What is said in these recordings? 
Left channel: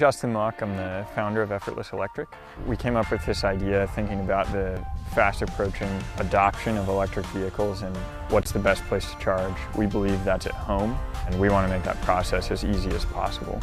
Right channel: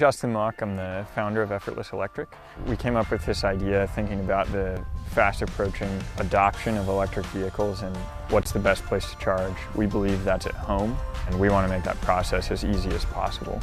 Justin Mock, I'm the founder of Effortless Electric. We came up with this idea thinking about the fast approaching adoption of electric vehicles and what's the best place to charge. We believe that's at home, and we want to make that process as easy as possible.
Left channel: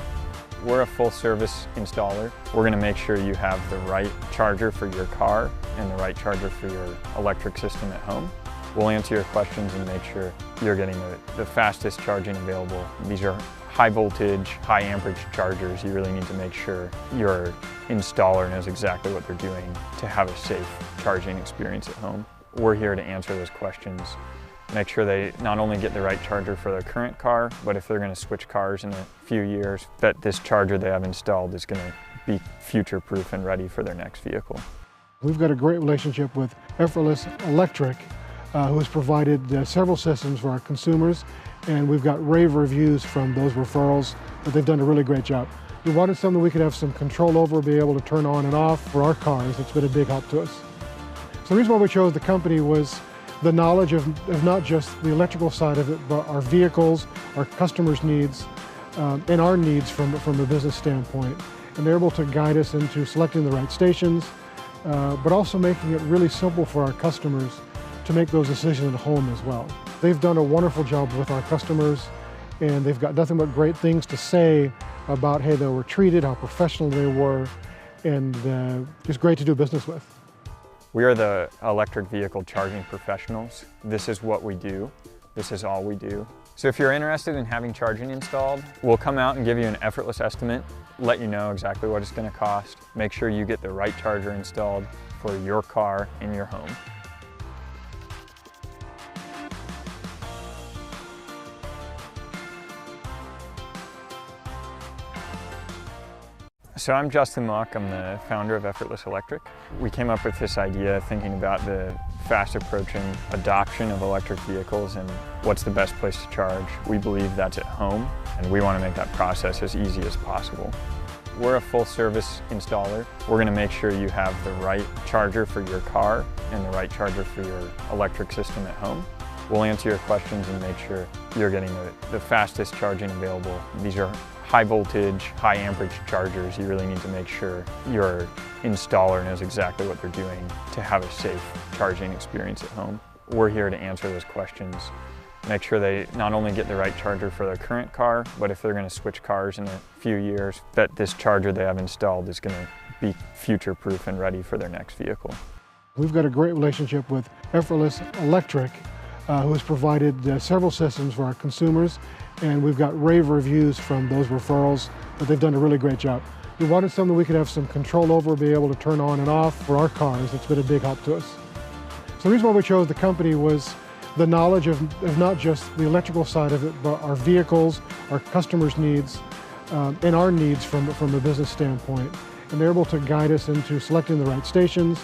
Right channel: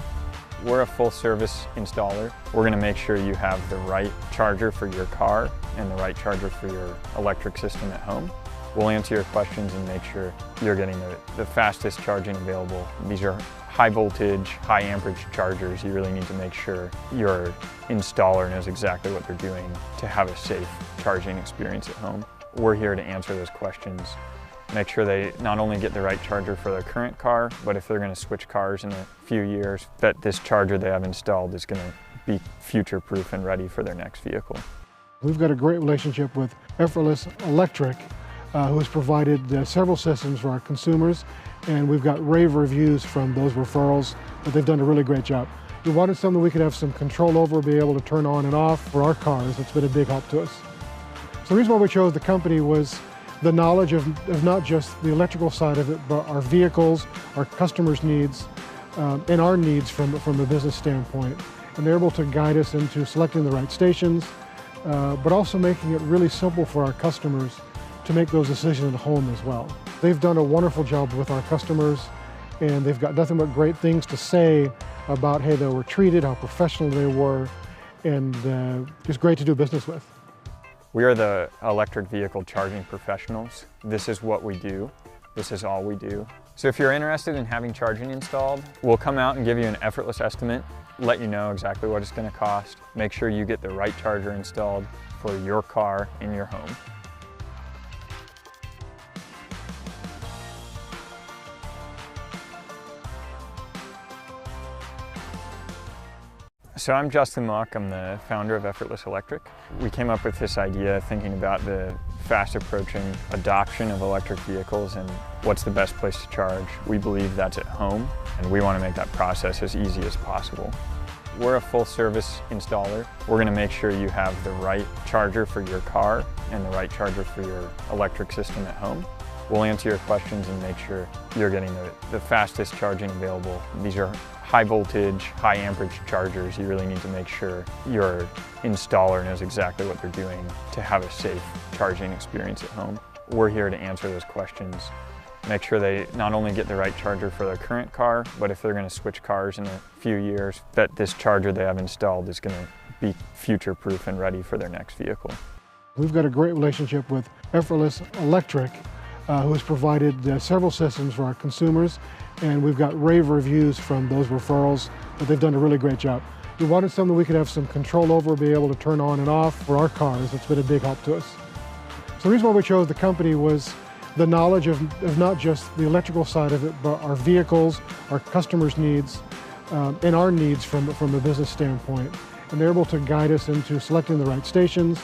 We're a full service installer. We're going to make sure you have the right charger for your car and the right charger for your electric system at home. We'll answer your questions and make sure you're getting the fastest charging available. These are high voltage, high amperage chargers. You really need to make sure your installer knows exactly what they're doing to have a safe charging experience at home. We're here to answer those questions. Make sure they not only get the right charger for their current car, but if they're going to switch cars in a few years, that this charger they have installed is going to be future-proof and ready for their next vehicle. We've got a great relationship with Effortless Electric, who has provided several systems for our consumers, and we've got rave reviews from those referrals that they've done a really great job. We wanted something we could have some control over, be able to turn on and off for our cars. It's been a big help to us. So the reason why we chose the company was the knowledge of not just the electrical side of it, but our vehicles, our customers' needs, and our needs from a business standpoint. And they're able to guide us into selecting the right stations, but also making it really simple for our customers to make those decisions at home as well. They've done a wonderful job with our customers, and they've got nothing but great things to say about how they were treated, how professional they were, and just great to do business with. We are the electric vehicle charging professionals. This is what we do. This is all we do. So if you're interested in having charging installed, we'll come out and give you an effortless estimate, let you know exactly what it's going to cost, make sure you get the right charger installed for your car in your home. So I'm Justin Mock, I'm the founder of Effortless Electric. We came up with this idea thinking about the fast approaching adoption of electric vehicles and what's the best place to charge. We believe that's at home, and we want to make that process as easy as possible. We're a full service installer. We're going to make sure you have the right charger for your car and the right charger for your electric system at home. We'll answer your questions and make sure you're getting the fastest charging available. These are high voltage, high amperage chargers. You really need to make sure your installer knows exactly what they're doing to have a safe charging experience at home. We're here to answer those questions. Make sure they not only get the right charger for their current car, but if they're going to switch cars in a few years, that this charger they have installed is going to be future-proof and ready for their next vehicle. We've got a great relationship with Effortless Electric, who has provided several systems for our consumers, and we've got rave reviews from those referrals that they've done a really great job. We wanted something we could have some control over, be able to turn on and off for our cars. It's been a big help to us. So the reason why we chose the company was the knowledge of not just the electrical side of it, but our vehicles, our customers' needs, and our needs from a business standpoint. And they're able to guide us into selecting the right stations,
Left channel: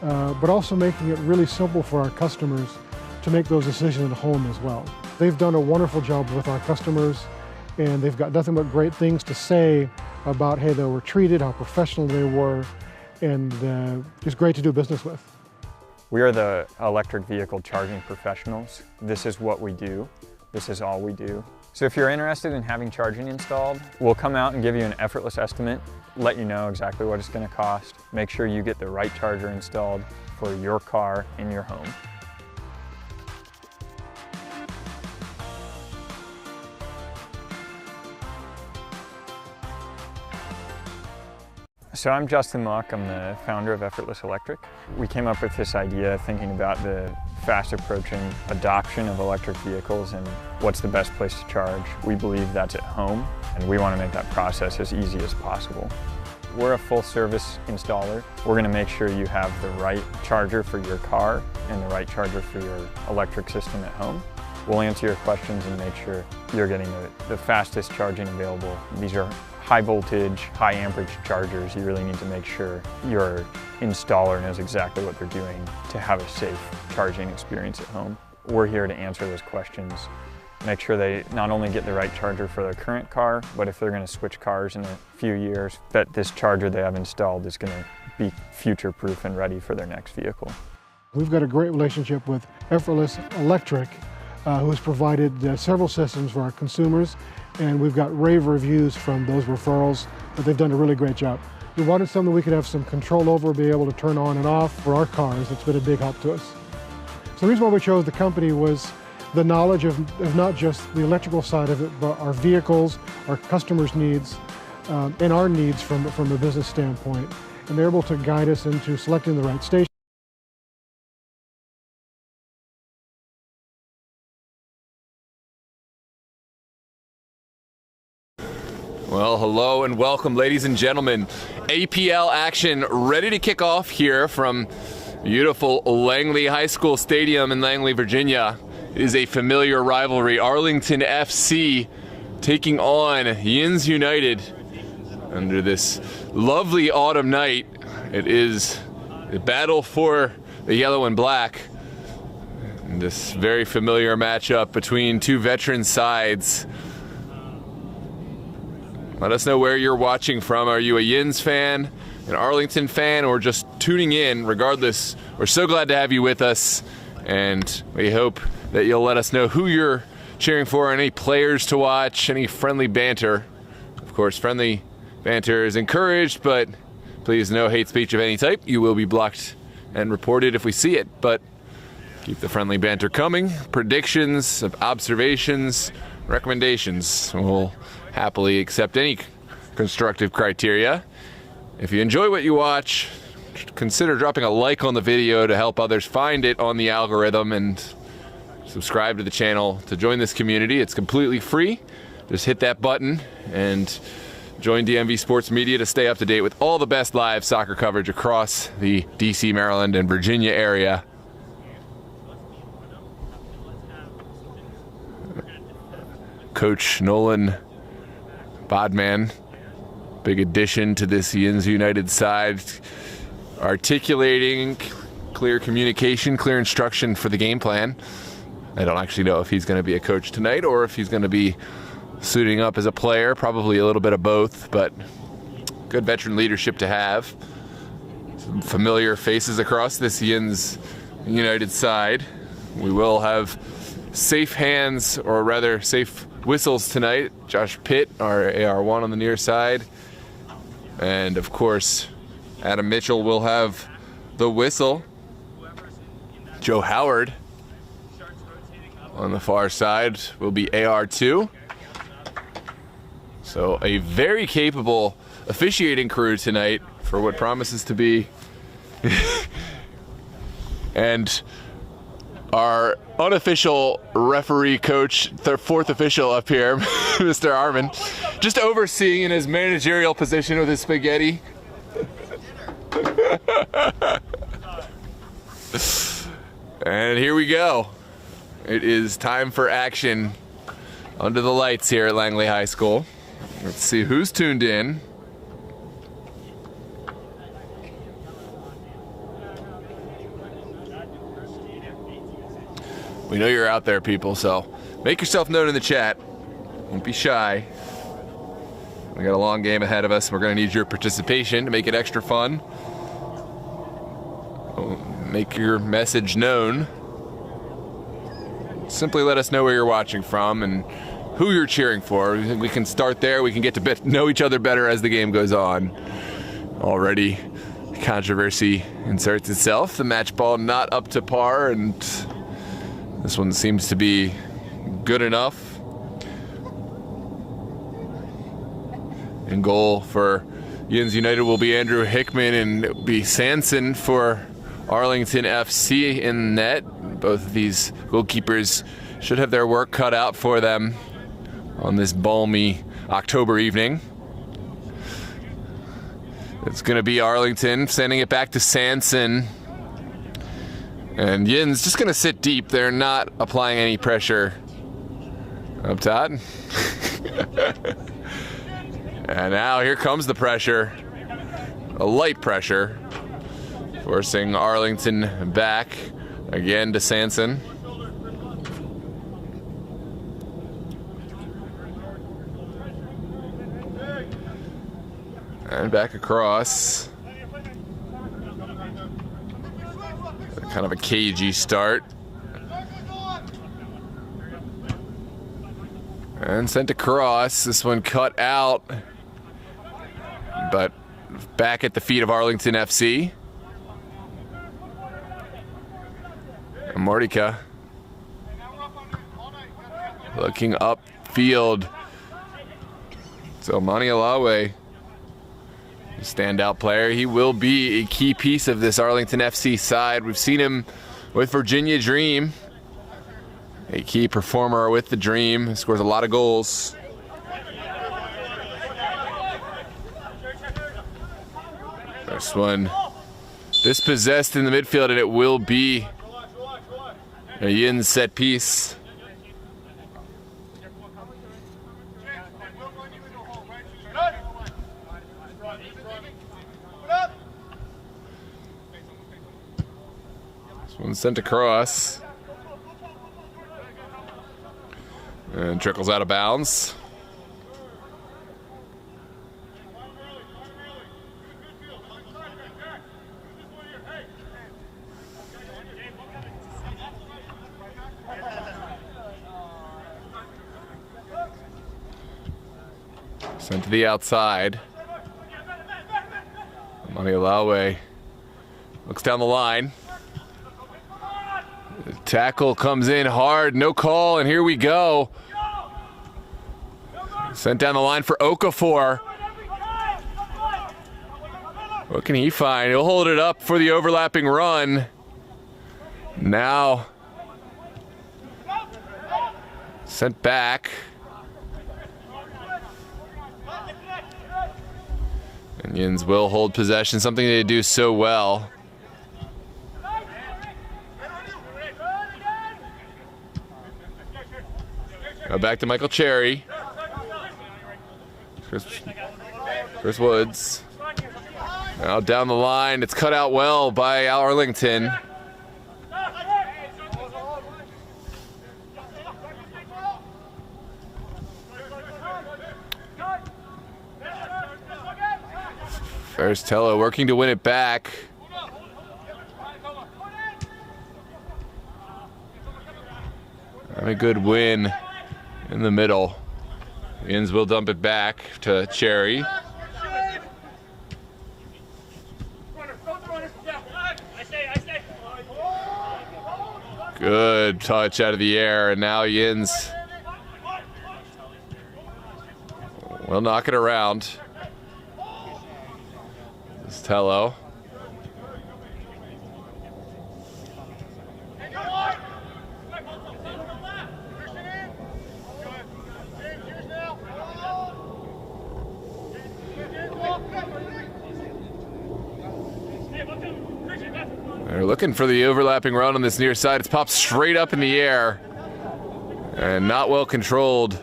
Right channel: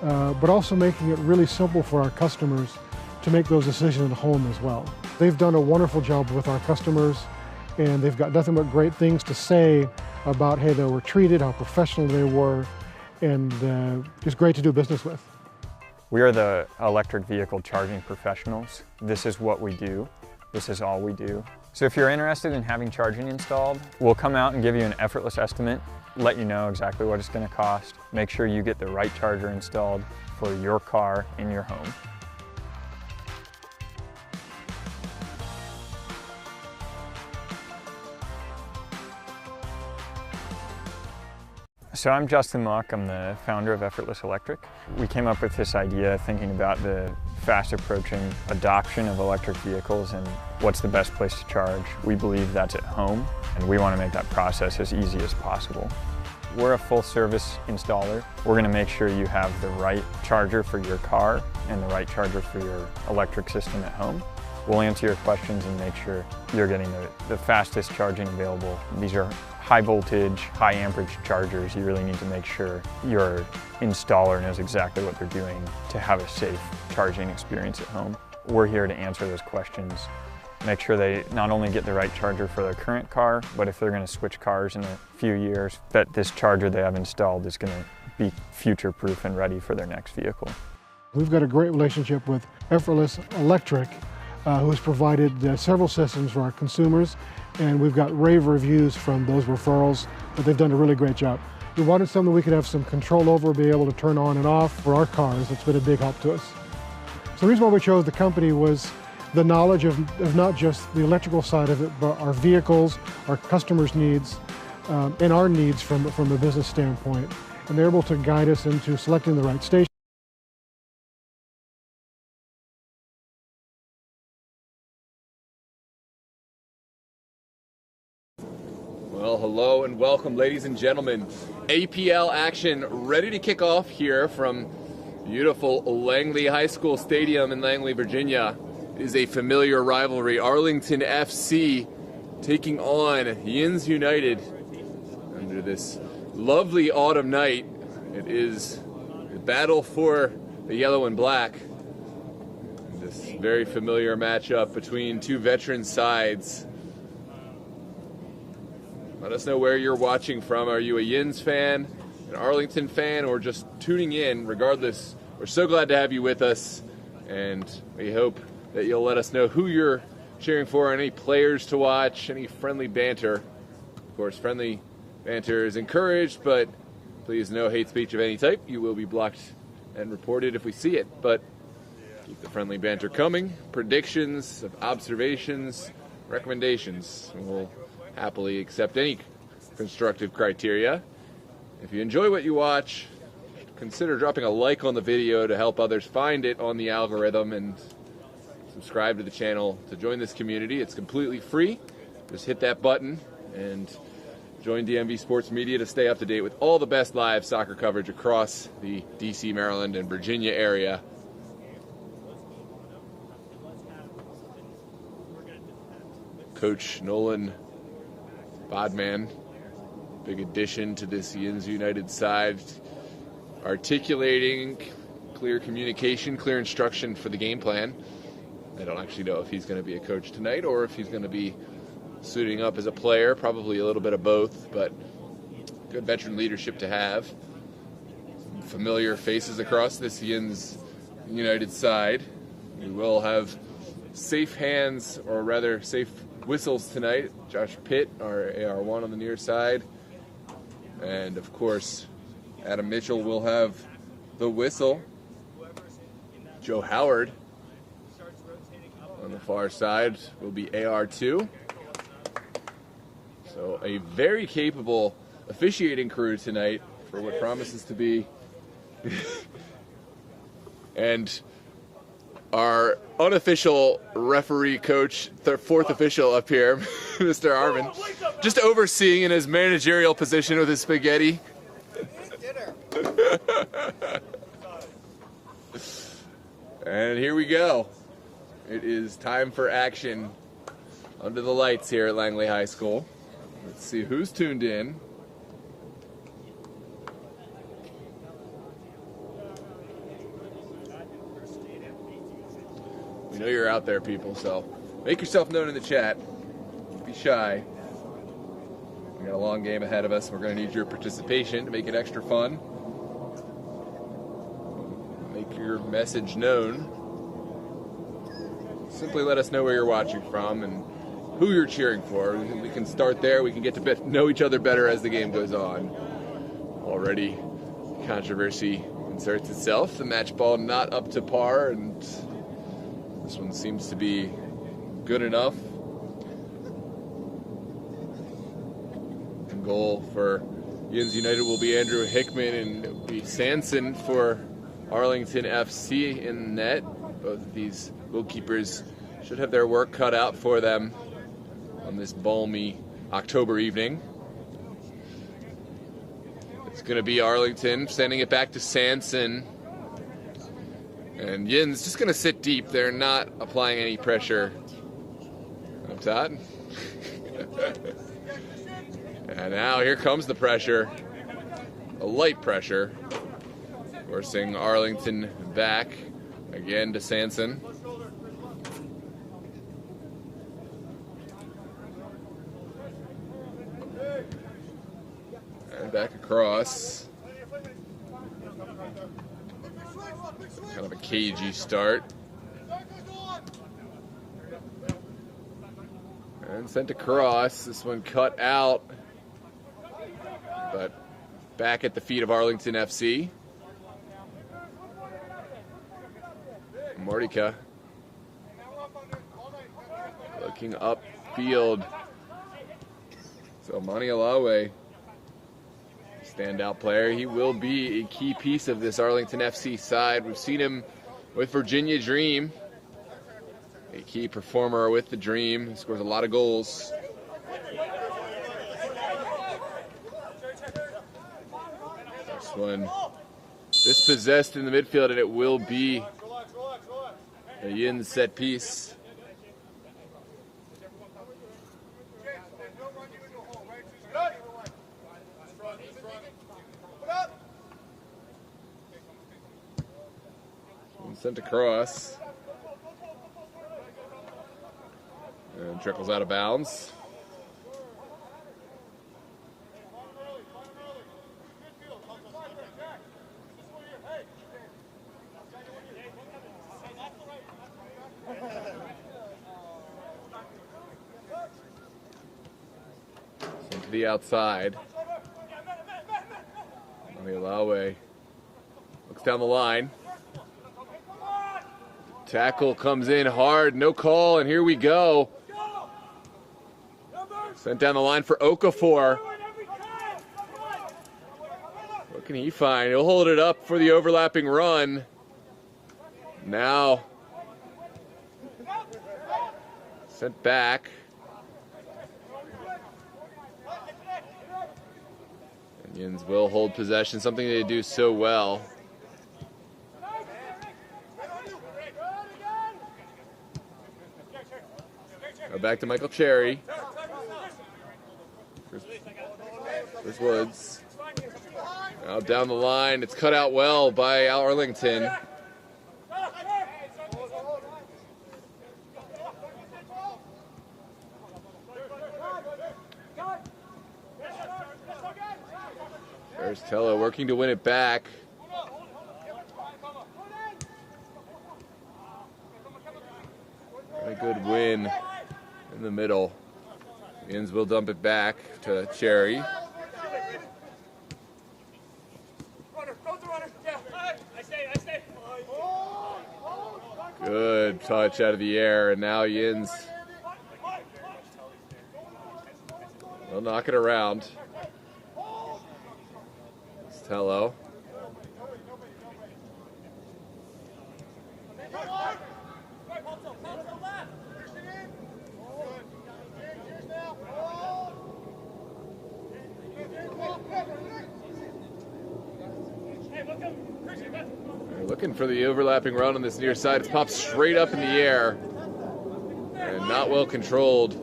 but also making it really simple for our customers to make those decisions at home as well. They've done a wonderful job with our customers, and they've got nothing but great things to say about how they were treated, how professional they were, and just great to do business with. We are the electric vehicle charging professionals. This is what we do. This is all we do. So if you're interested in having charging installed, we'll come out and give you an effortless estimate, let you know exactly what it's going to cost, make sure you get the right charger installed for your car in your home. So I'm Justin Mock, I'm the founder of Effortless Electric. We came up with this idea thinking about the fast approaching adoption of electric vehicles and what's the best place to charge. We believe that's at home, and we want to make that process as easy as possible. We're a full service installer. We're going to make sure you have the right charger for your car and the right charger for your electric system at home. We'll answer your questions and make sure you're getting the fastest charging available. These are high voltage, high amperage chargers. You really need to make sure your installer knows exactly what they're doing to have a safe charging experience at home. We're here to answer those questions. Make sure they not only get the right charger for their current car, but if they're going to switch cars in a few years, that this charger they have installed is going to be future-proof and ready for their next vehicle. We've got a great relationship with Effortless Electric, who has provided several systems for our consumers, and we've got rave reviews from those referrals, but they've done a really great job. We wanted something we could have some control over, be able to turn on and off for our cars. It's been a big help to us. So the reason why we chose the company was the knowledge of not just the electrical side of it, but our vehicles, our customers' needs, and our needs from a business standpoint. And they're able to guide us into selecting the right station. Well, hello and welcome, ladies and gentlemen. APL action ready to kick off here from beautiful Langley High School Stadium in Langley, Virginia. It is a familiar rivalry. Arlington FC taking on Yinz United under this lovely autumn night. It is a battle for the yellow and black. And this very familiar matchup between two veteran sides. Let us know where you're watching from. Are you a Yinz fan, an Arlington fan, or just tuning in? Regardless, we're so glad to have you with us, and we hope that you'll let us know who you're cheering for, any players to watch, any friendly banter. Of course, friendly banter is encouraged, but please no hate speech of any type. You will be blocked and reported if we see it, but keep the friendly banter coming. Predictions, observations, recommendations. We'll happily accept any constructive criteria. If you enjoy what you watch, consider dropping a like on the video to help others find it on the algorithm, and subscribe to the channel to join this community. It's completely free. Just hit that button and join DMV Sports Media to stay up to date with all the best live soccer coverage across the DC, Maryland, and Virginia area. Coach Nolan Bodman, big addition to this Yinz United side, articulating clear communication, clear instruction for the game plan. I don't actually know if he's going to be a coach tonight or if he's going to be suiting up as a player, probably a little bit of both, but good veteran leadership to have. Some familiar faces across this Yinz United side. We will have safe hands, or rather safe whistles tonight. Josh Pitt, our AR1 on the near side, and of course Adam Mitchell will have the whistle. Joe Howard on the far side will be AR2. So a very capable officiating crew tonight for what promises to be and our unofficial referee coach, the fourth official up here, Mr. Armin, just overseeing in his managerial position with his spaghetti. And here we go. It is time for action under the lights here at Langley High School. Let's see who's tuned in. We know you're out there, people, so make yourself known in the chat. Don't be shy. We got a long game ahead of us. We're going to need your participation to make it extra fun. Make your message known. Simply let us know where you're watching from and who you're cheering for. We can start there. We can get to know each other better as the game goes on. Already, controversy inserts itself. The match ball not up to par, and this one seems to be good enough. In goal for Yinz United will be Andrew Hickman, and it'll be Sanson for Arlington FC in net. Both of these goalkeepers should have their work cut out for them on this balmy October evening. It's going to be Arlington sending it back to Sanson. And Yinz just going to sit deep. They're not applying any pressure up top. And now here comes the pressure. A light pressure. Forcing Arlington back again to Sanson. And back across. Kind of a cagey start. And sent across. This one cut out, but back at the feet of Arlington FC. Mordika looking upfield. So Mani Alawe, standout player. He will be a key piece of this Arlington FC side. We've seen him with Virginia Dream. A key performer with the Dream. He scores a lot of goals. First one dispossessed in the midfield, and it will be a Yinz set piece. This one sent across. And trickles out of bounds. Sent to the outside. Mani Alawe looks down the line. The tackle comes in hard, no call, and here we go. Sent down the line for Okafor. What can he find? He'll hold it up for the overlapping run. Now sent back. And Yinz will hold possession, something they do so well. Go back to Michael Cherry. Chris Woods. Now down the line, it's cut out well by Arlington. There's Tello working to win it back. And a good win in the middle. Yinz will dump it back to Cherry. Good touch out of the air, and now Yinz will knock it around. This is Tello. They're looking for the overlapping run on this near side. It's popped straight up in the air and not well controlled.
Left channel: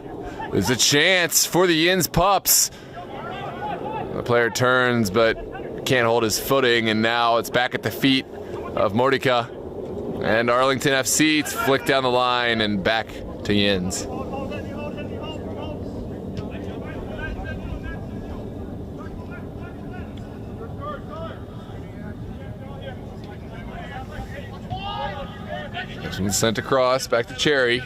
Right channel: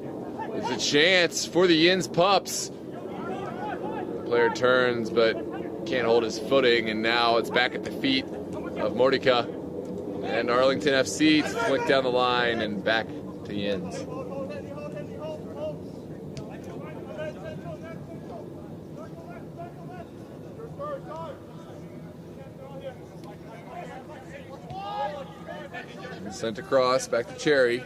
There's a chance for the Yinz Pups. The player turns but can't hold his footing, and now it's back at the feet of Mordika. And Arlington FC flicked down the line and back to Yinz. Sent across, back to Cherry.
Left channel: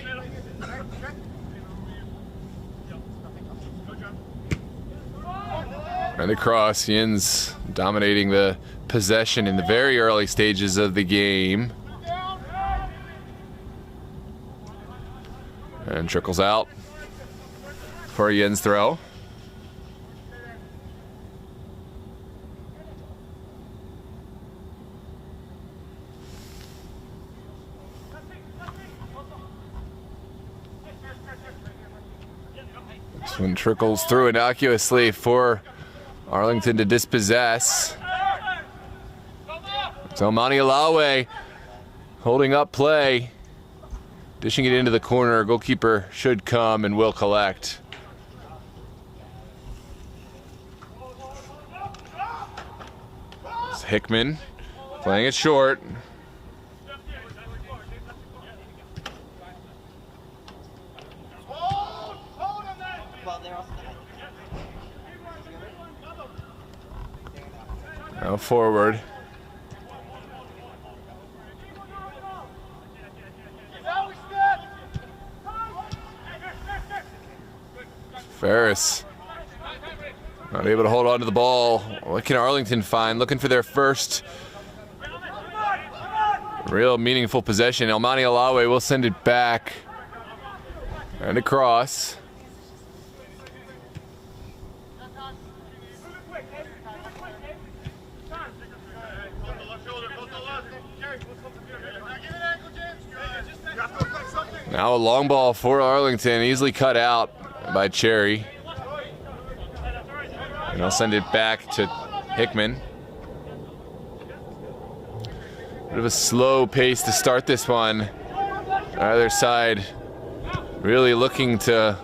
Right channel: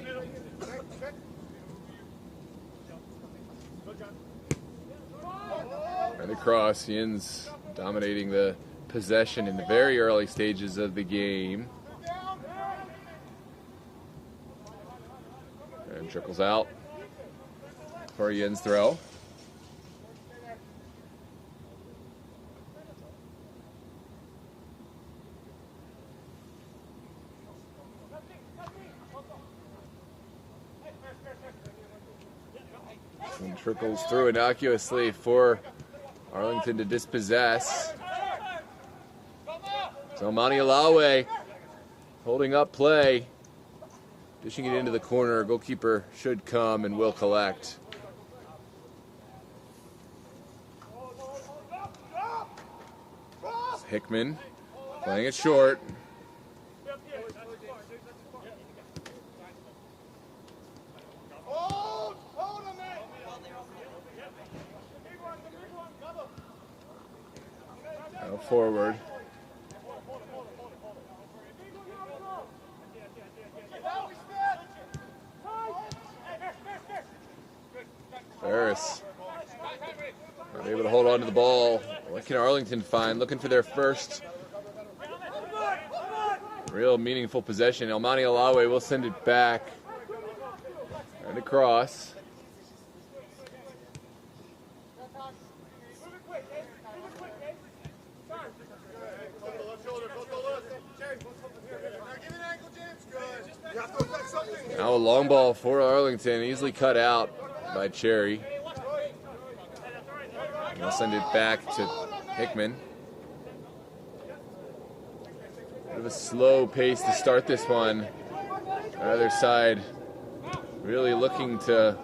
And across, Yinz dominating the possession in the very early stages of the game. And trickles out for a Yinz throw. This one trickles through innocuously for Arlington to dispossess. So Mani Alawe holding up play, dishing it into the corner. Goalkeeper should come and will collect. It's Hickman playing it short. Now forward. Harris not able to hold on to the ball. What can Arlington find? Looking for their first real meaningful possession. Elmani Alawe will send it back and across. Now a long ball for Arlington, easily cut out by Cherry. And I'll send it back to Hickman. Bit of a slow pace to start this one. Either side really looking to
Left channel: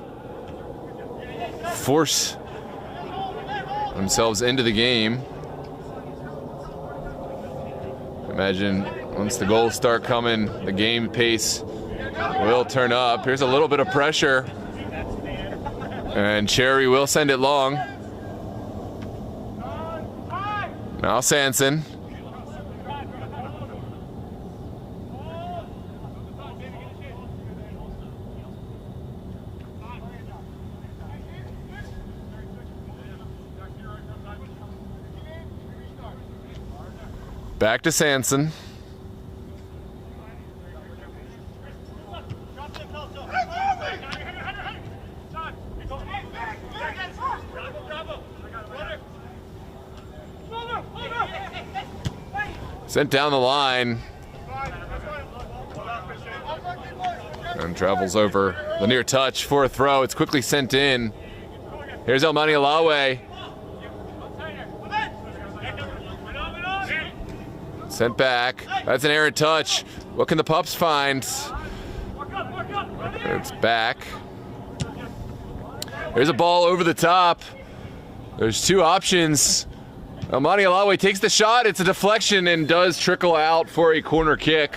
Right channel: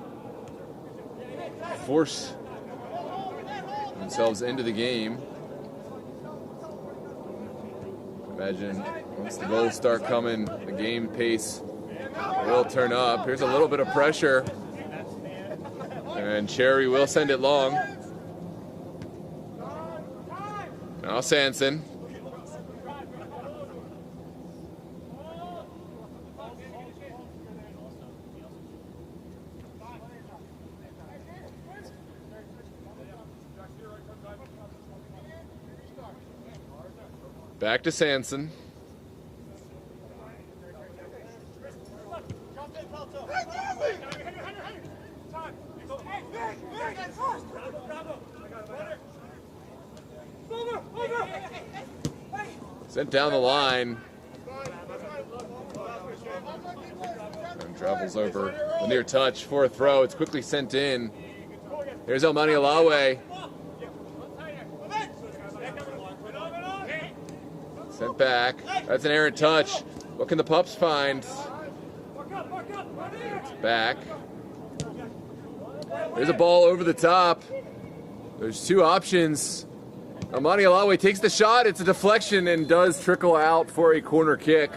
force themselves into the game. Imagine once the goals start coming, the game pace will turn up. Here's a little bit of pressure. And Cherry will send it long. Now Sanson. Back to Sanson. Sent down the line. And travels over the near touch for a throw. It's quickly sent in. Here's Elmani Alawe. Sent back. That's an errant touch. What can the Pups find? It's back. There's a ball over the top. There's two options. Elmani Alawe takes the shot. It's a deflection and does trickle out for a corner kick.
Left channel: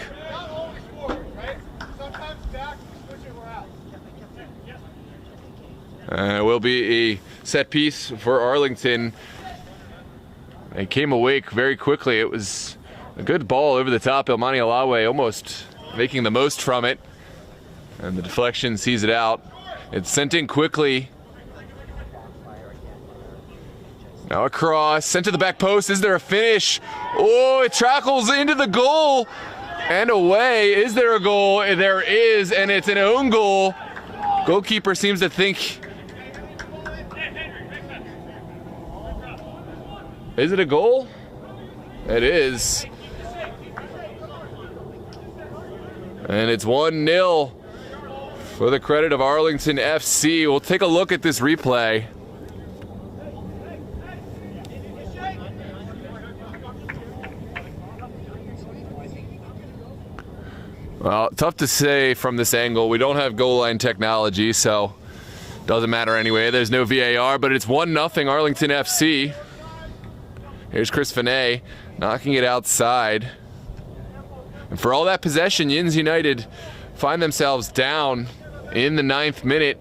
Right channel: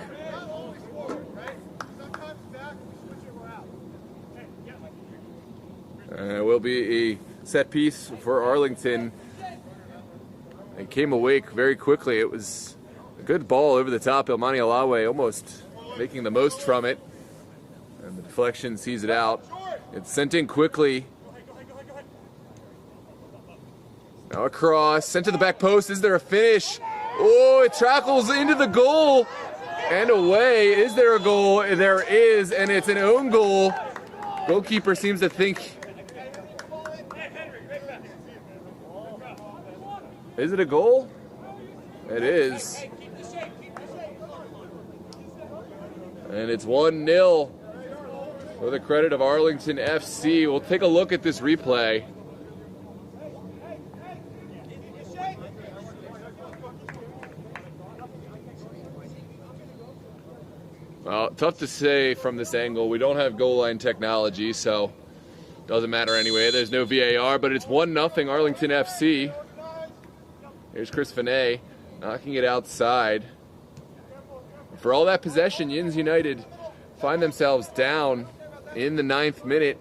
And it will be a set piece for Arlington. They came awake very quickly. It was a good ball over the top. Elmani Alawe almost making the most from it. And the deflection sees it out. It's sent in quickly. Now across, sent to the back post. Is there a finish? Oh, it trackles into the goal and away. Is there a goal? There is, and it's an own goal. Goalkeeper seems to think. Is it a goal? It is. And it's 1-0 for the credit of Arlington FC. We'll take a look at this replay. Well, tough to say from this angle. We don't have goal line technology, so doesn't matter anyway. There's no VAR, but it's 1-0 Arlington FC. Here's Chris Finet knocking it outside. And for all that possession, Yinz United find themselves down in the 9th minute.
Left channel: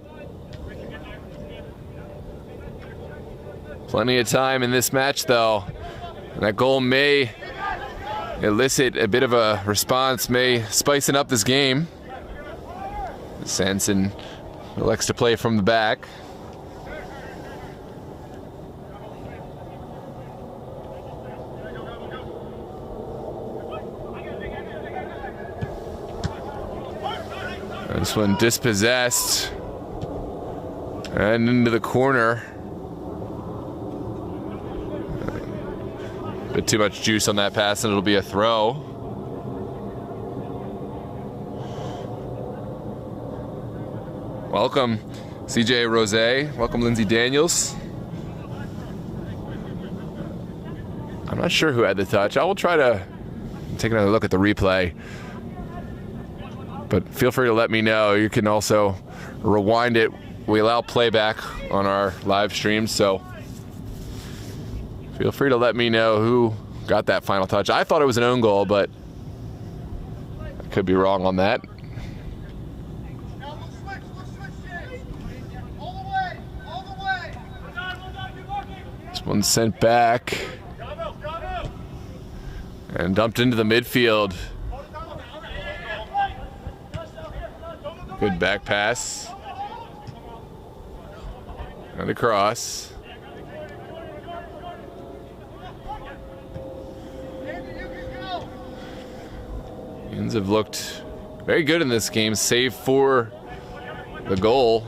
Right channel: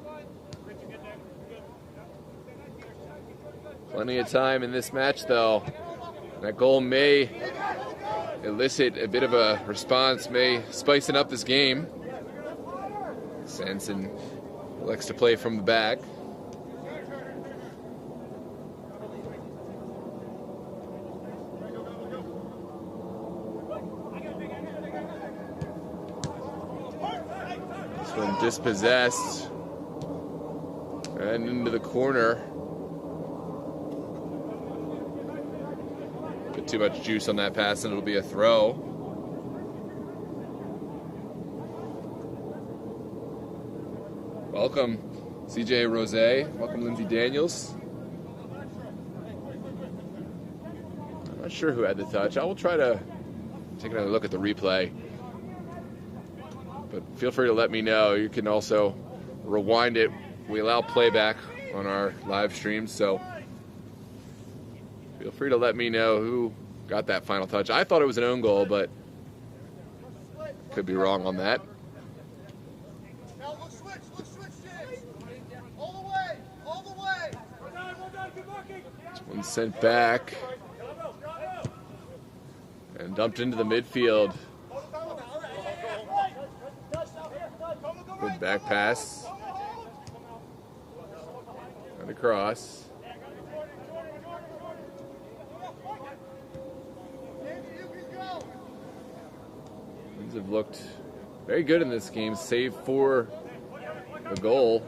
Plenty of time in this match, though. And that goal may elicit a bit of a response, may spicing up this game. Sanson elects to play from the back. This one dispossessed and into the corner. Bit too much juice on that pass and it'll be a throw. Welcome CJ Rose, welcome Lindsay Daniels. I'm not sure who had the touch. I will try to take another look at the replay. But feel free to let me know. You can also rewind it. We allow playback on our live stream, so feel free to let me know who got that final touch. I thought it was an own goal, but I could be wrong on that. This one's sent back and dumped into the midfield. Good back pass. And across. Yinz have looked very good in this game, save for the goal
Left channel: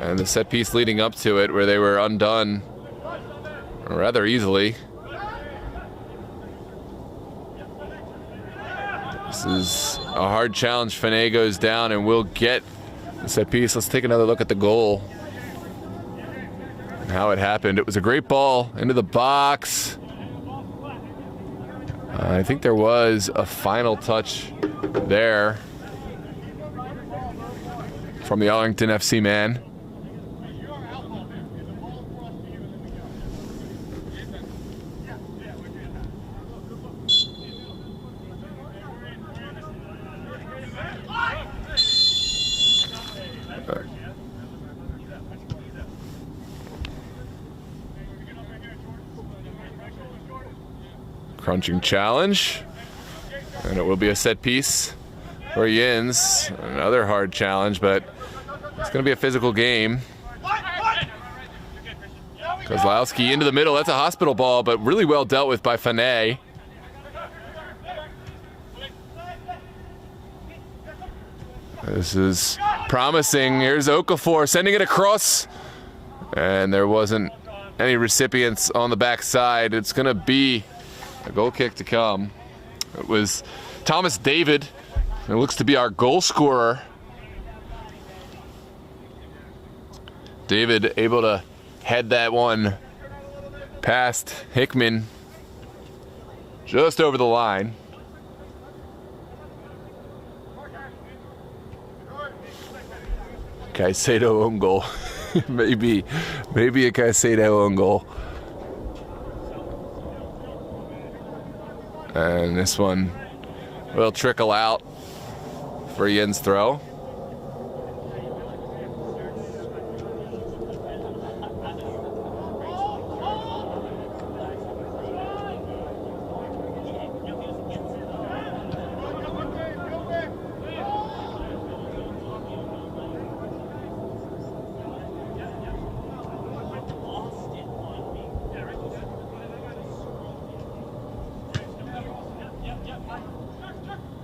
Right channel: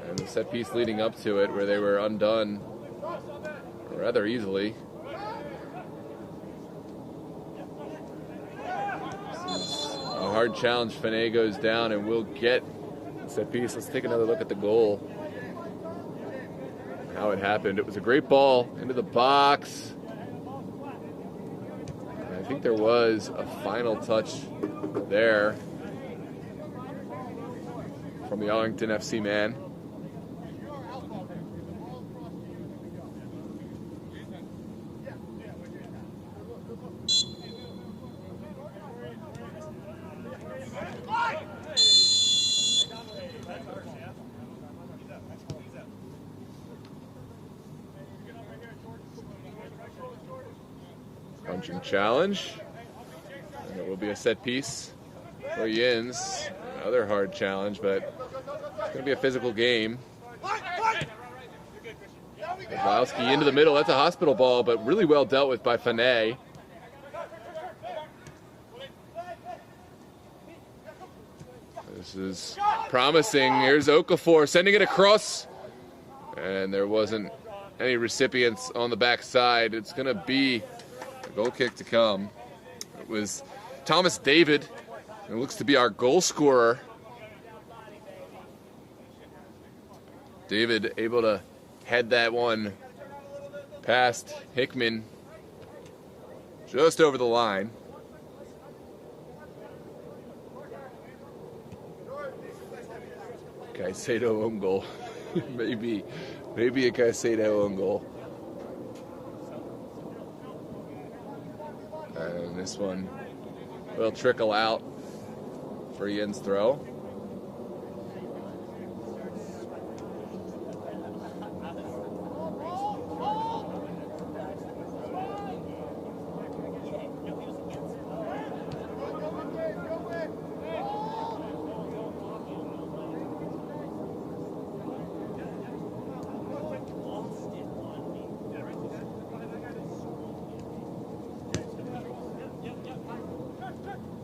and the set piece leading up to it, where they were undone rather easily. This is a hard challenge. Fene goes down and will get the set piece. Let's take another look at the goal and how it happened. It was a great ball into the box. I think there was a final touch there from the Arlington FC man. Crunching challenge, and it will be a set piece for Yinz. Another hard challenge, but it's going to be a physical game. Kozlowski into the middle. That's a hospital ball, but really well dealt with by Fene. This is promising. Here's Okafor sending it across, and there wasn't any recipients on the backside. It's going to be a goal kick to come. It was Thomas David. It looks to be our goal scorer. David able to head that one past Hickman just over the line. Caicedo own goal. maybe a Caicedo own goal. And this one will trickle out for Yinz throw.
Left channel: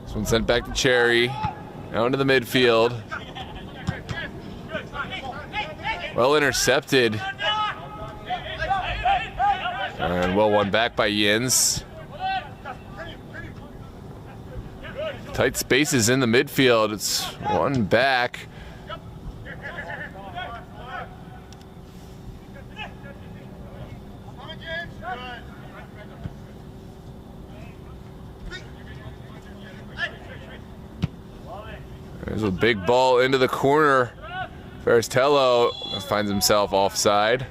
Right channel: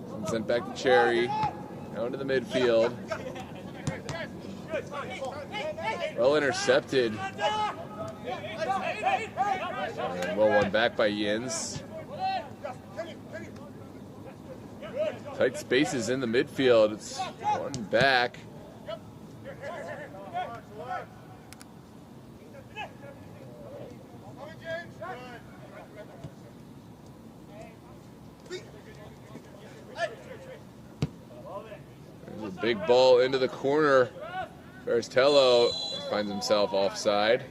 This one sent back to Cherry, down to the midfield. Well intercepted. And well won back by Yinz. Tight spaces in the midfield. It's one back. There's a big ball into the corner. Faristello finds himself offside.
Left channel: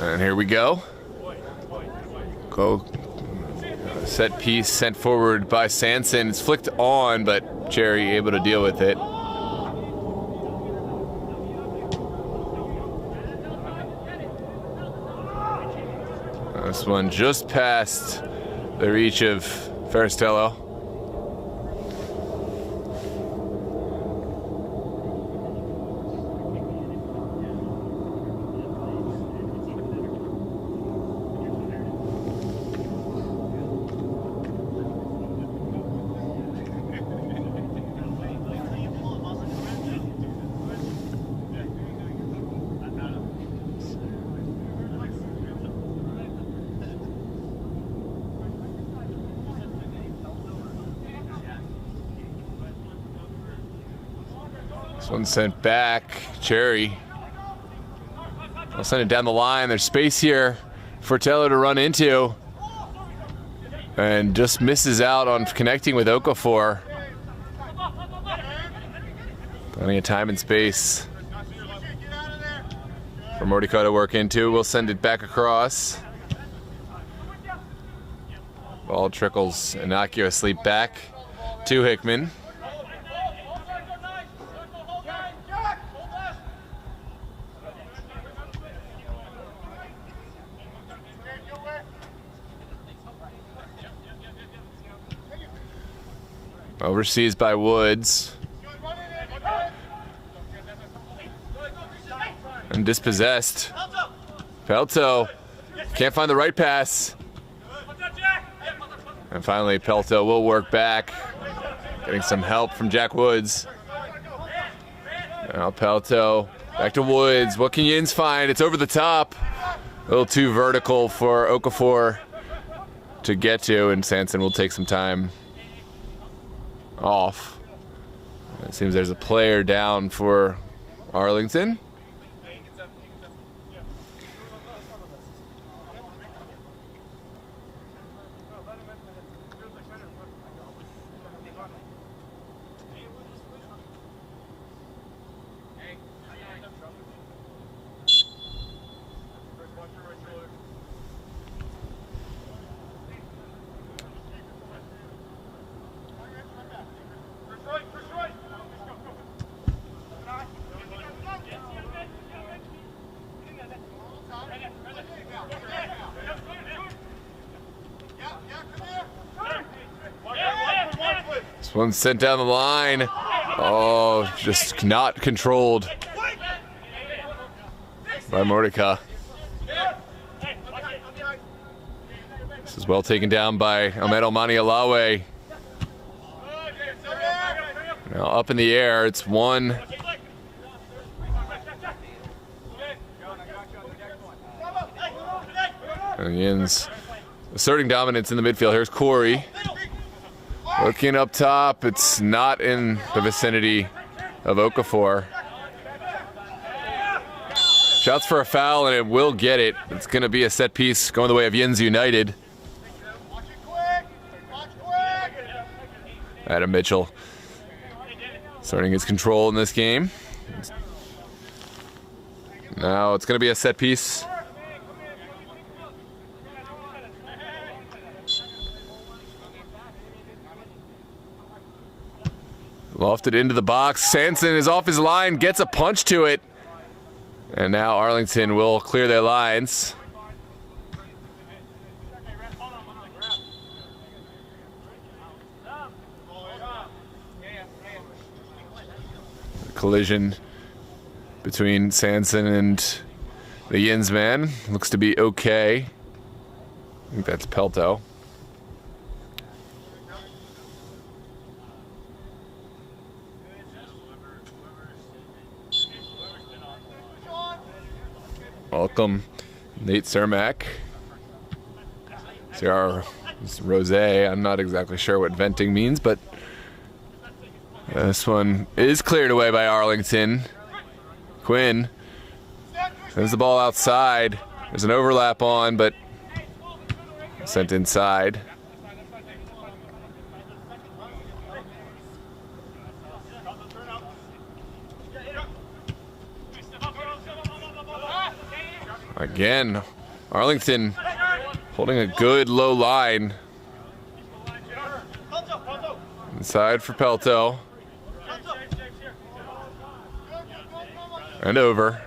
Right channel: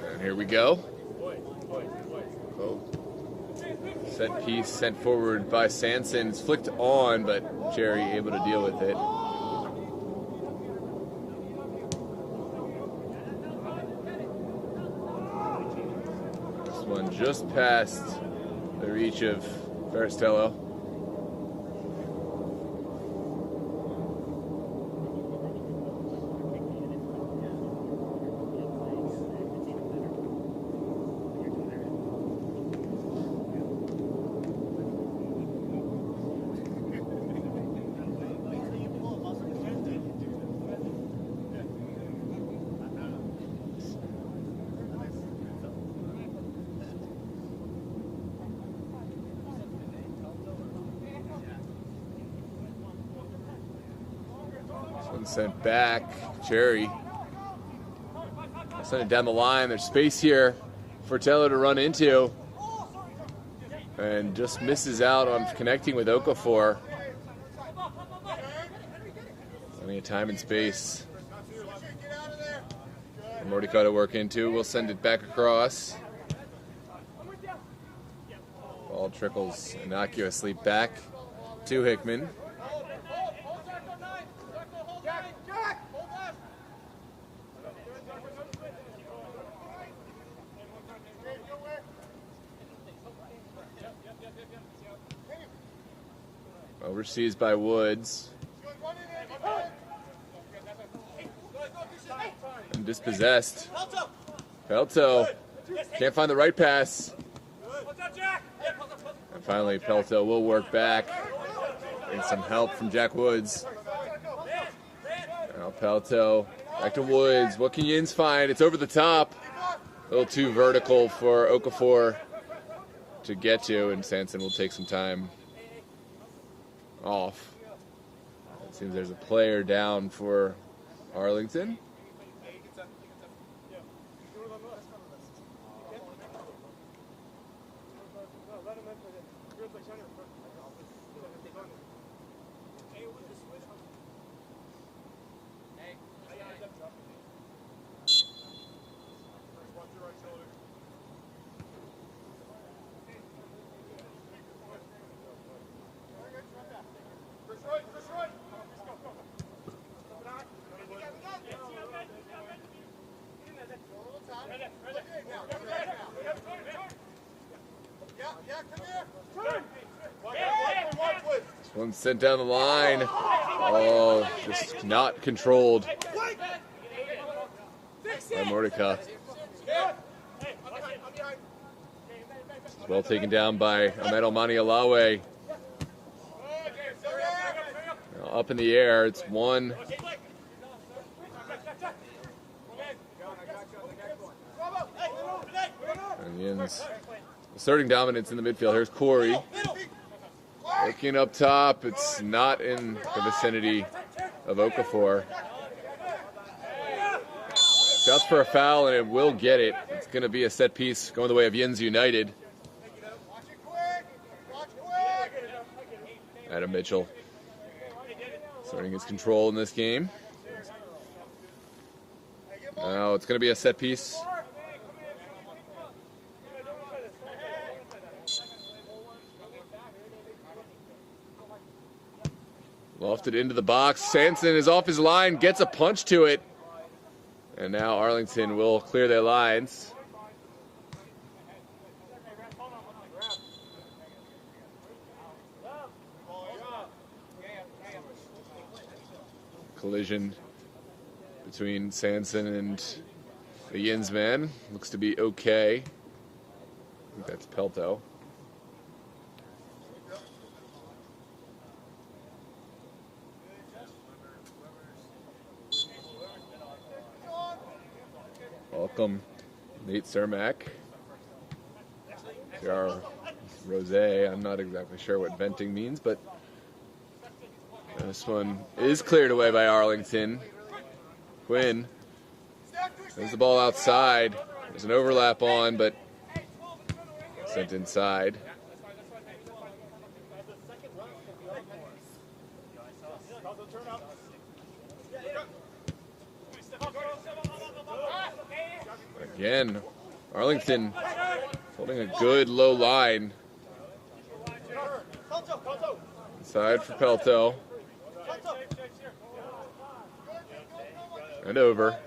And here we go. Set piece sent forward by Sanson. It's flicked on, but Cherry able to deal with it. This one just past the reach of Faristello. This one sent back. Cherry. I'll send it down the line. There's space here for Taylor to run into. And just misses out on connecting with Okafor. Plenty of time and space for Mordecai to work into. We'll send it back across. Ball trickles innocuously back to Hickman. Overseas by Woods. And dispossessed. Pelto can't find the right pass. And finally, Pelto will work back, getting some help from Jack Woods. Now Pelto back to Woods. What can Yinz find? It's over the top. A little too vertical for Okafor to get to, and Sanson will take some time off. It seems there's a player down for Arlington. This one's sent down the line. Oh, just not controlled by Mordecai. This is well taken down by Ahmed Almani Alawe. Now up in the air, it's one. And Yinz asserting dominance in the midfield. Here's Corey. Looking up top, it's not in the vicinity of Okafor. Shouts for a foul, and it will get it. It's going to be a set piece going the way of Yinz United. Adam Mitchell starting his control in this game. Now it's going to be a set piece. Lofted into the box. Sanson is off his line, gets a punch to it. And now Arlington will clear their lines. Collision between Sanson and the Yinz man looks to be okay. I think that's Pelto. Welcome, Nate Cermak. CR Rose. I'm not exactly sure what venting means, but this one is cleared away by Arlington. Quinn sends the ball outside. There's an overlap on, but sent inside. Again, Arlington holding a good low line. Inside for Pelto. And over.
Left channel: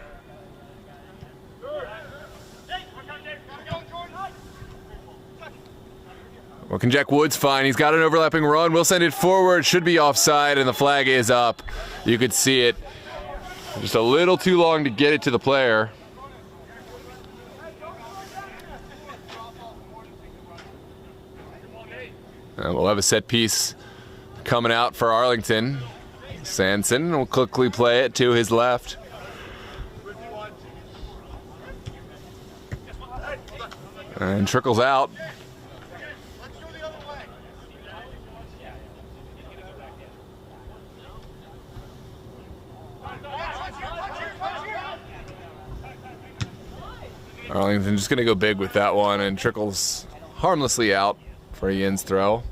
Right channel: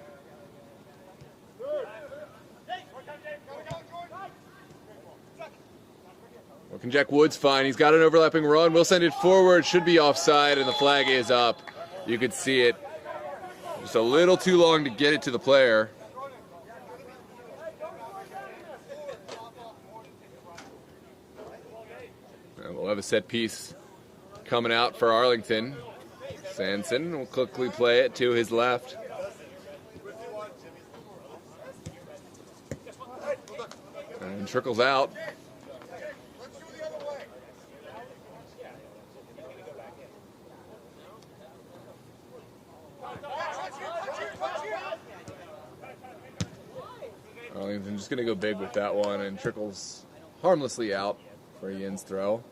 What can Jack Woods find? He's got an overlapping run. We'll send it forward. Should be offside, and the flag is up. You could see it. Just a little too long to get it to the player. We'll have a set piece coming out for Arlington. Sanson will quickly play it to his left. And trickles out. Arlington just going to go big with that one, and trickles harmlessly out for a Yinz throw.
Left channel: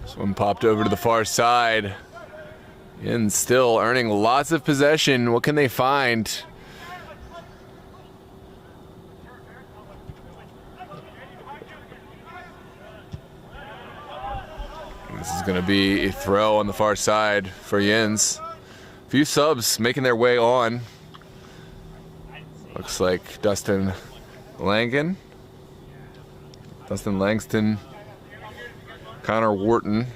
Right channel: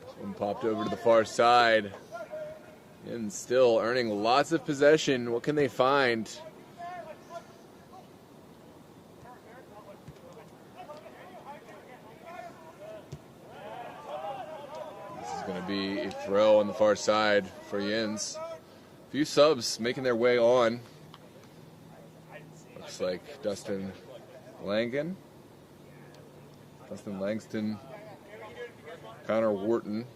This one popped over to the far side. Yinz still earning lots of possession. What can they find? This is going to be a throw on the far side for Yinz. A few subs making their way on. Looks like Dustin Langston, Connor Wharton,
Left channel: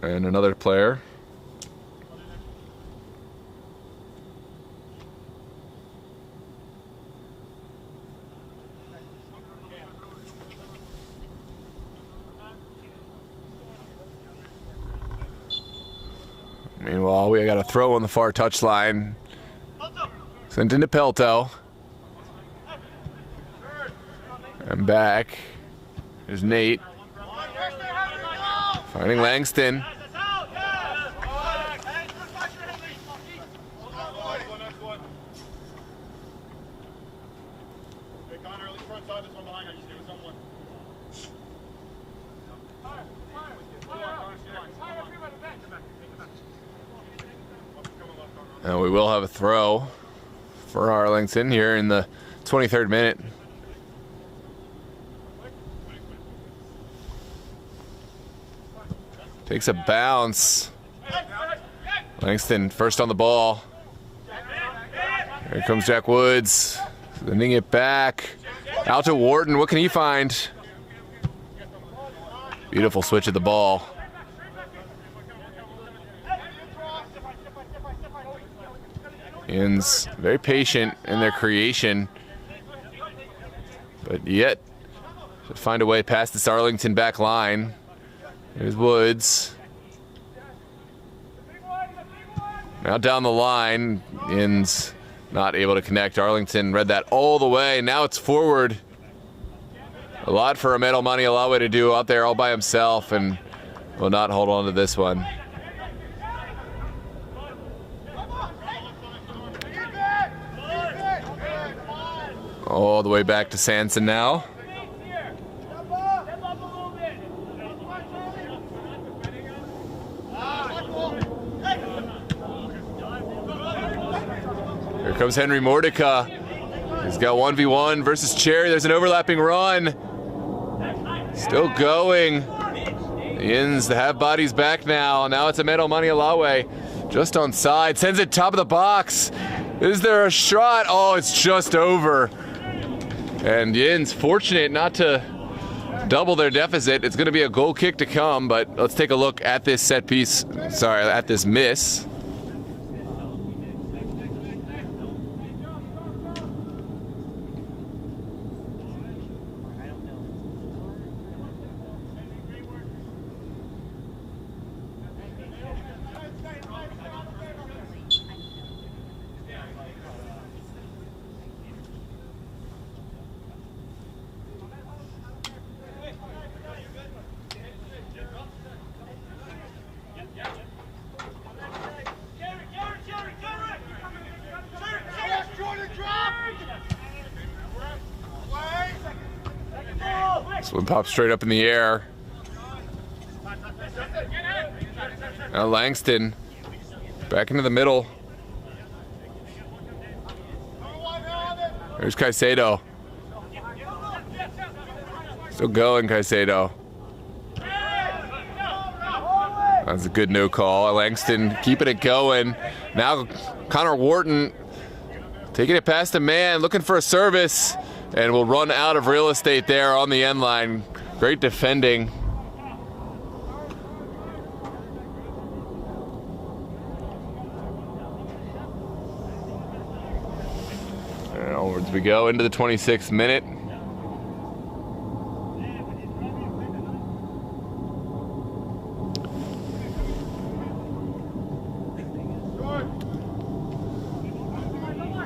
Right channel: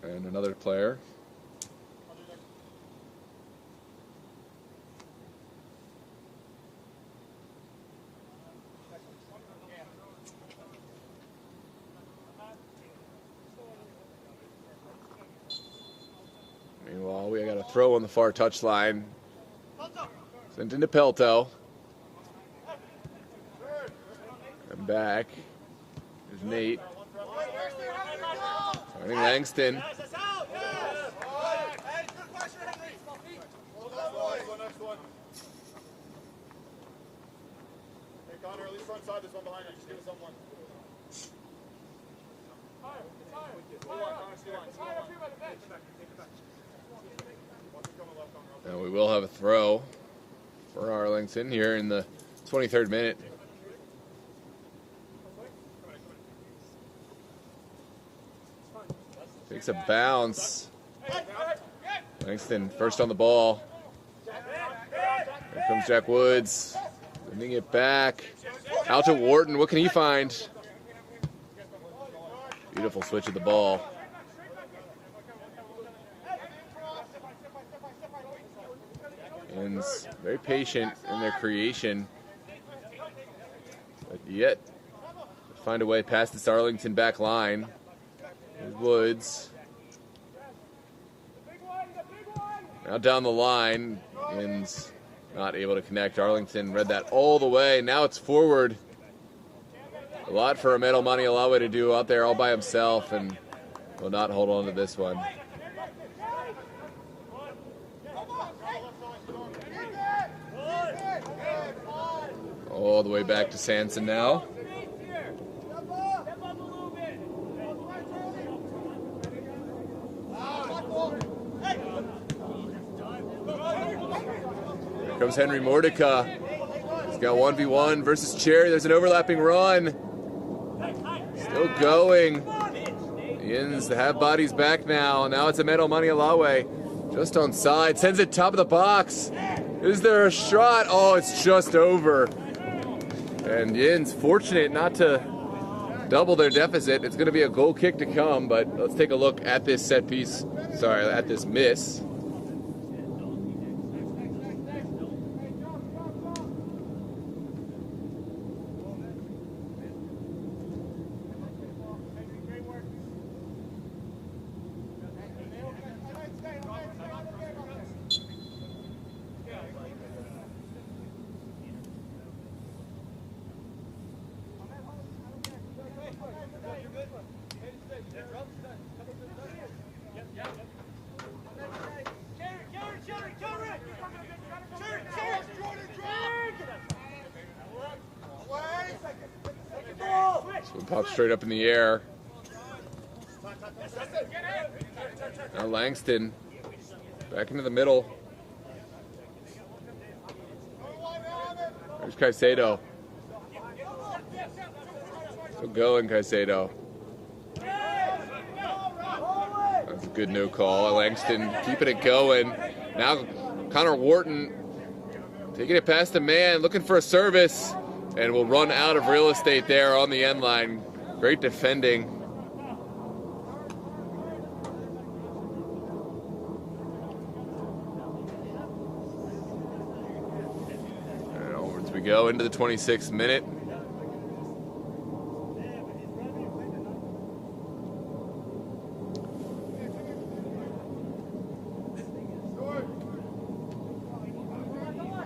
and another player. Meanwhile, we got a throw on the far touchline. Sent into Pelto. And back. There's Nate. Finding Langston. And we will have a throw for Arlington here in the 23rd minute. Takes a bounce. Langston first on the ball. Here comes Jack Woods. Sending it back. Out to Wharton. What can he find? Beautiful switch of the ball. Yinz very patient in their creation, but yet to find a way past this Arlington back line. There's Woods. Now down the line, Yinz not able to connect. Arlington read that all the way. Now it's forward. A lot for Ahmed Almani Alawe to do out there all by himself, and will not hold on to this one. All the way back to Sanson now. Here comes Henry Mordecai. He's got 1v1 versus Cherry. There's an overlapping run. Still going. Yinz, the half body's back now. Now it's Ahmed Almani Alawe. Just on side. Sends it top of the box. Is there a shot? Oh, it's just over. And Yinz fortunate not to double their deficit. It's going to be a goal kick to come, but let's take a look at this set piece. Sorry, at this miss. This one pops straight up in the air. Now Langston back into the middle. There's Caicedo. Still going, Caicedo. That's a good no call. Langston keeping it going. Now Connor Wharton taking it past a man, looking for a service, and will run out of real estate there on the end line. Great defending. And onwards we go into the 26th minute.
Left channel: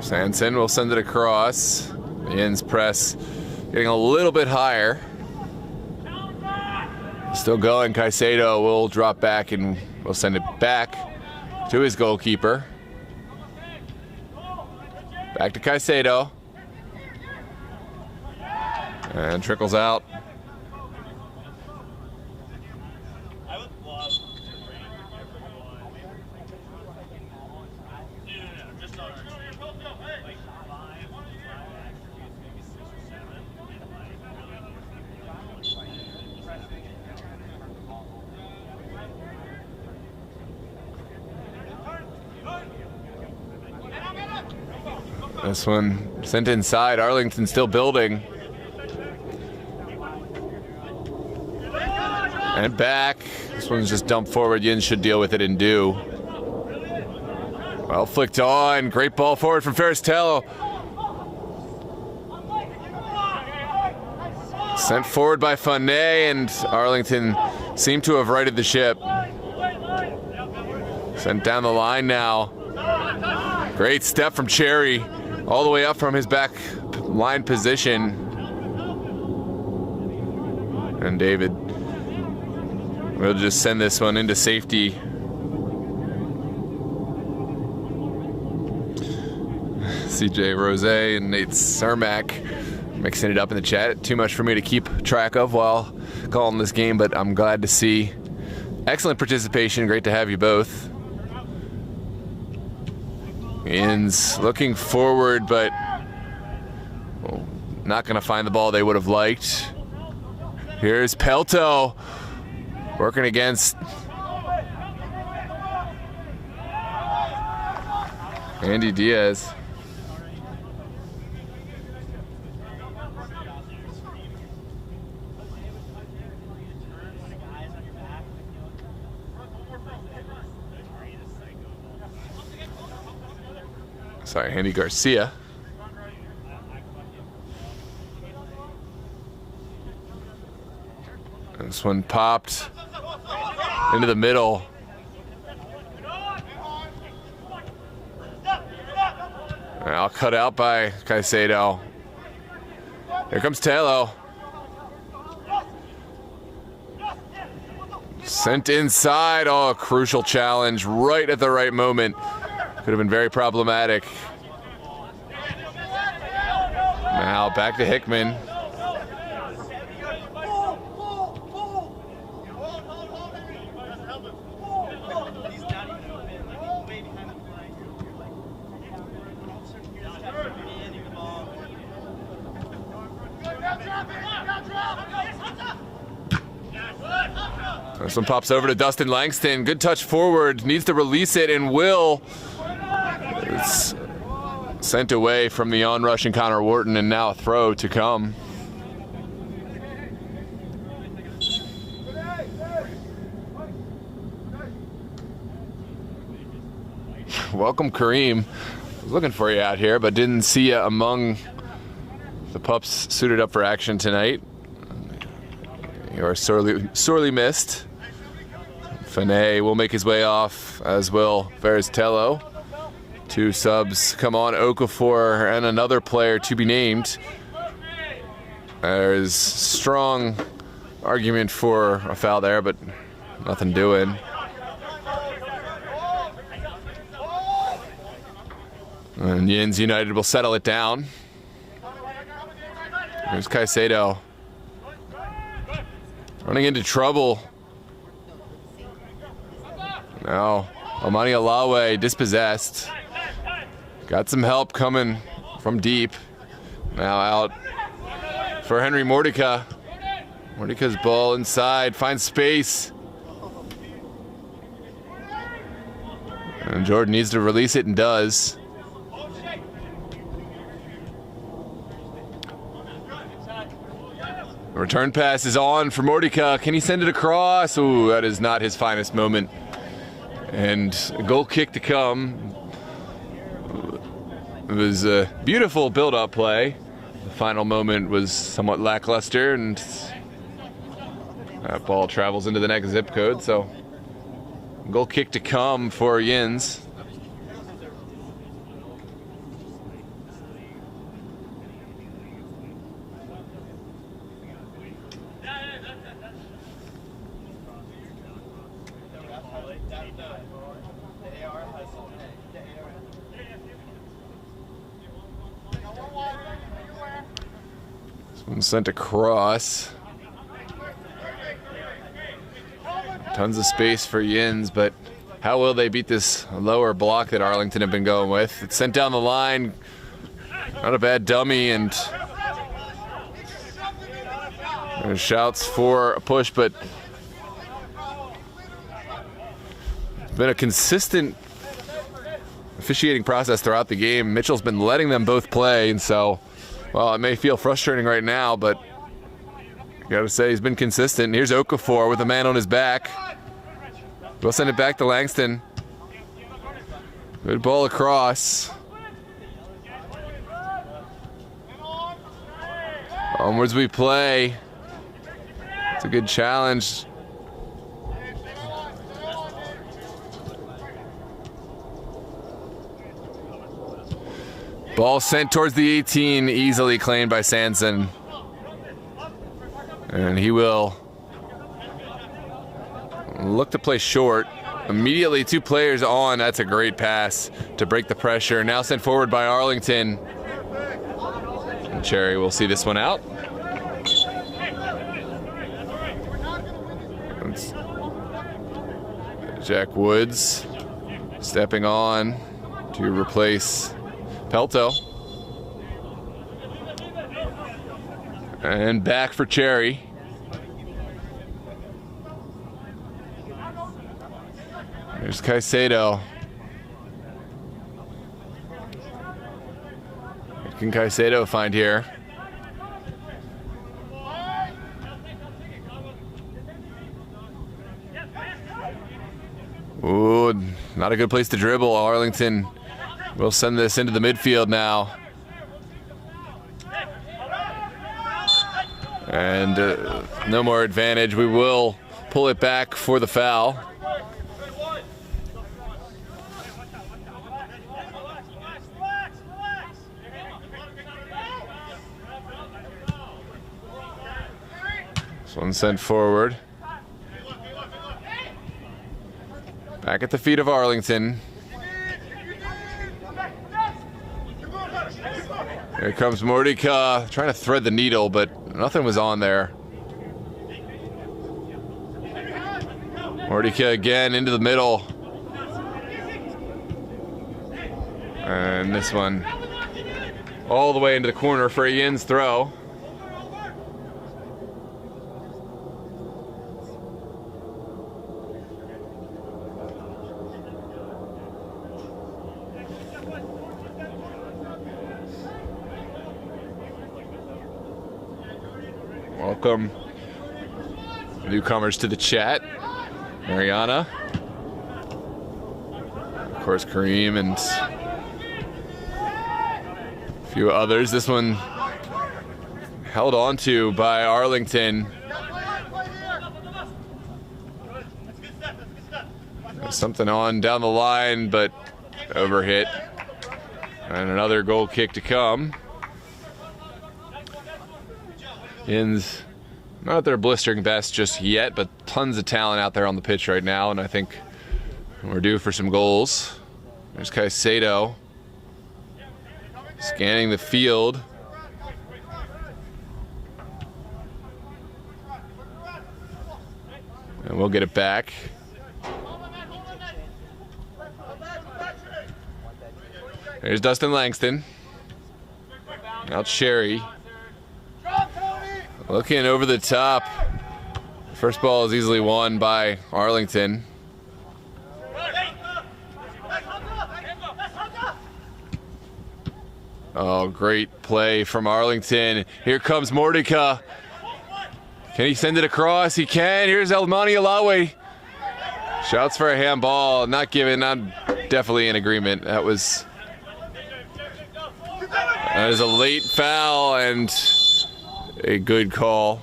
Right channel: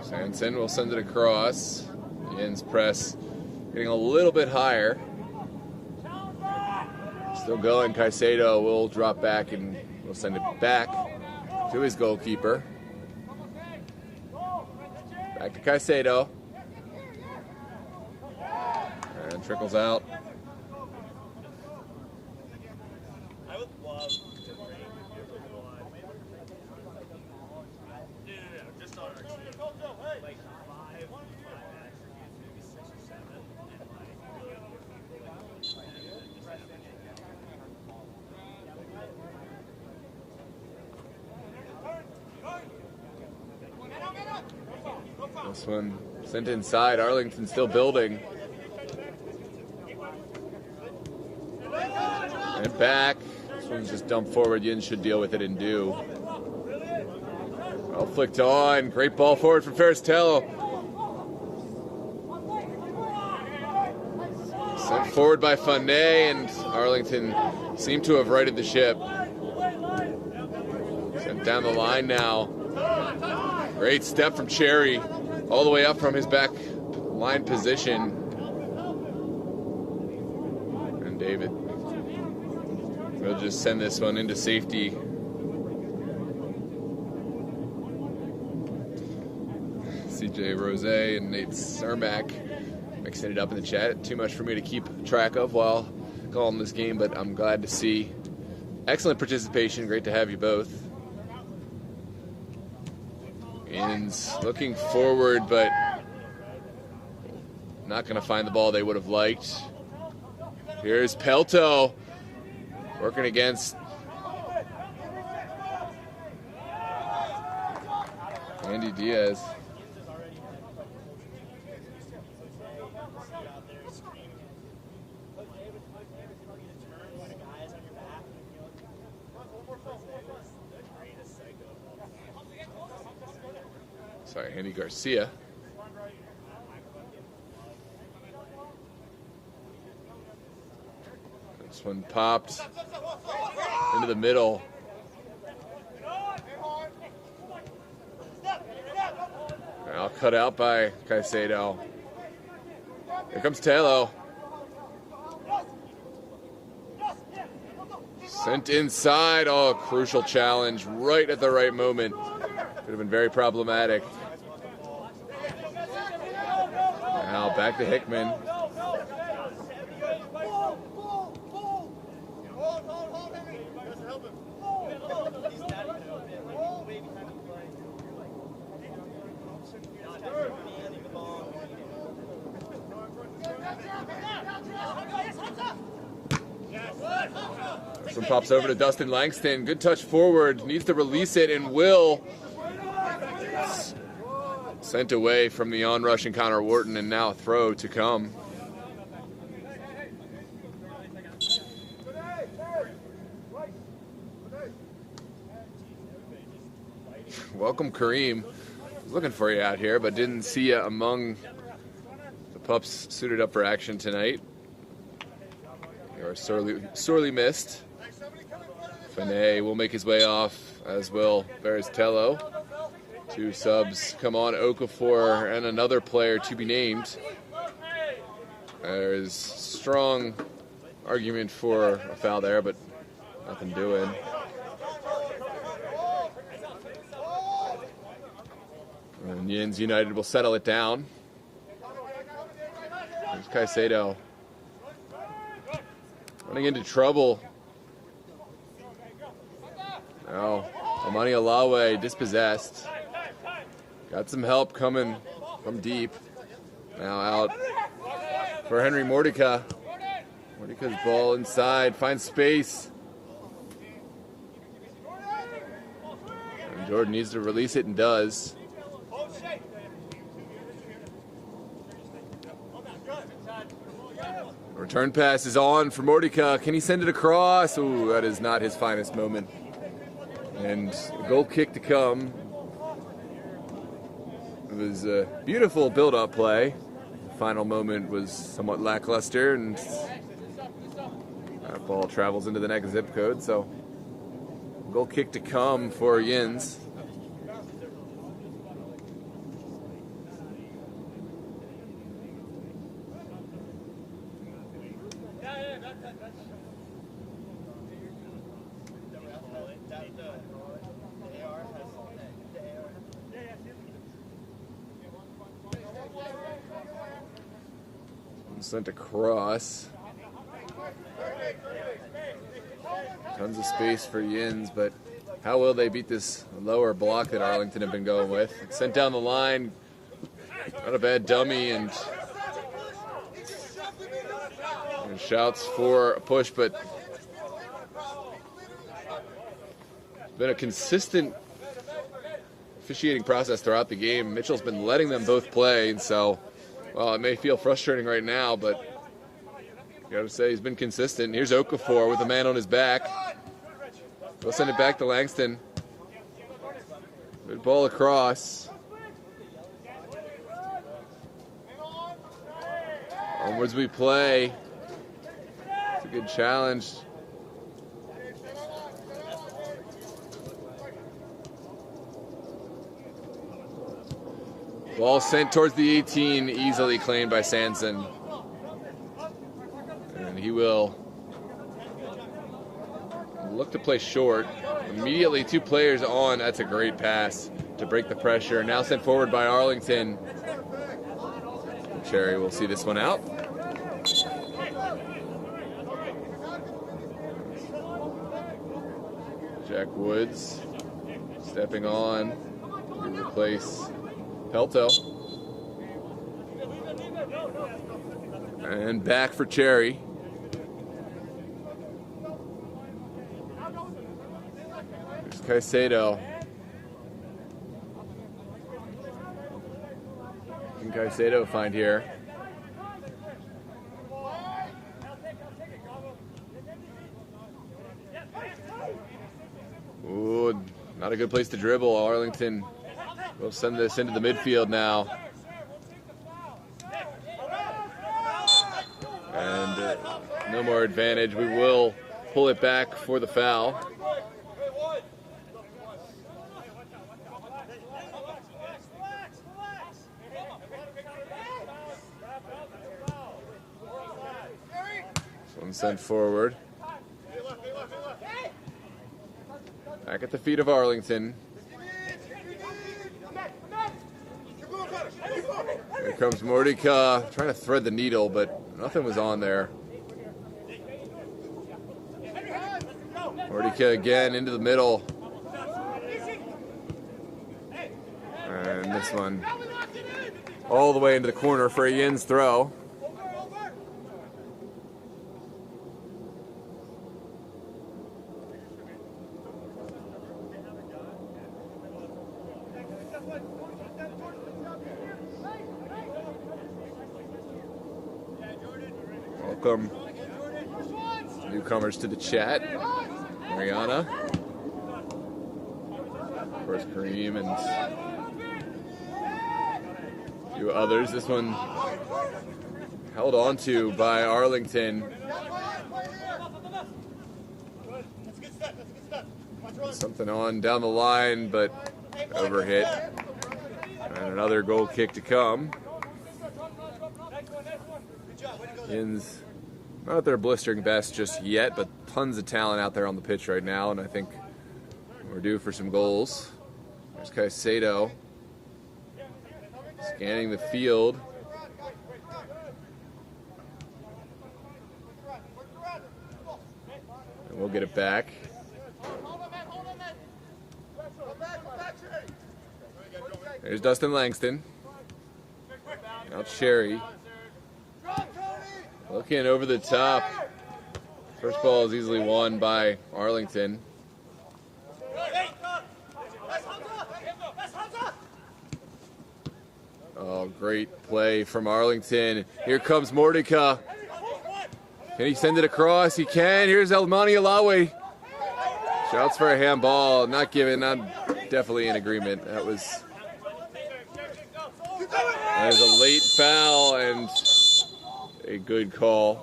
Sanson will send it across. The Yinz press getting a little bit higher. Still going. Caicedo will drop back and will send it back to his goalkeeper. Back to Caicedo. And trickles out. This one sent inside. Arlington still building. And back. This one's just dumped forward. Yinz should deal with it and do. Well flicked on. Great ball forward from Tello. Sent forward by Funay, and Arlington seemed to have righted the ship. Sent down the line now. Great step from Cherry, all the way up from his back line position. And David will just send this one into safety. CJ Rose and Nate Sarmac mixing it up in the chat. Too much for me to keep track of while calling this game, but I'm glad to see. Excellent participation. Great to have you both. Yinz looking forward, but not going to find the ball they would have liked. Here's Pelto working against Andy Diaz. Sorry, Andy Garcia. And this one popped into the middle. Now cut out by Caicedo. Here comes Tello. Sent inside. Oh, a crucial challenge right at the right moment. Could have been very problematic. Now back to Hickman. This one pops over to Dustin Langston. Good touch forward. Needs to release it and will. It's sent away from the onrush and Connor Wharton, and now a throw to come. Welcome, Kareem. I was looking for you out here, but didn't see you among the pups suited up for action tonight. You are sorely missed. Fanay will make his way off, as will Tello. Two subs come on, Okafor and another player to be named. There's strong argument for a foul there, but nothing doing. And Yinz United will settle it down. There's Caicedo. Running into trouble. Now, Amani Alawe dispossessed. Got some help coming from deep. Now out for Henry Mordecai. Mordecai's ball inside, finds space. And Jordan needs to release it and does. Return pass is on for Mordecai. Can he send it across? Ooh, that is not his finest moment. And a goal kick to come. It was a beautiful build-up play. The final moment was somewhat lackluster, and that ball travels into the next zip code. So, goal kick to come for Yinz. Sent across. Tons of space for Yinz, but how will they beat this lower block that Arlington have been going with? It's sent down the line. Not a bad dummy, and there's shouts for a push, but it's been a consistent officiating process throughout the game. Mitchell's been letting them both play, and so, well, it may feel frustrating right now, but I gotta say he's been consistent. Here's Okafor with a man on his back. We'll send it back to Langston. Good ball across. Onwards we play. It's a good challenge. Ball sent towards the 18, easily claimed by Sanson. And he will look to play short. Immediately 2 players on. That's a great pass to break the pressure. Now sent forward by Arlington. And Cherry will see this one out. Jack Woods stepping on to replace Pelto. And back for Cherry. There's Caicedo. What can Caicedo find here? Ooh, not a good place to dribble. Arlington will send this into the midfield now. And no more advantage. We will pull it back for the foul. This one sent forward. Back at the feet of Arlington. Here comes Mordika, trying to thread the needle, but nothing was on there. Mordika again into the middle. And this one all the way into the corner for a Yinz throw. Welcome newcomers to the chat. Mariana, of course Kareem, and a few others. This one held on to by Arlington. Something on down the line, but overhit. And another goal kick to come. Yinz, not at their blistering best just yet, but tons of talent out there on the pitch right now, and I think we're due for some goals. There's Caicedo scanning the field. And we'll get it back. There's Dustin Langston. Now Cherry. Looking over the top. First ball is easily won by Arlington. Oh, great play from Arlington. Here comes Mordika. Can he send it across? He can. Here's Elmani Alawi. Shouts for a handball. Not given. I'm definitely in agreement. That is a late foul and a good call.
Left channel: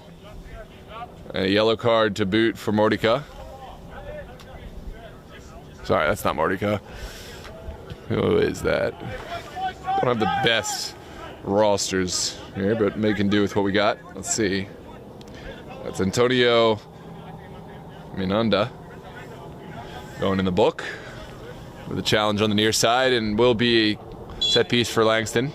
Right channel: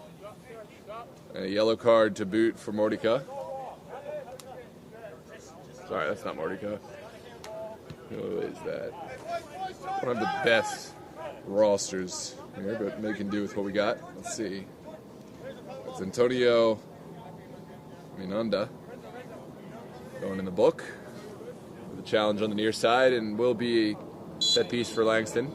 A yellow card to boot for Mordika. Sorry, that's not Mordika. Who is that? Don't have the best rosters here, but making do with what we got. Let's see. That's Antonio Minanda going in the book with a challenge on the near side, and will be a set piece for Langston.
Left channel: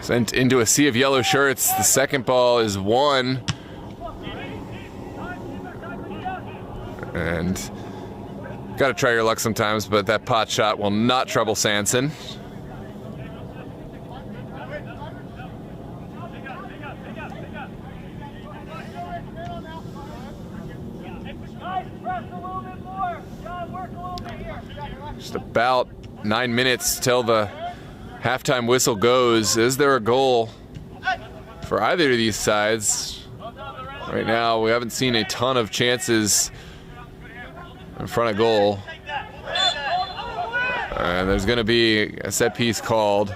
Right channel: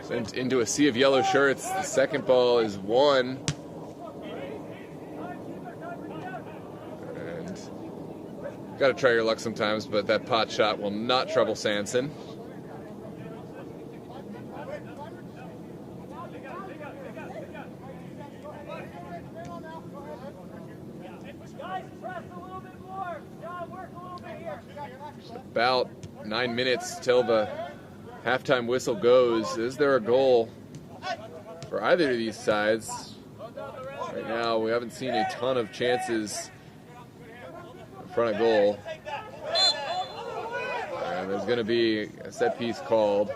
Sent into a sea of yellow shirts. The second ball is won. And gotta try your luck sometimes, but that pot shot will not trouble Sanson. Just about 9 minutes till the halftime whistle goes. Is there a goal for either of these sides? Right now, we haven't seen a ton of chances in front of goal. And there's going to be a set piece called.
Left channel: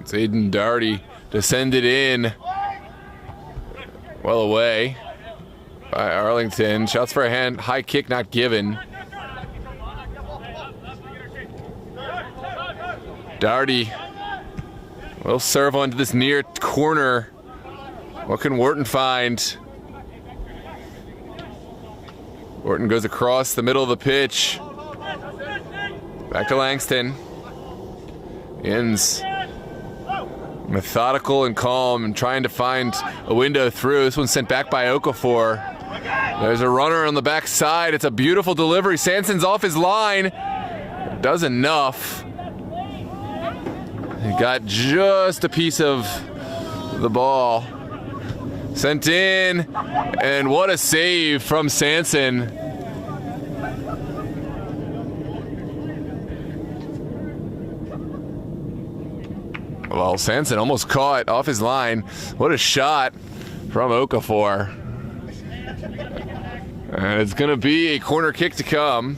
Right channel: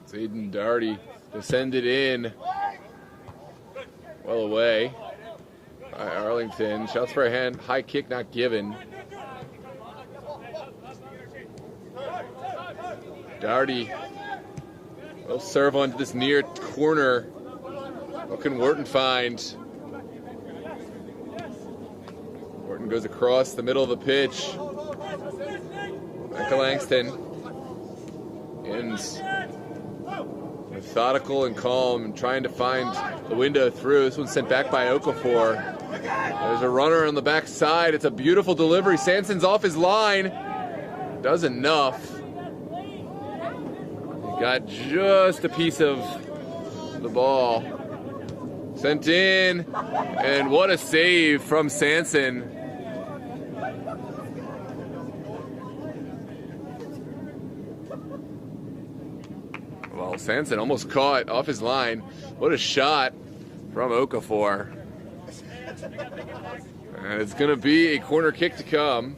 It's Aiden Doherty descended in well away by Arlington. Shouts for a hand, high kick not given. Doherty will serve onto this near corner. What can Wharton find? Wharton goes across the middle of the pitch. Back to Langston. Yinz. Methodical and calm and trying to find a window through. This one's sent back by Okafor. There's a runner on the back side. It's a beautiful delivery. Sanson's off his line. Does enough. He got just a piece of the ball. Sent in, and what a save from Sanson. Well, Sanson almost caught off his line. What a shot from Okafor. And it's going to be a corner kick to come.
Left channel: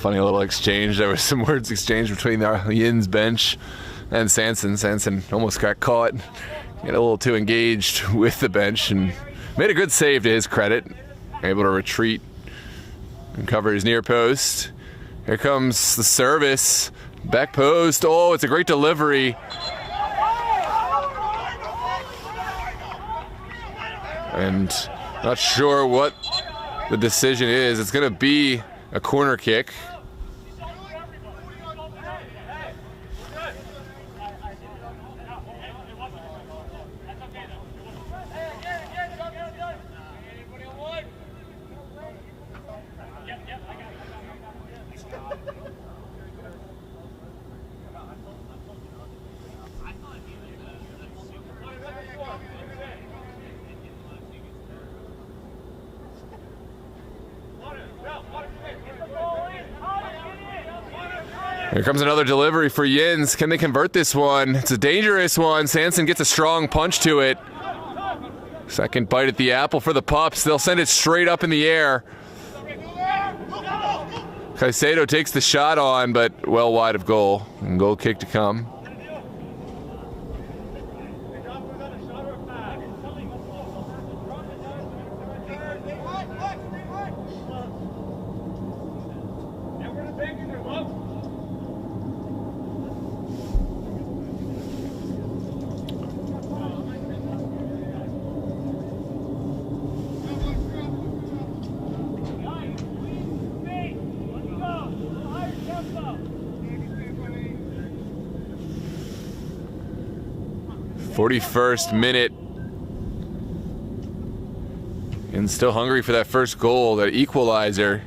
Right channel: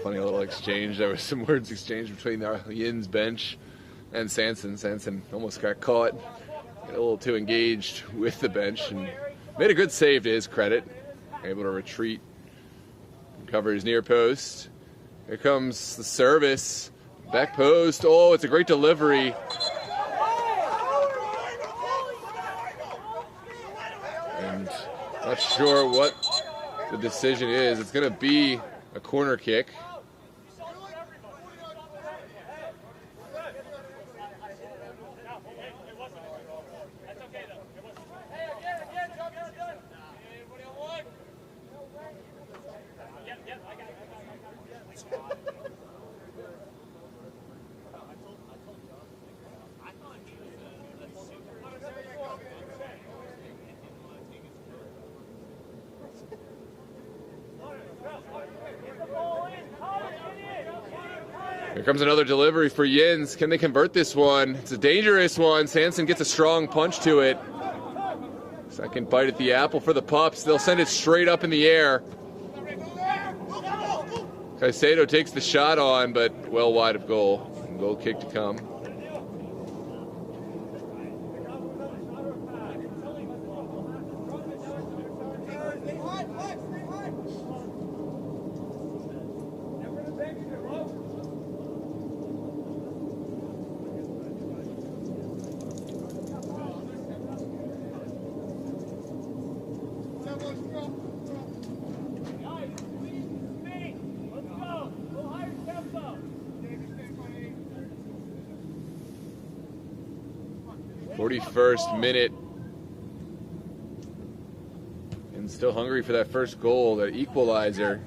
Funny little exchange. There was some words exchanged between the Yinz bench and Sanson. Sanson almost got caught. Got a little too engaged with the bench and made a good save to his credit. Able to retreat and cover his near post. Here comes the service. Back post. Oh, it's a great delivery. And not sure what the decision is. It's going to be a corner kick. Here comes another delivery for Yinz. Can they convert this one? It's a dangerous one. Sanson gets a strong punch to it. Second bite at the apple for the Pups. They'll send it straight up in the air. Caicedo takes the shot on, but well wide of goal. And goal kick to come. .41st minute. And still hungry for that first goal, that equalizer.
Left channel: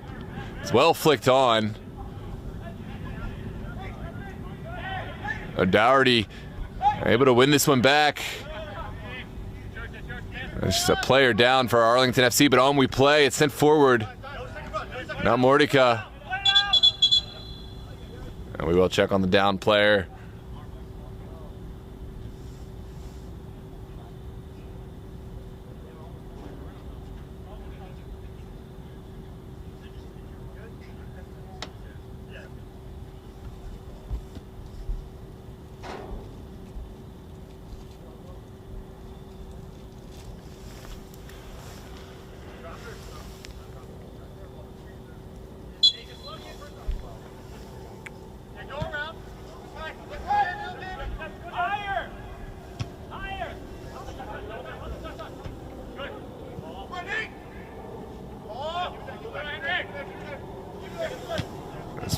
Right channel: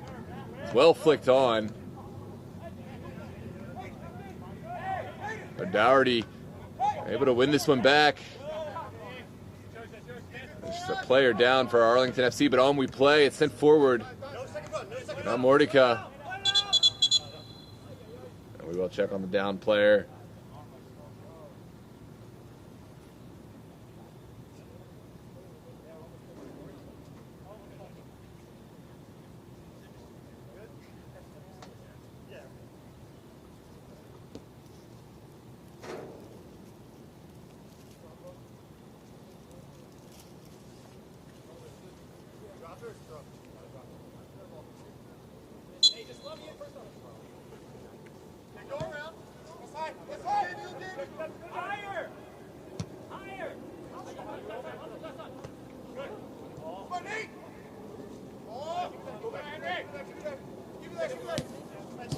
It's well flicked on. Doherty able to win this one back. It's just a player down for Arlington FC, but on we play. It's sent forward. Now Mordika. And we will check on the down player.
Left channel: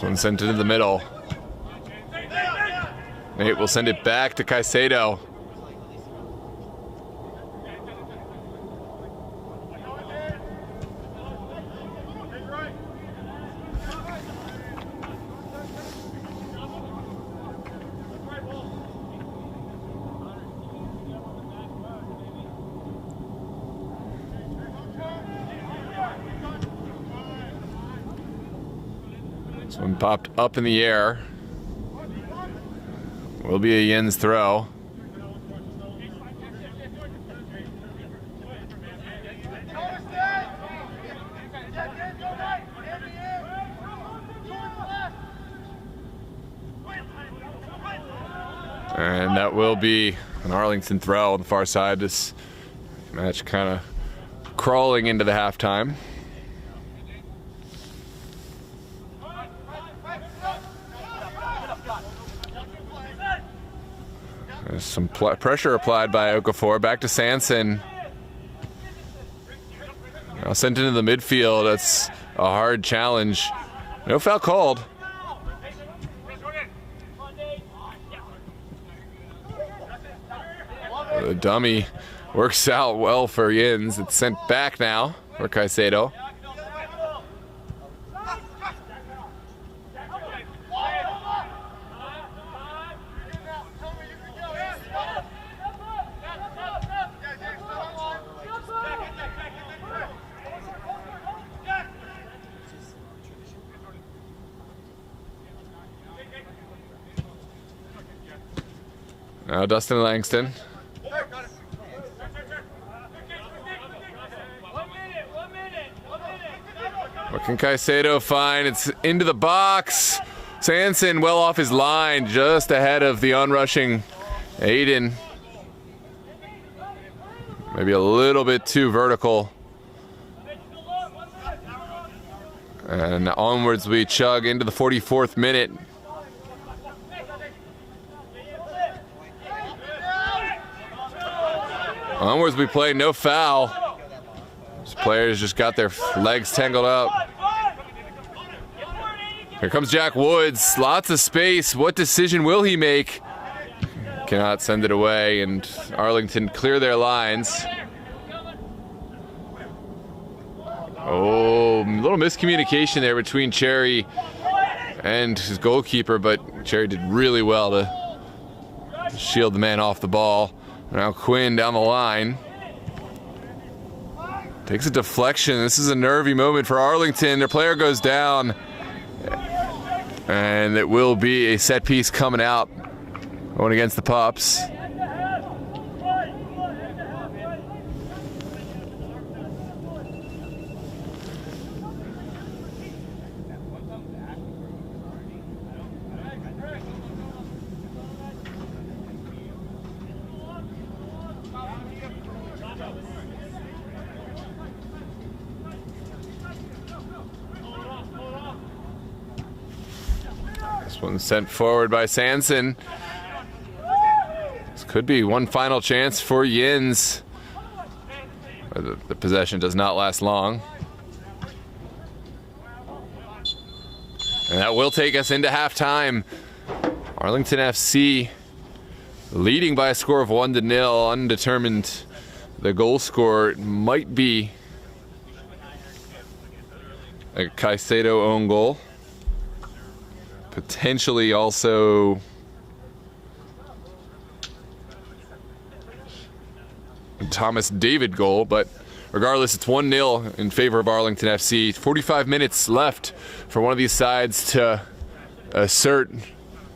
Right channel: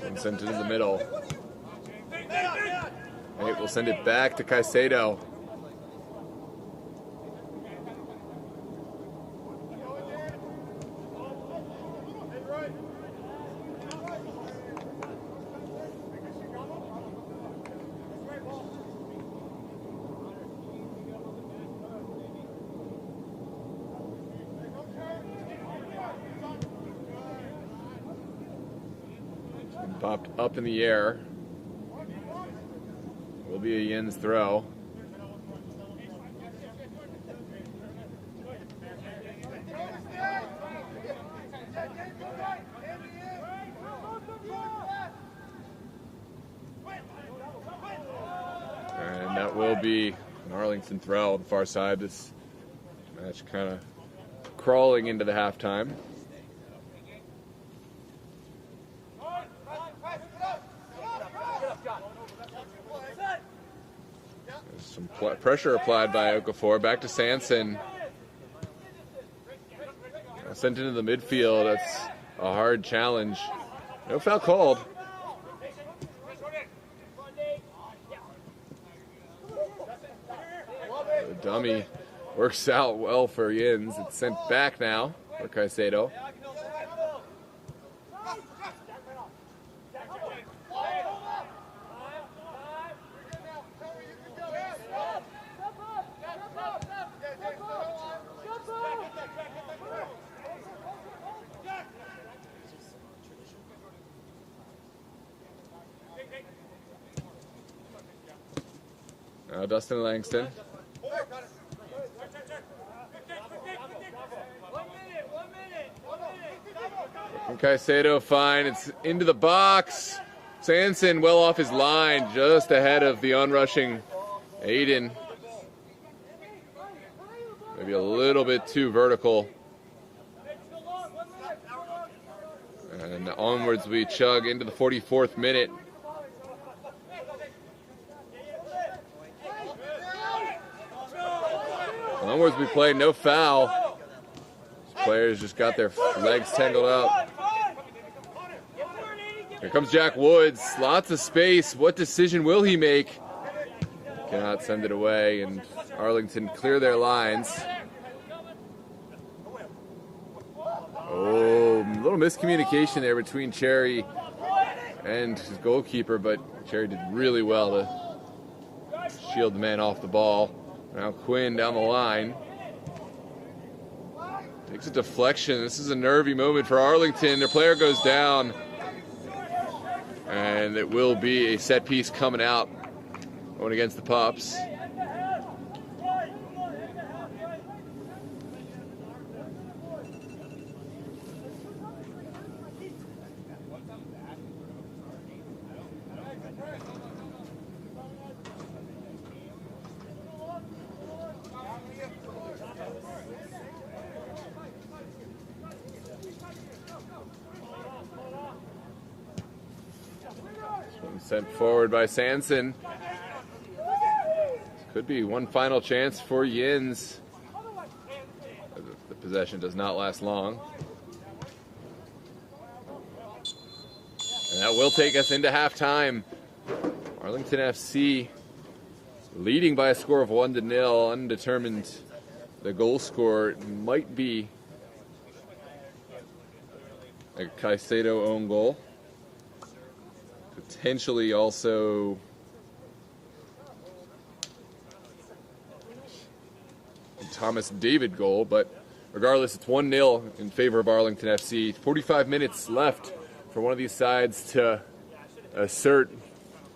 One sent into the middle. Nate will send it back to Caicedo. This one popped up in the air. Will be a Yinz throw. And that will be an Arlington throw on the far side. This match kind of crawling into the halftime. There's some pressure applied by Okafor. Back to Sanson. Now sent into the midfield. That's a hard challenge. No foul called. The dummy works out well for Yinz. It's sent back now for Caicedo. Now Dustin Langston. What can Caicedo find? It's into the box. Sanson well off his line, just ahead of the onrushing Aiden. Maybe a little bit too vertical. And onwards we chug into the 44th minute. Onwards we play, no foul. These players just got their legs tangled up. Here comes Jack Woods, lots of space. What decision will he make? Cannot send it away, and Arlington clear their lines. Oh, a little miscommunication there between Cherry and his goalkeeper, but Cherry did really well to shield the man off the ball. Now Quinn down the line. Takes a deflection. This is a nervy moment for Arlington. Their player goes down. And it will be a set piece coming out. Going against the Pups. One sent forward by Sanson. This could be one final chance for Yinz. The possession does not last long. And that will take us into halftime. Arlington FC leading by a score of 1-0, undetermined. The goal scorer might be a Caicedo own goal. Potentially also a Thomas David goal, but regardless, it's 1-0 in favor of Arlington FC. 45 minutes left for one of these sides to assert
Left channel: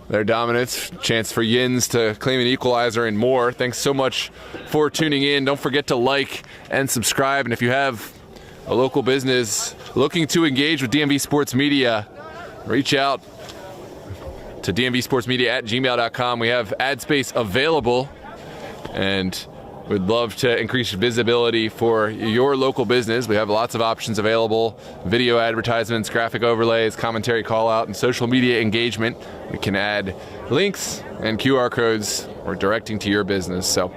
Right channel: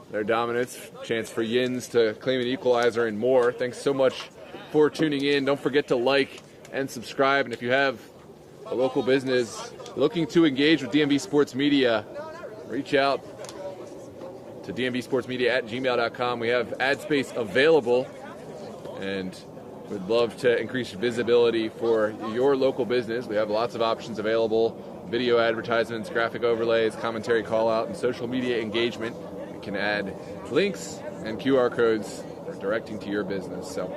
their dominance. Chance for Yinz to claim an equalizer and more. Thanks so much for tuning in. Don't forget to like and subscribe. And if you have a local business looking to engage with DMV Sports Media, reach out to dmvsportsmedia@gmail.com. We have ad space available and we'd love to increase visibility for your local business. We have lots of options available: video advertisements, graphic overlays, commentary call out, and social media engagement. We can add links and QR codes or directing to your business. So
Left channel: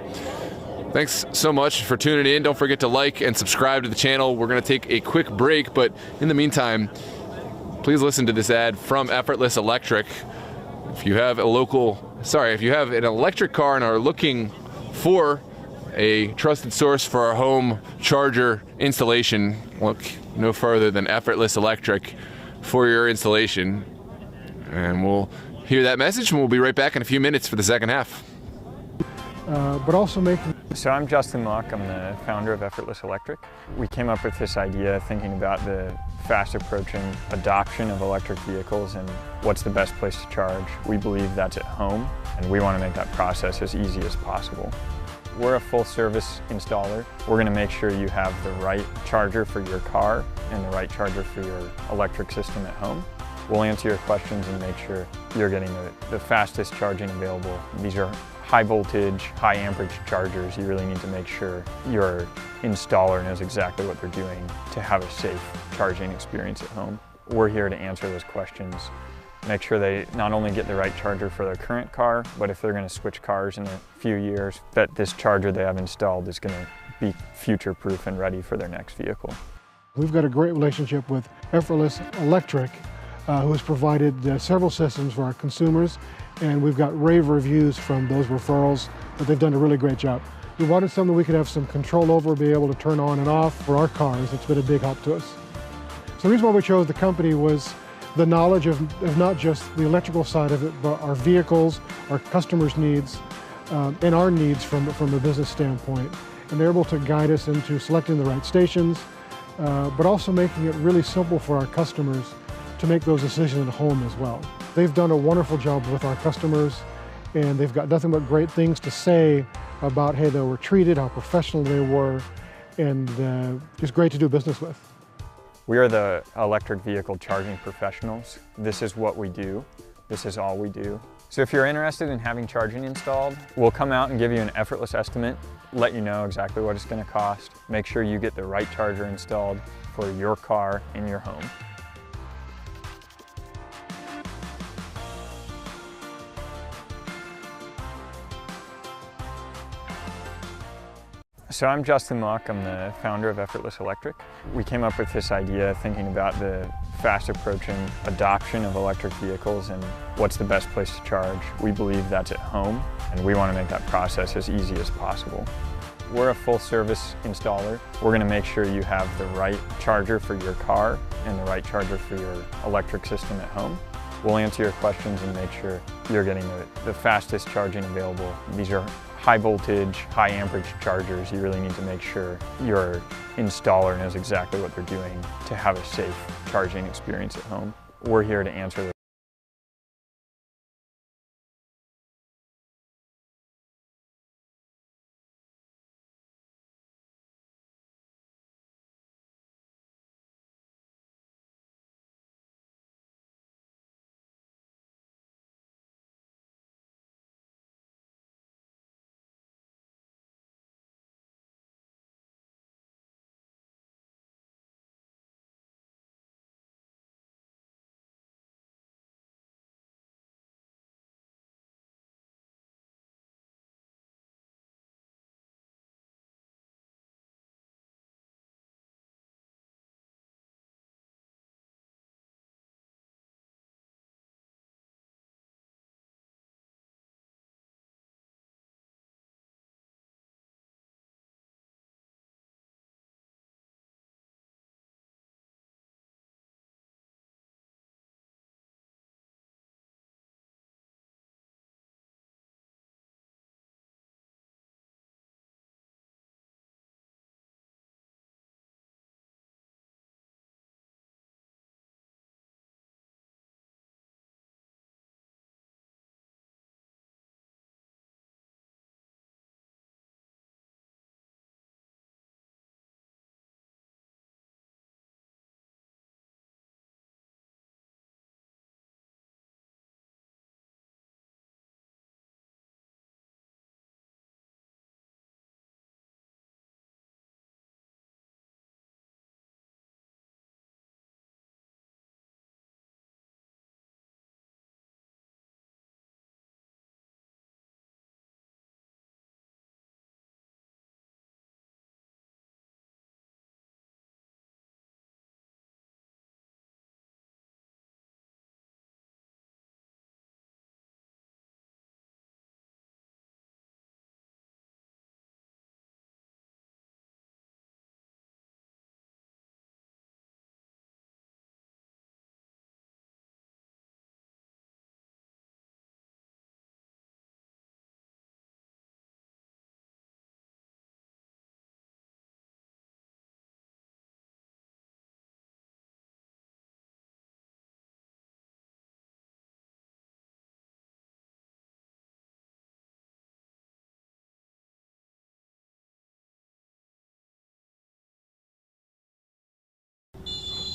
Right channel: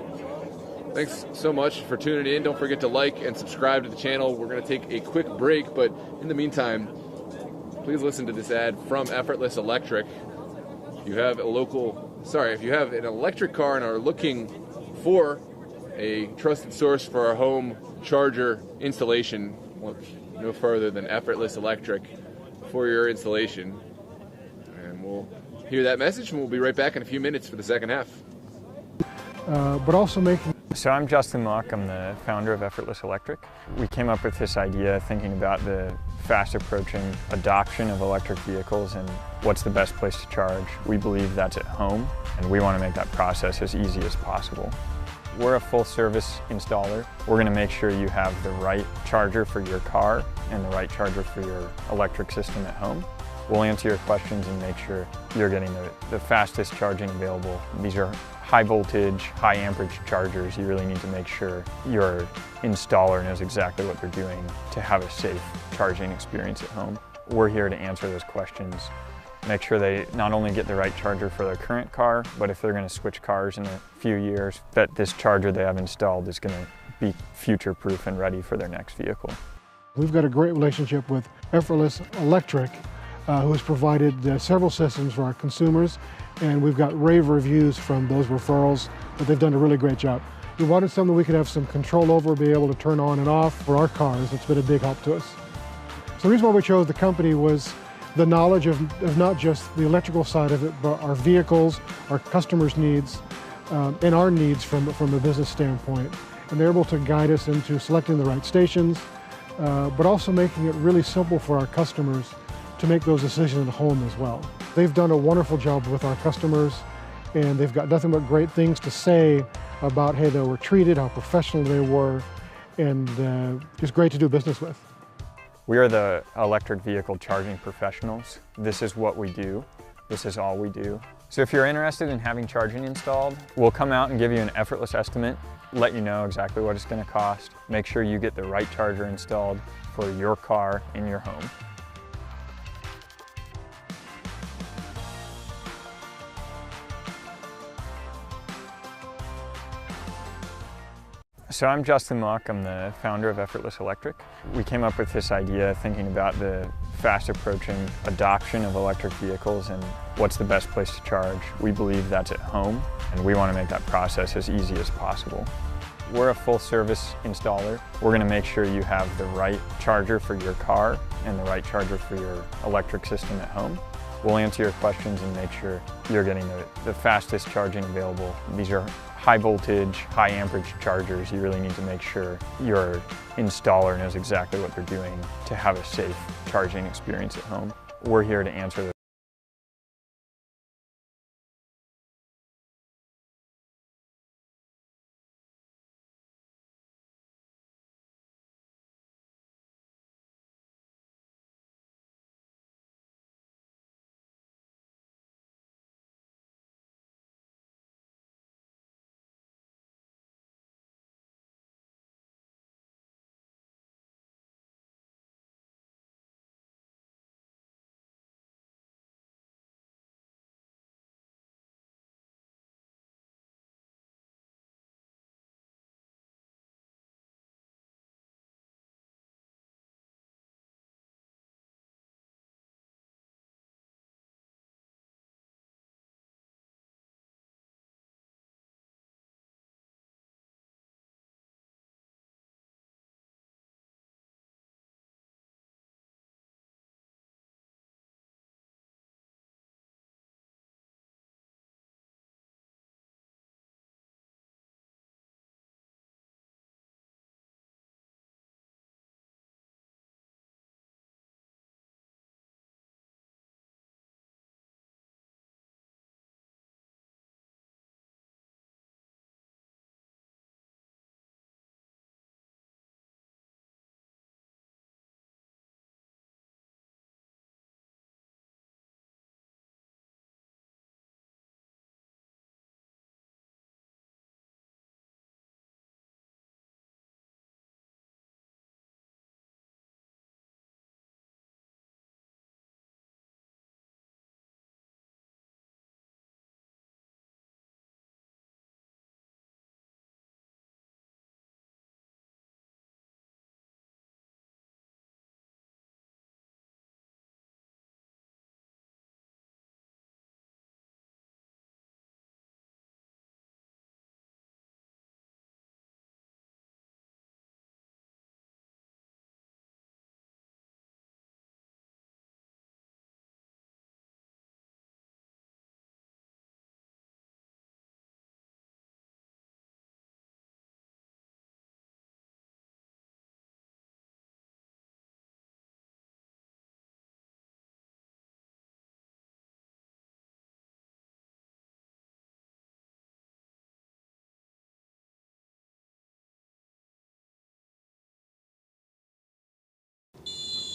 thanks so much for tuning in. Don't forget to like and subscribe to the channel. We're going to take a quick break, but in the meantime, please please listen to this ad from Effortless Electric. If you have an electric car and are looking for a trusted source for our home charger installation, look no further than Effortless Electric for your installation. And we'll hear that message and we'll be right back in a few minutes for the second half. But also making... So I'm Justin Mock, I'm the founder of Effortless Electric. We came up with this idea thinking about the fast approaching adoption of electric vehicles and what's the best place to charge. We believe that's at home, and we want to make that process as easy as possible. We're a full service installer. We're going to make sure you have the right charger for your car and the right charger for your electric system at home. We'll answer your questions and make sure you're getting the fastest charging available. These are high voltage, high amperage chargers. You really need to make sure your installer knows exactly what they're doing to have a safe charging experience at home. We're here to answer those questions, make sure they not only get the right charger for their current car, but if they're going to switch cars in a few years, that this charger they have installed is going to be future-proof and ready for their next vehicle. We've got a great relationship with Effortless Electric, who has provided several systems for our consumers, and we've got rave reviews from those referrals that they've done a really great job. We wanted something we could have some control over, be able to turn on and off for our cars. It's been a big help to us. So the reason why we chose the company was the knowledge of not just the electrical side of it, but our vehicles, our customers' needs, and our needs from a business standpoint. And they're able to guide us into selecting the right stations, but also making it really simple for our customers to make those decisions at home as well. They've done a wonderful job with our customers, and they've got nothing but great things to say about how they were treated, how professional they were, and just great to do business with. We are the electric vehicle charging professionals. This is what we do. This is all we do. So if you're interested in having charging installed, we'll come out and give you an effortless estimate, let you know exactly what it's going to cost, make sure you get the right charger installed for your car in your home. So I'm Justin Mock, I'm the founder of Effortless Electric. We came up with this idea thinking about the fast approaching adoption of electric vehicles and what's the best place to charge. We believe that's at home, and we want to make that process as easy as possible. We're a full service installer. We're going to make sure you have the right charger for your car and the right charger for your electric system at home. We'll answer your questions and make sure you're getting the fastest charging available. These are high voltage, high amperage chargers. You really need to make sure your installer knows exactly what they're doing to have a safe charging experience at home. We're here to answer those.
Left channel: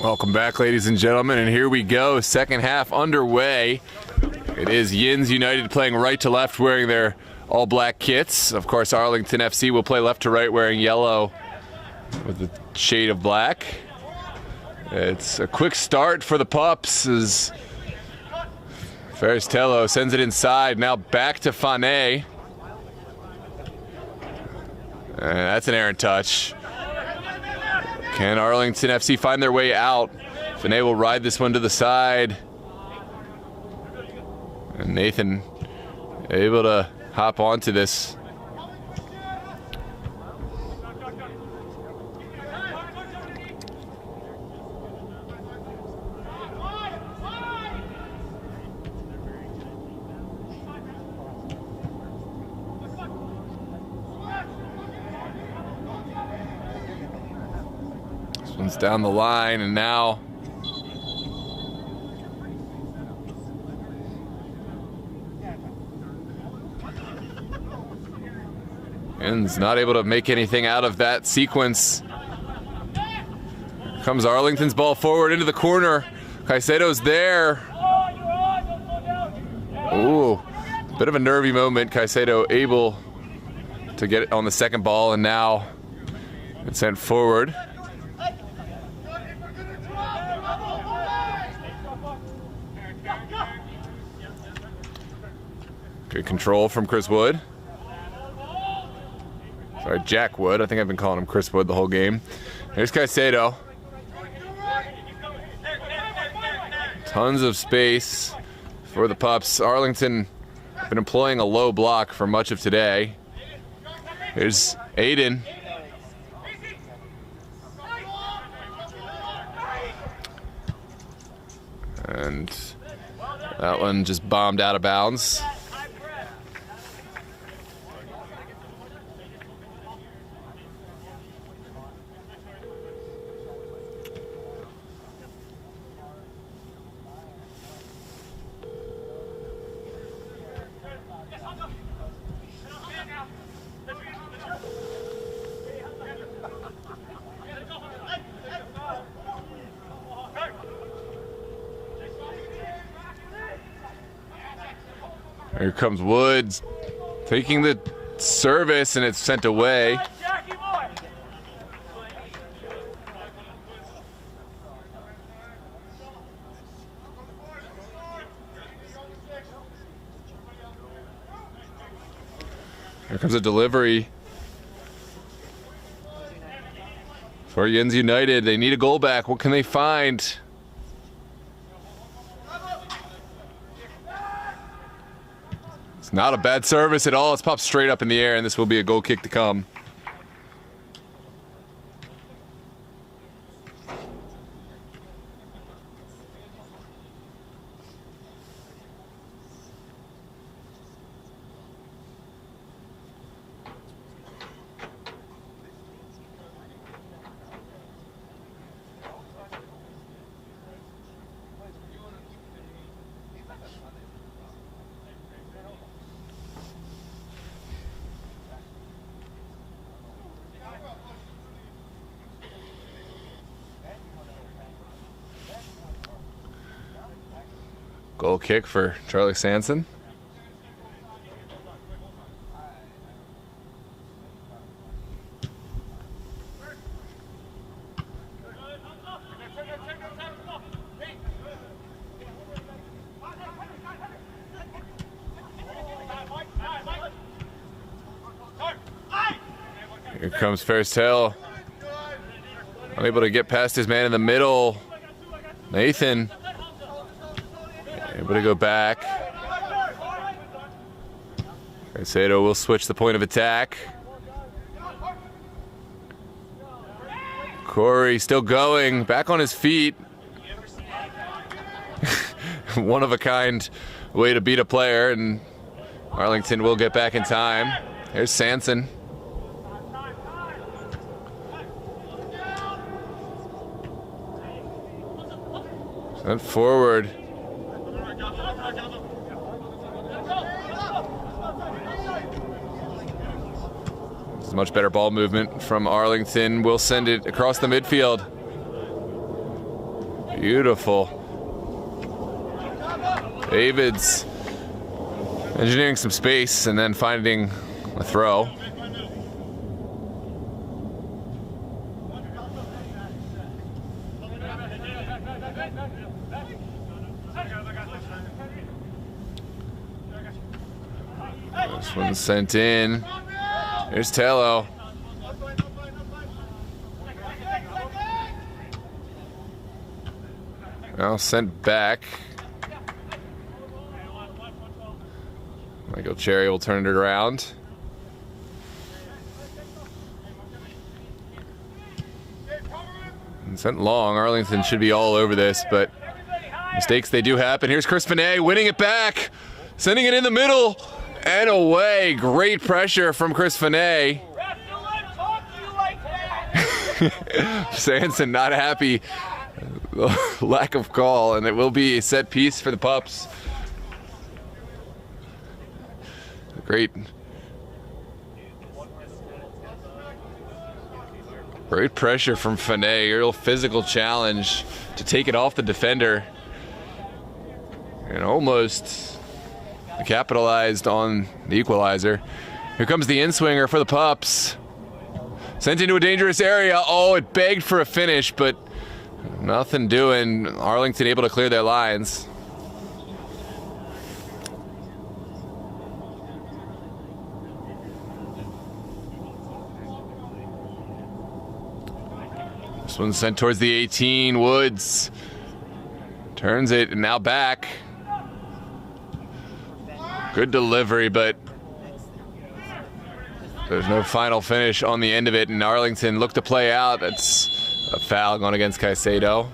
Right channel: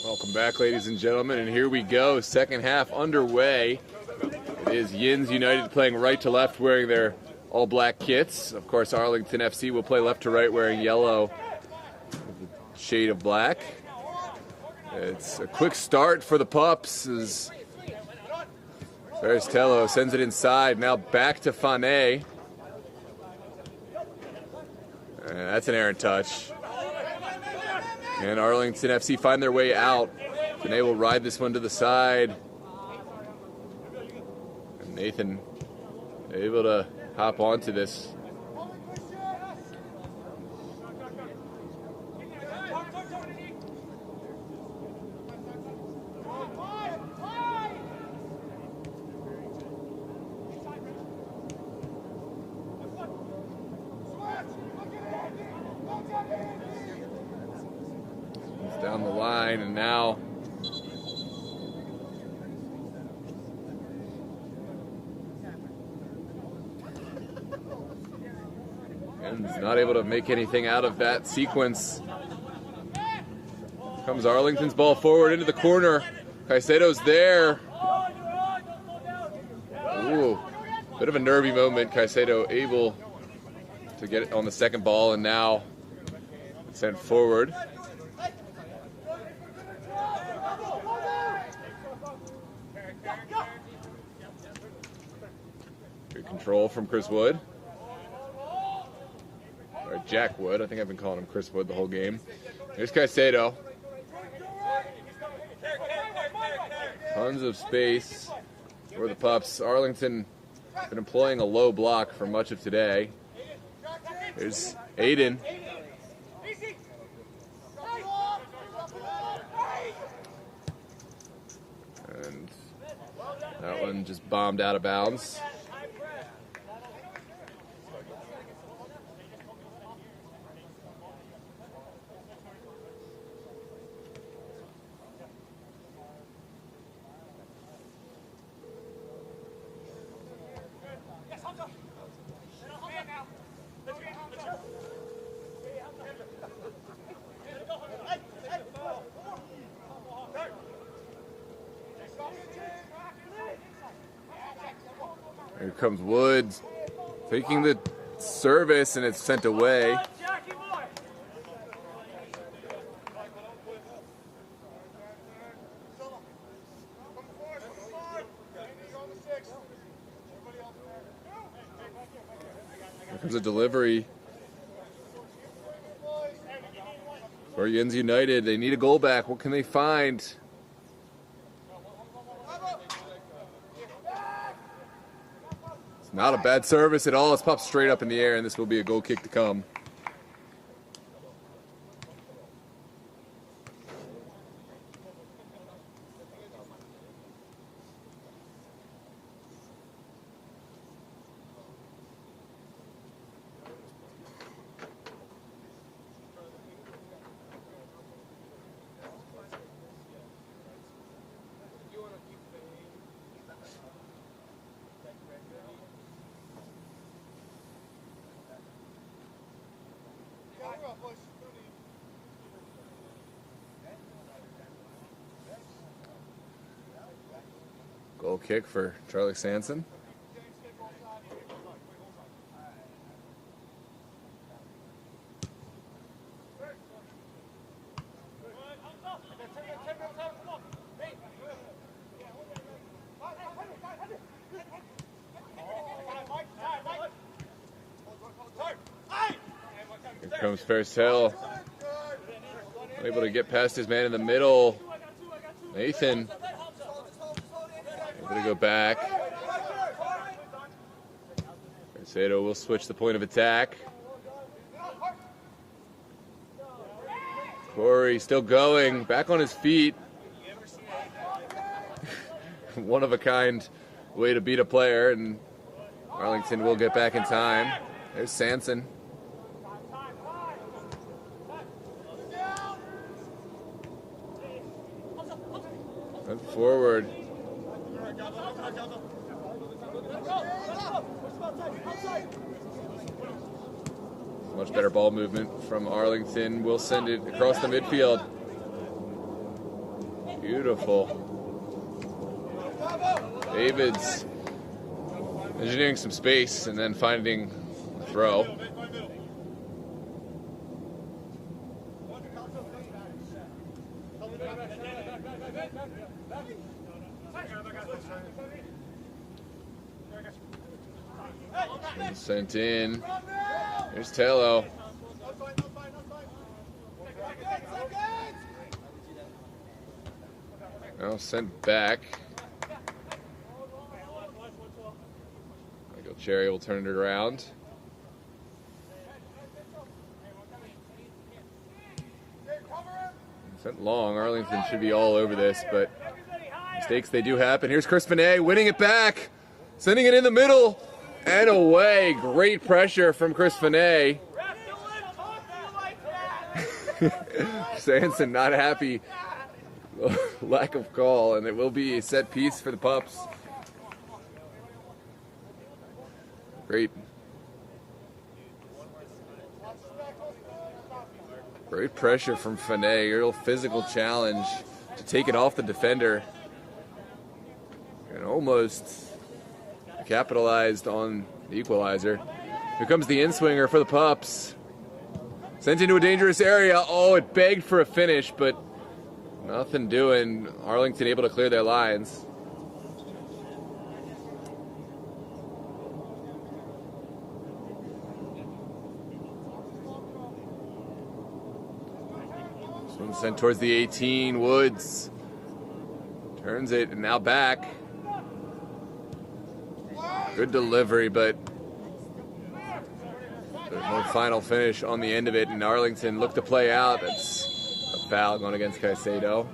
Welcome back, ladies and gentlemen, and here we go. Second half underway. It is Yinz United playing right to left, wearing their all-black kits. Of course, Arlington FC will play left to right, wearing yellow with a shade of black. It's a quick start for the Pups as Faristello sends it inside. Now back to Fane. That's an errant touch. Can Arlington FC find their way out? Fane will ride this one to the side. And Nathan able to hop onto this. This one's down the line, and now Yinz not able to make anything out of that sequence. Here comes Arlington's ball forward into the corner. Caicedo's there. Ooh, bit of a nervy moment. Caicedo able to get it on the second ball, and now it's sent forward. Good control from Chris Wood. Sorry, Jack Wood. I think I've been calling him Chris Wood the whole game. Here's Caicedo. Tons of space for the Pups. Arlington been employing a low block for much of today. Here's Aiden. And that one just bombed out of bounds. Here comes Woods, taking the service, and it's sent away. Here comes a delivery for Yinz United. They need a goal back. What can they find? It's not a bad service at all. It's popped straight up in the air, and this will be a goal kick to come. Goal kick for Charlie Sanson. Here comes Fairstell. Unable to get past his man in the middle. Nathan able to go back. Caicedo will switch the point of attack. Corey still going, back on his feet. One of a kind way to beat a player, and Arlington will get back in time. Here's Sanson. Sent forward. This is much better ball movement from Arlington. Will send it across the midfield. Beautiful. David's engineering some space and then finding a throw. This one's sent in. Here's Tello. Now sent back. Michael Cherry will turn it around. And sent long. Arlington should be all over this, but mistakes they do happen. Here's Chris Finet winning it back, sending it in the middle and away. Great pressure from Chris Finet. Sanson not happy. Lack of call, and it will be a set piece for the Pups. Great pressure from Finet. Real physical challenge to take it off the defender, and almost capitalized on the equalizer. Here comes the in-swinger for the Pups. Sent into a dangerous area. Oh, it begged for a finish, but nothing doing. Arlington able to clear their lines. This one's sent towards the 18. Woods turns it and now back. Good delivery, but there's no final finish on the end of it, and Arlington looked to play out. That's a foul going against Caicedo.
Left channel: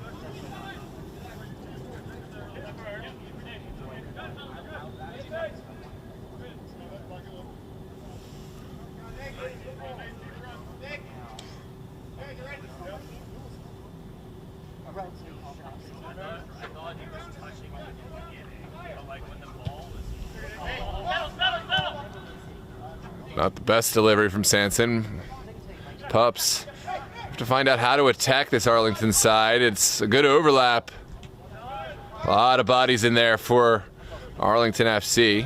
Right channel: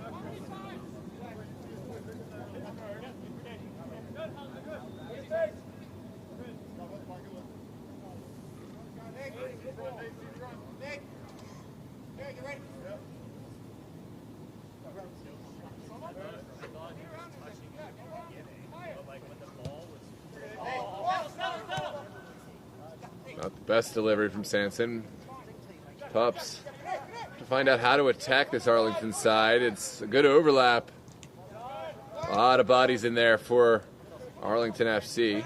Not the best delivery from Sanson. Pups have to find out how to attack this Arlington side. It's a good overlap. A lot of bodies in there for Arlington FC.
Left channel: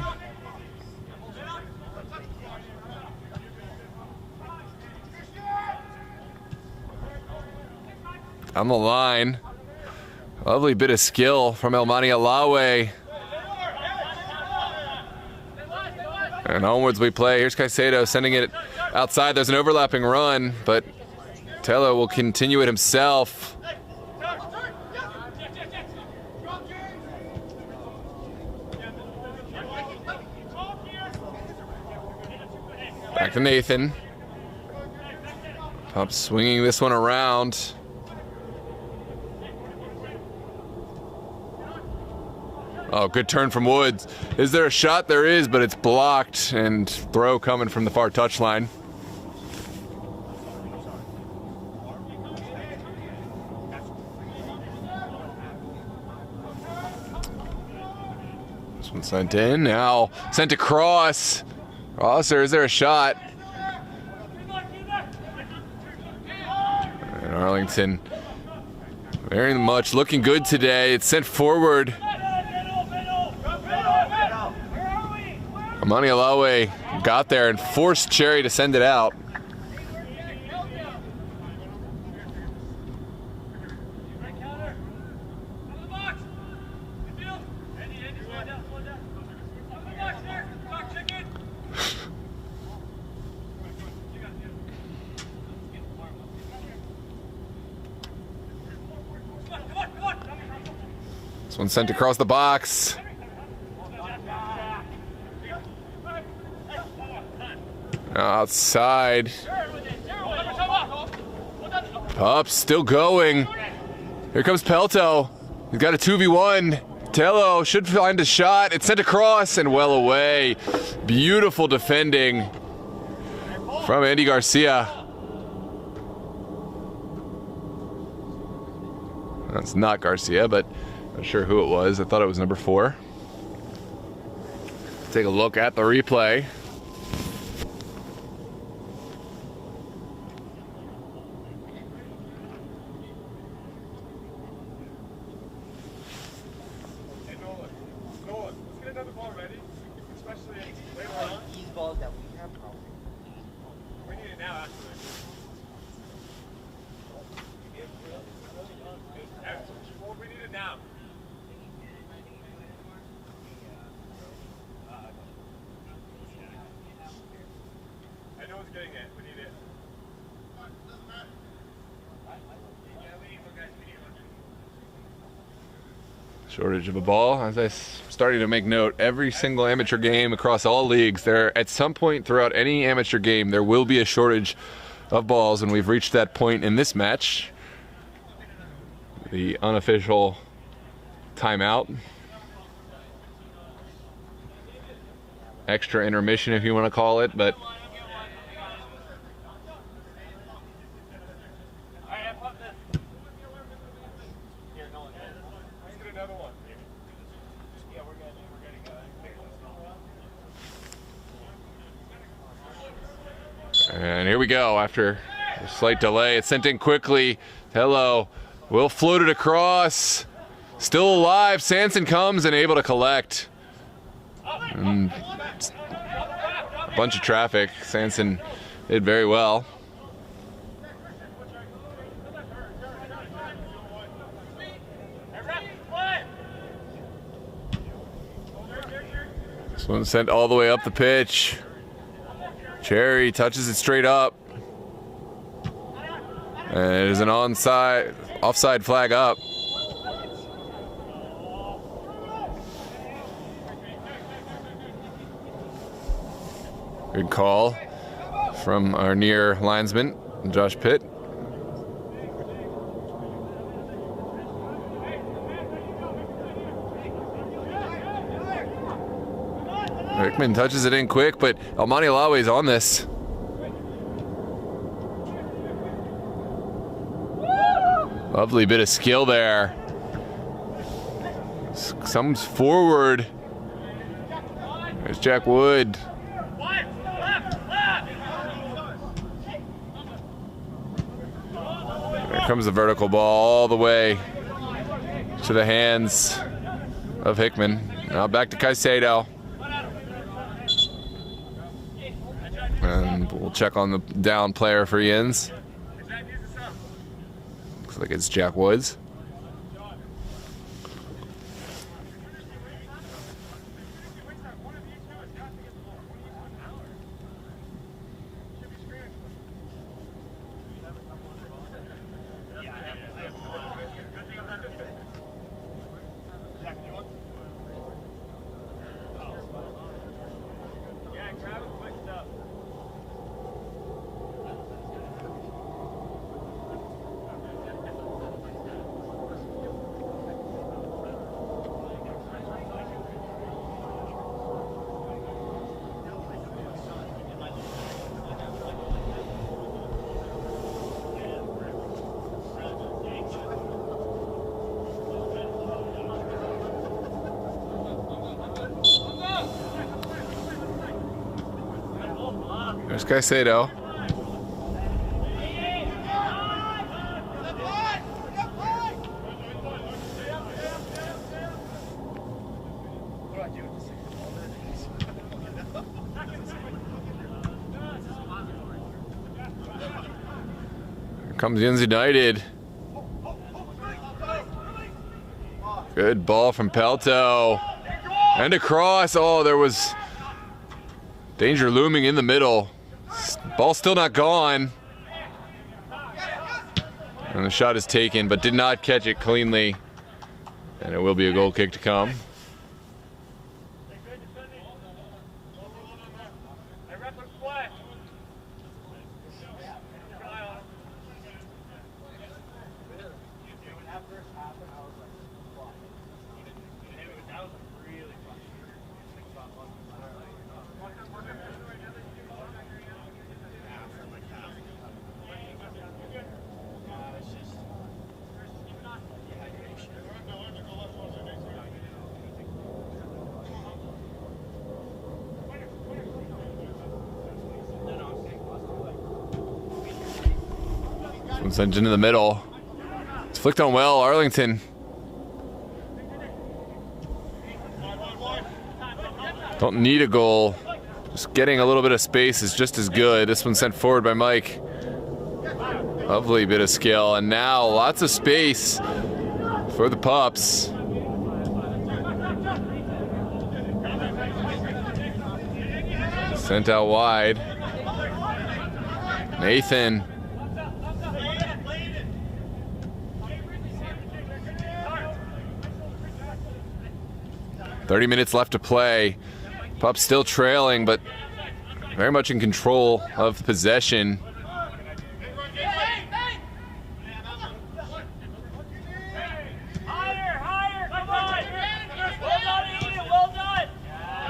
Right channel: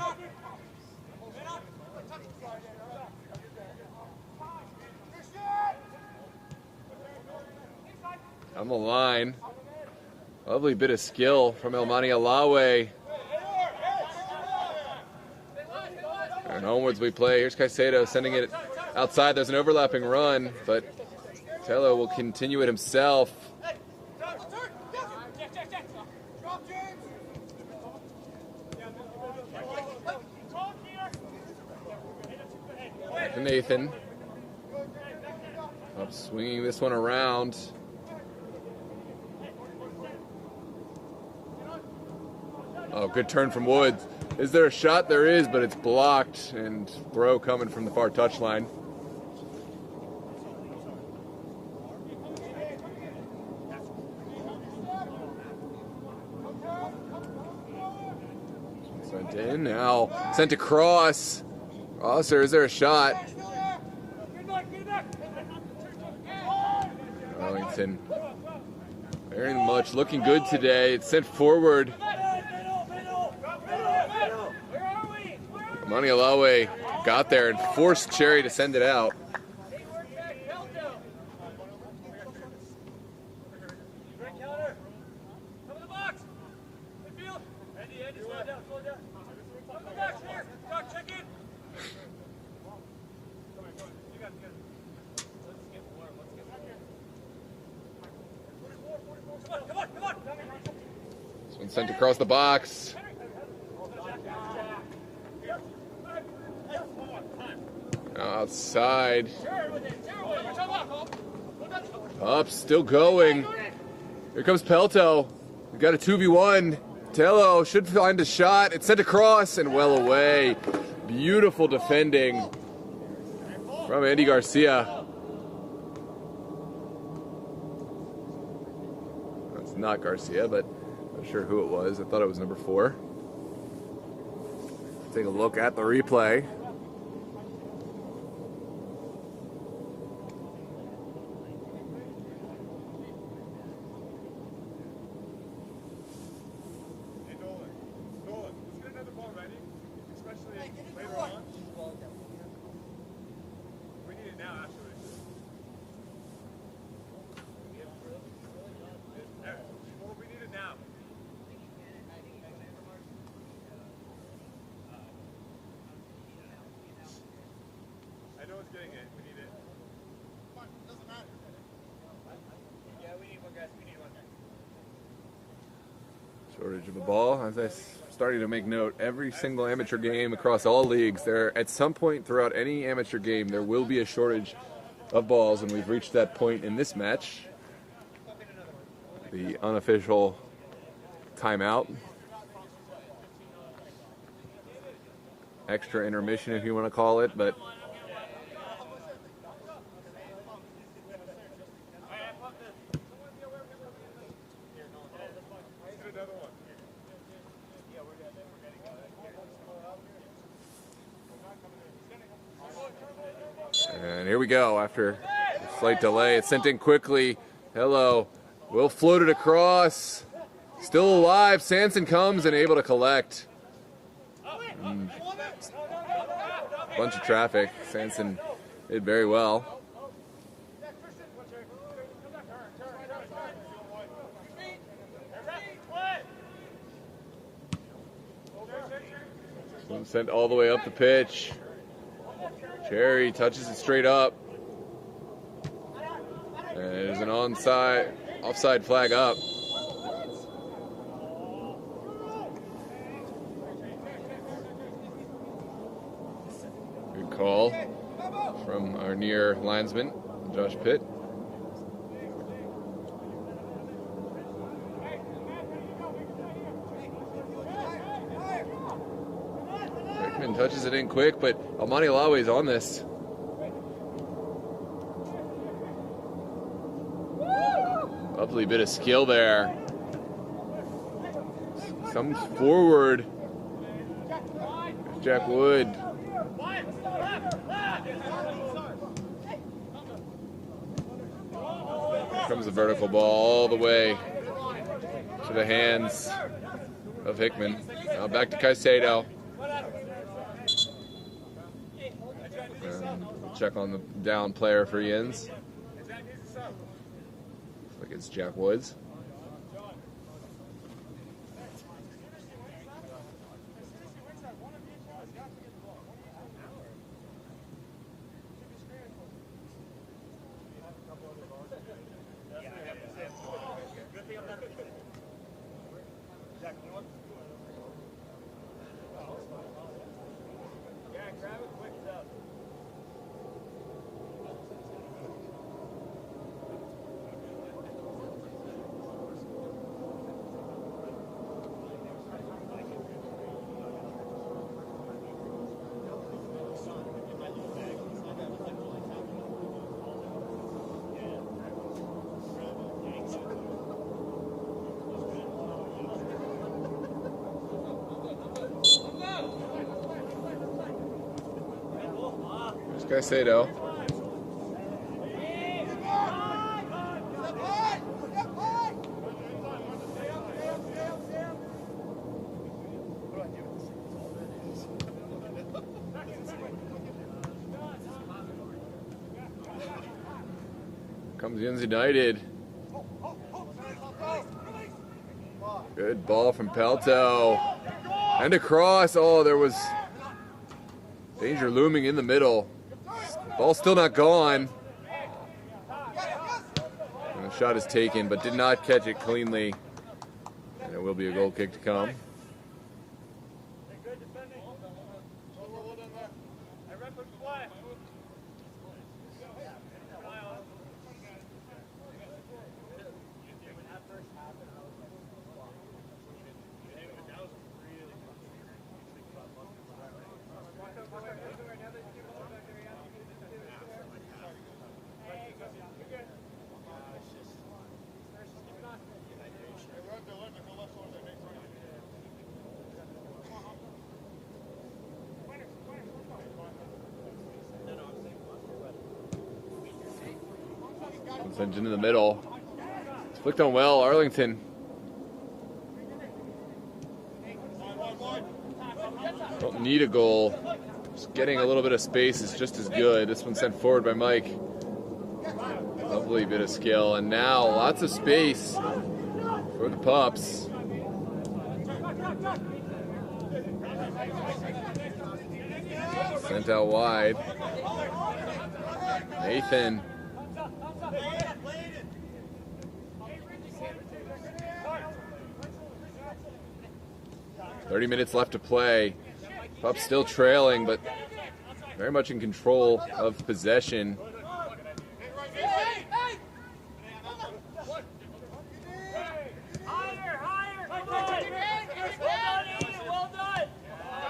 On the line. Lovely bit of skill from Elmani Alawe. And onwards we play. Here's Caicedo sending it outside. There's an overlapping run, but Tello will continue it himself. Back to Nathan. Pups swinging this one around. Oh, good turn from Woods. Is there a shot? There is, but it's blocked, and throw coming from the far touchline. This one sent in, now sent across. Rosser, is there a shot? And Arlington very much looking good today. It's sent forward. Amani Alawe got there and forced Cherry to send it out. This one sent across the box. Outside. Pups still going. Here comes Pelto. He's got a 2v1. Tello should find a shot. It's sent across and well away. Beautiful defending from Andy Garcia. That's not Garcia, but not sure who it was. I thought it was number 4. Take a look at the replay. Shortage of a ball. As I'm starting to make note, every single amateur game across all leagues, there at some point throughout any amateur game, there will be a shortage of balls, and we've reached that point in this match. The unofficial timeout. Extra intermission, if you want to call it, but and here we go. After a slight delay, it's sent in quickly. Hello, will float it across. Still alive. Sanson comes and able to collect. Bunch of traffic. Sanson did very well. This one sent all the way up the pitch. Cherry touches it straight up. And it is an offside flag up. Good call from our near linesman, Josh Pitt. Hickman touches it in quick, but Almani Lawe is on this. Lovely bit of skill there. Comes forward. There's Jack Wood. There comes the vertical ball all the way to the hands of Hickman. Now back to Caicedo. And we'll check on the down player for Yinz. Looks like it's Jack Woods. There's Caicedo. Here comes Yinz United. Good ball from Pelto. And across. Oh, there was danger looming in the middle. Ball still not gone. And the shot is taken, but did not catch it cleanly. And it will be a goal kick to come. Sent into the middle. It's flicked on well, Arlington. Don't need a goal. Just getting a little bit of space is just as good. This one sent forward by Mike. Lovely bit of skill, and now lots of space for the Pups. Sent out wide. Nathan. 30 minutes left to play. Pups still trailing, but very much in control of possession.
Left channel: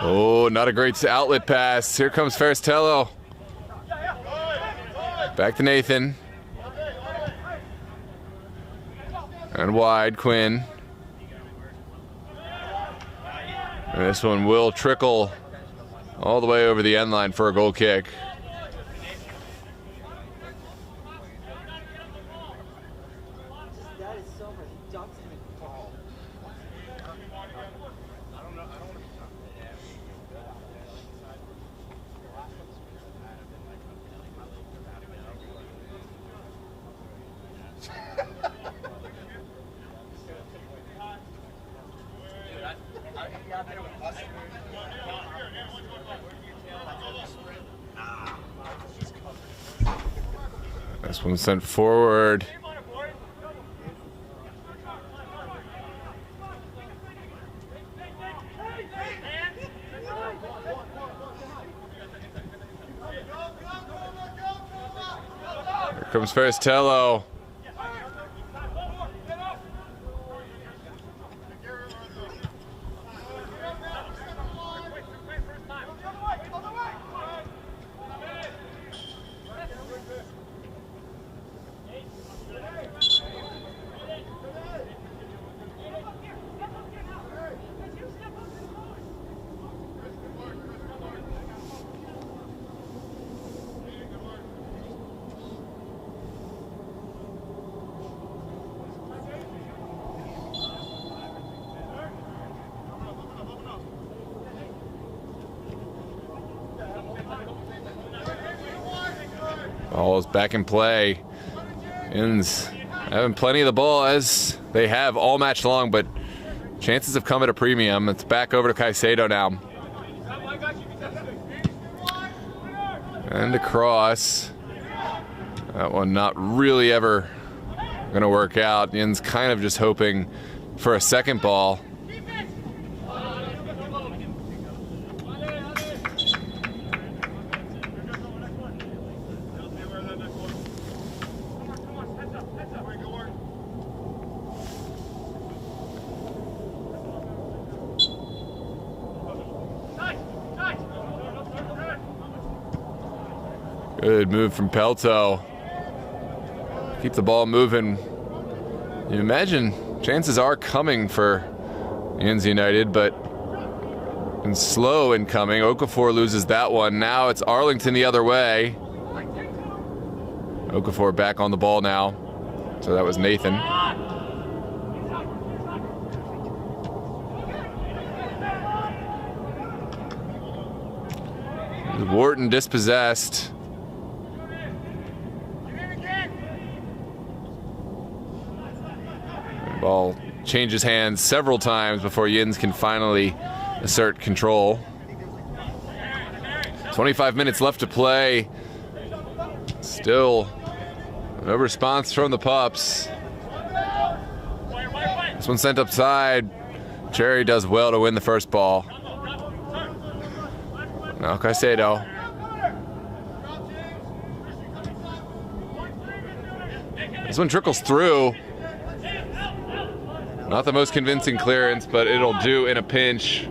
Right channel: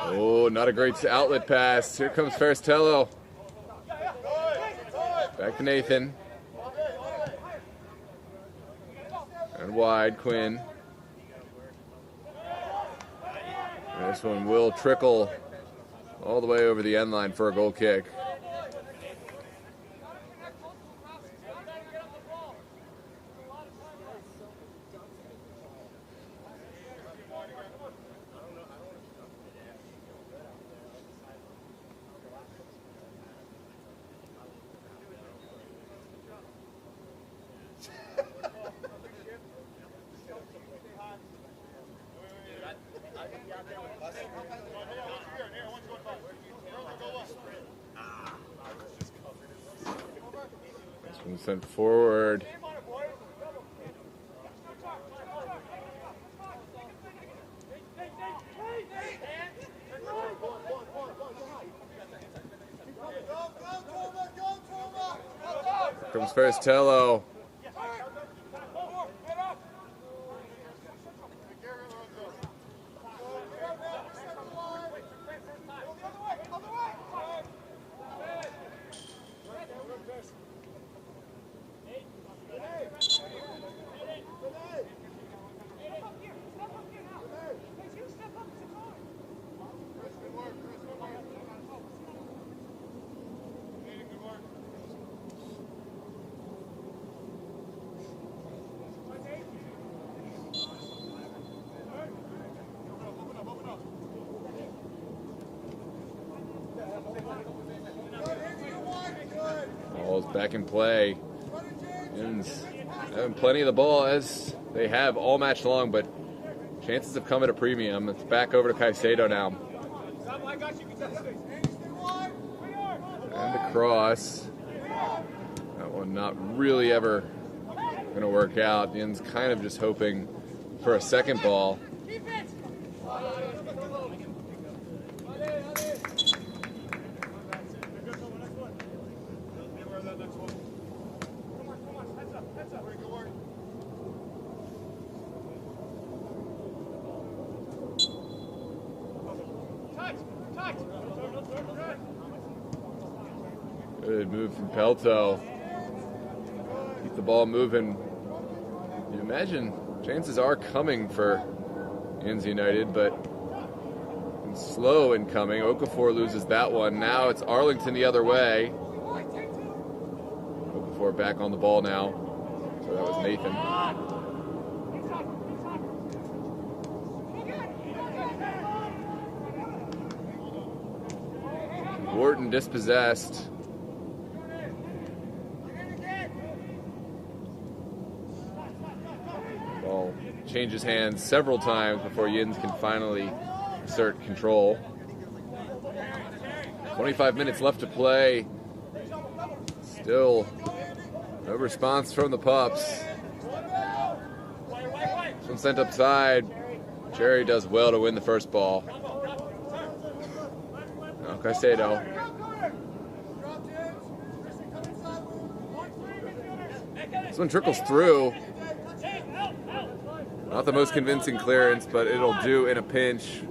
Oh, not a great outlet pass. Here comes Ferristello. Back to Nathan. And wide, Quinn. And this one will trickle all the way over the end line for a goal kick. This one sent forward. Here comes Ferristello. Ball is back in play. Yinz having plenty of the ball as they have all match long, but chances have come at a premium. It's back over to Caicedo now. And across. That one not really ever going to work out. Yinz kind of just hoping for a second ball. Good move from Pelto. Keep the ball moving. You imagine chances are coming for Yinz United, but and slow in coming. Okafor loses that one. Now it's Arlington the other way. Okafor back on the ball now. So that was Nathan. Wharton dispossessed. Ball changes hands several times before Yinz can finally assert control. 25 minutes left to play. Still no response from the Pups. This one sent upside. Cherry does well to win the first ball. Now Caicedo. This one trickles through. Not the most convincing clearance, but it'll do in a pinch.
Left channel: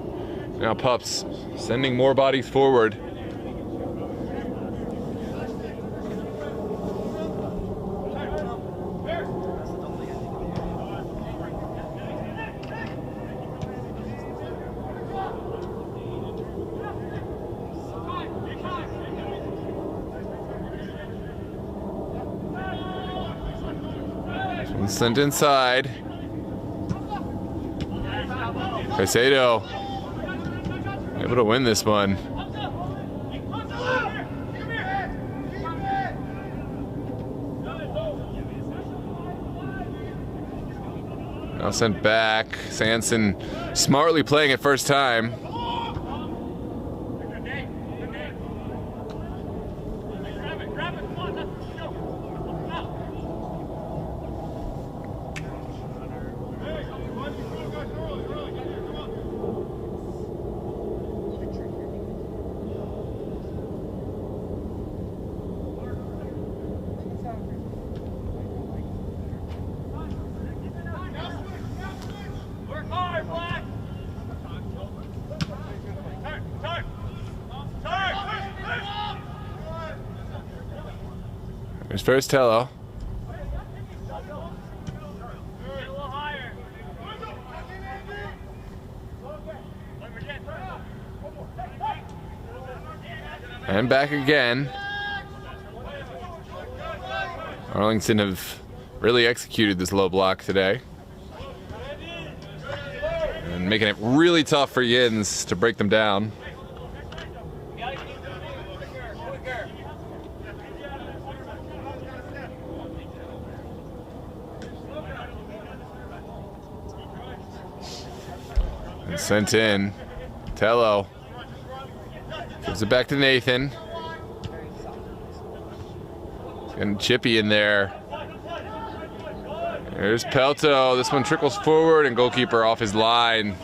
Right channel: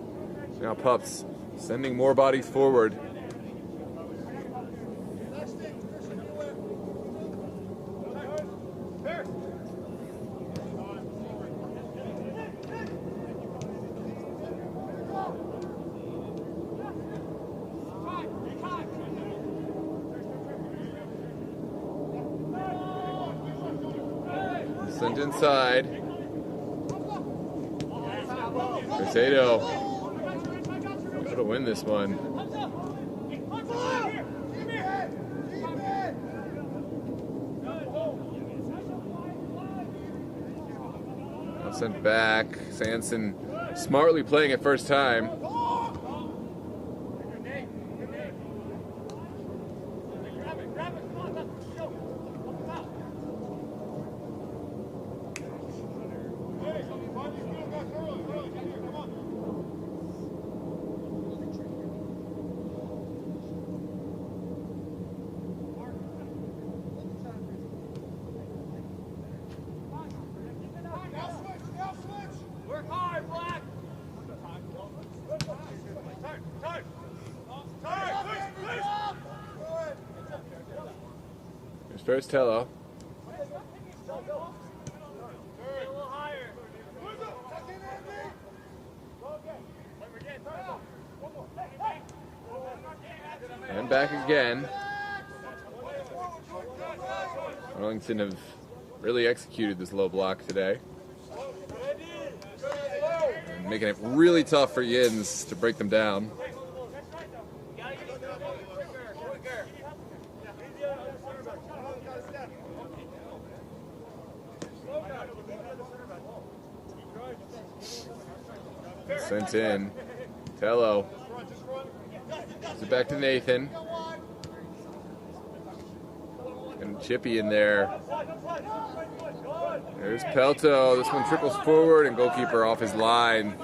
Now Pups sending more bodies forward. Sent inside. Caicedo able to win this one. Now sent back. Sanson smartly playing it first time. Here's first Tello. And back again. Arlington have really executed this low block today. And making it really tough for Yinz to break them down. And sent in. Tello gives it back to Nathan. And Chippy in there. There's Pelto. This one trickles forward and goalkeeper off his line.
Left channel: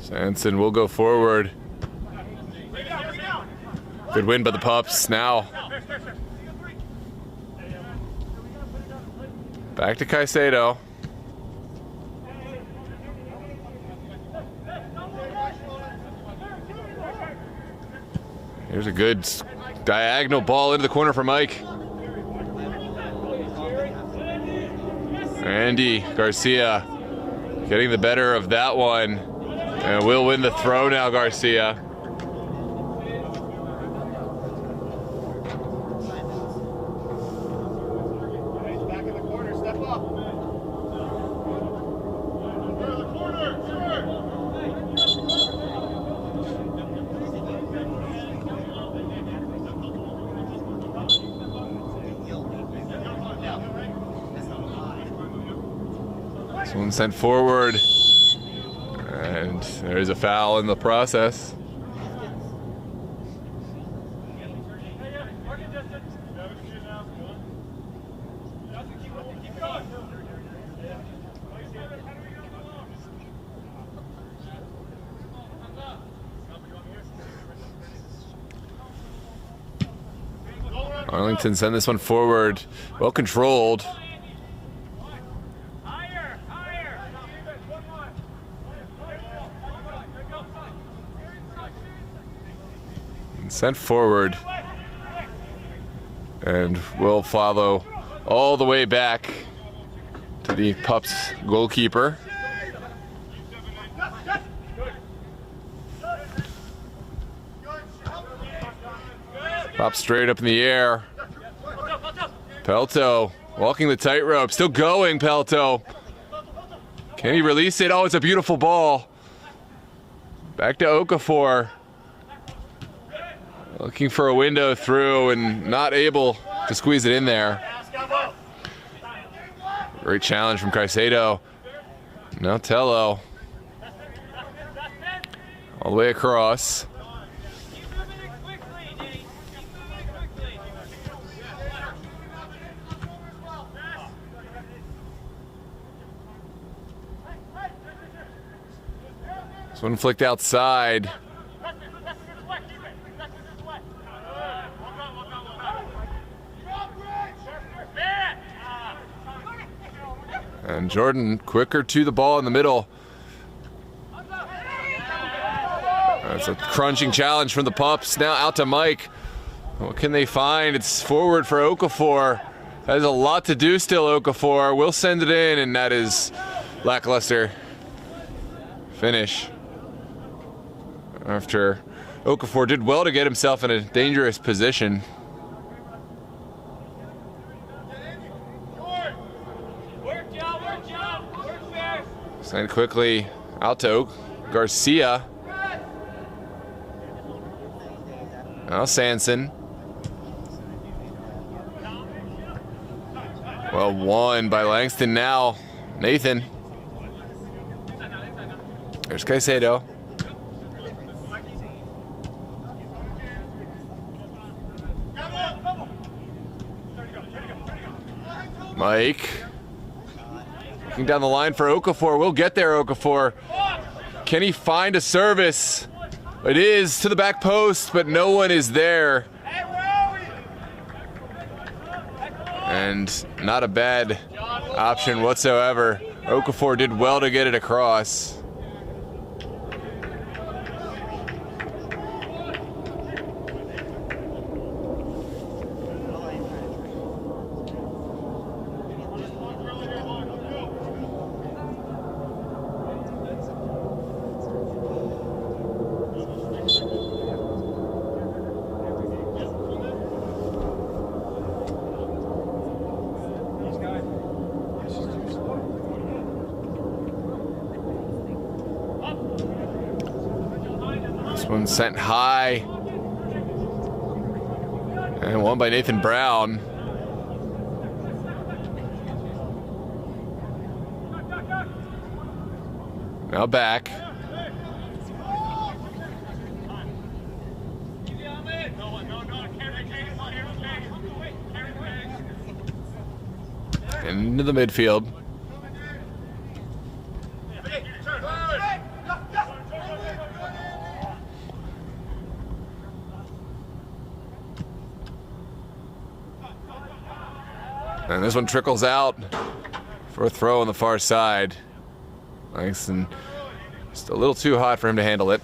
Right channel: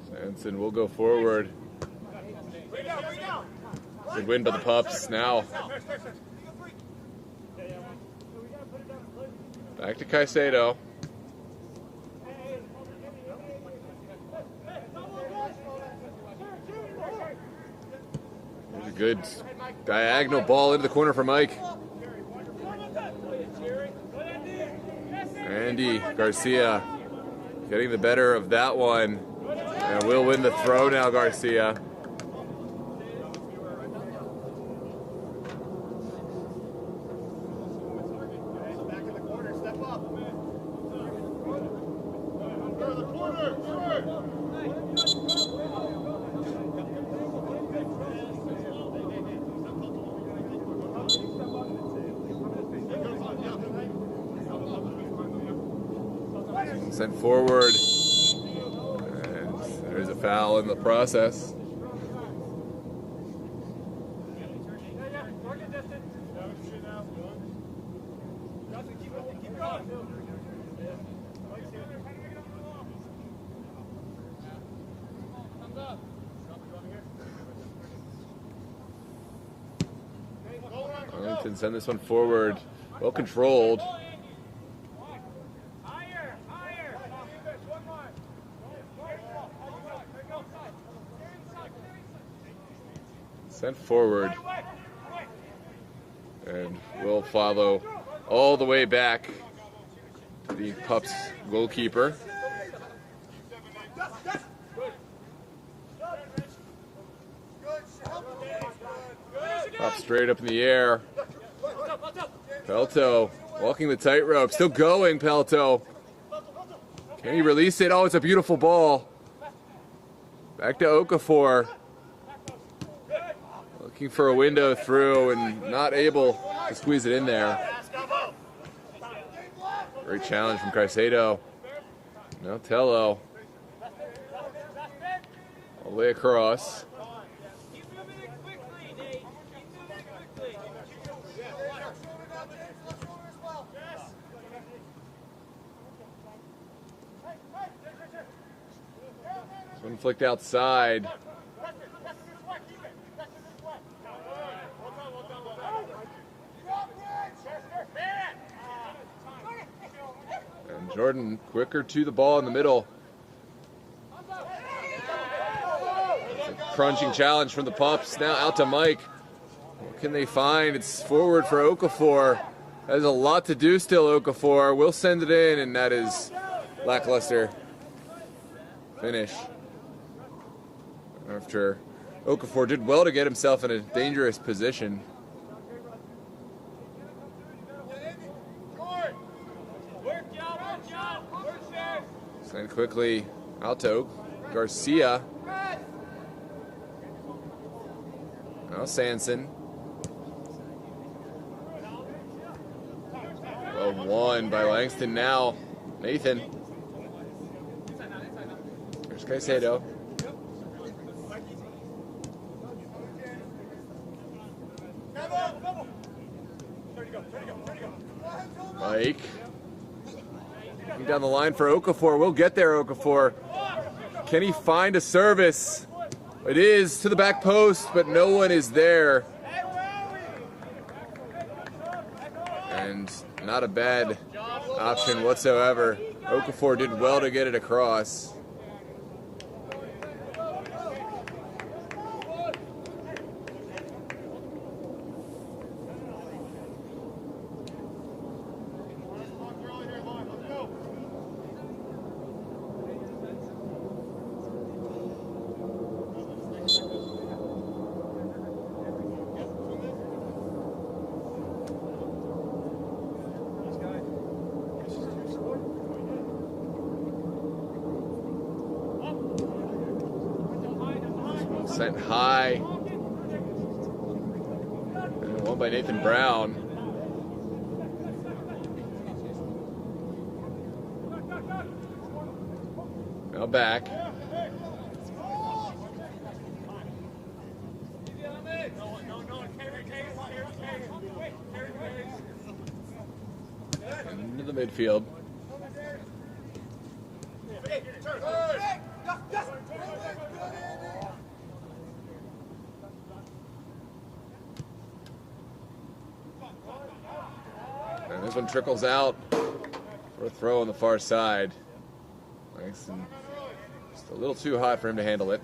Sanson will go forward. Good win by the Pups. Now back to Caicedo. Here's a good diagonal ball into the corner for Mike. Andy Garcia getting the better of that one. And will win the throw now, Garcia. This one sent forward. And there's a foul in the process. Arlington send this one forward, well controlled. Sent forward, and will follow all the way back to the Pups goalkeeper. Pop straight up in the air. Pelto walking the tightrope, still going. Pelto, can he release it? Oh, it's a beautiful ball. Back to Okafor. Looking for a window through and not able to squeeze it in there. Great challenge from Caicedo. Now Tello. All the way across. This one flicked outside. And Jordan quicker to the ball in the middle. That's a crunching challenge from the Pups. Now out to Mike. What can they find? It's forward for Okafor. That is a lot to do still, Okafor. We'll send it in, and that is lackluster finish. After Okafor did well to get himself in a dangerous position. Send quickly out to Garcia. Now Sanson. Well won by Langston now. Nathan. There's Caicedo. Mike. Looking down the line for Okafor. We'll get there, Okafor. Can he find a service? It is to the back post, but no one is there. And not a bad option whatsoever. Okafor did well to get it across. This one sent high. And one by Nathan Brown. Now back. Into the midfield. And this one trickles out for a throw on the far side. Langston just a little too hot for him to handle it.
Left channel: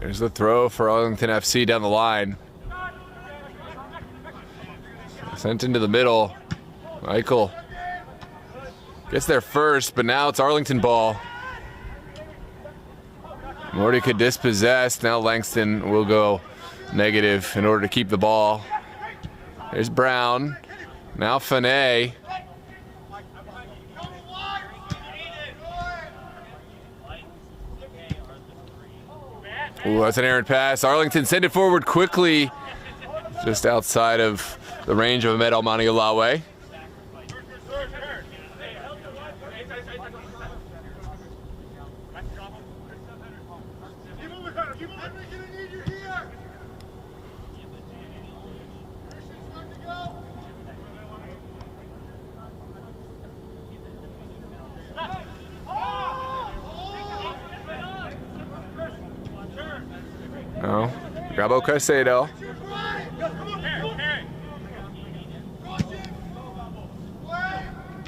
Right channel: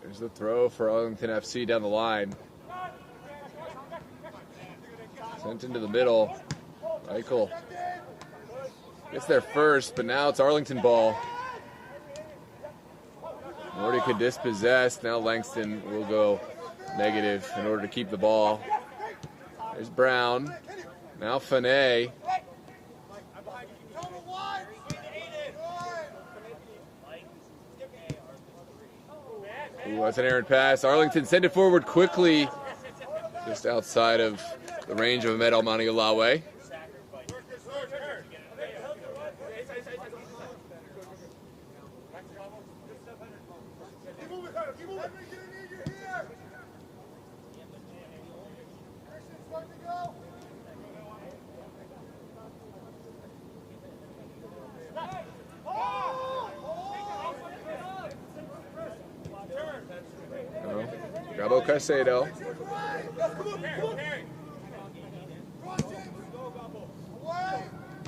There's the throw for Arlington FC down the line. Sent into the middle. Michael gets there first, but now it's Arlington ball. Morty could dispossess. Now Langston will go negative in order to keep the ball. There's Brown. Now Finet. Ooh, that's an errant pass. Arlington send it forward quickly, just outside of the range of Ahmed Almani-Alawe. No, Gabo Caicedo.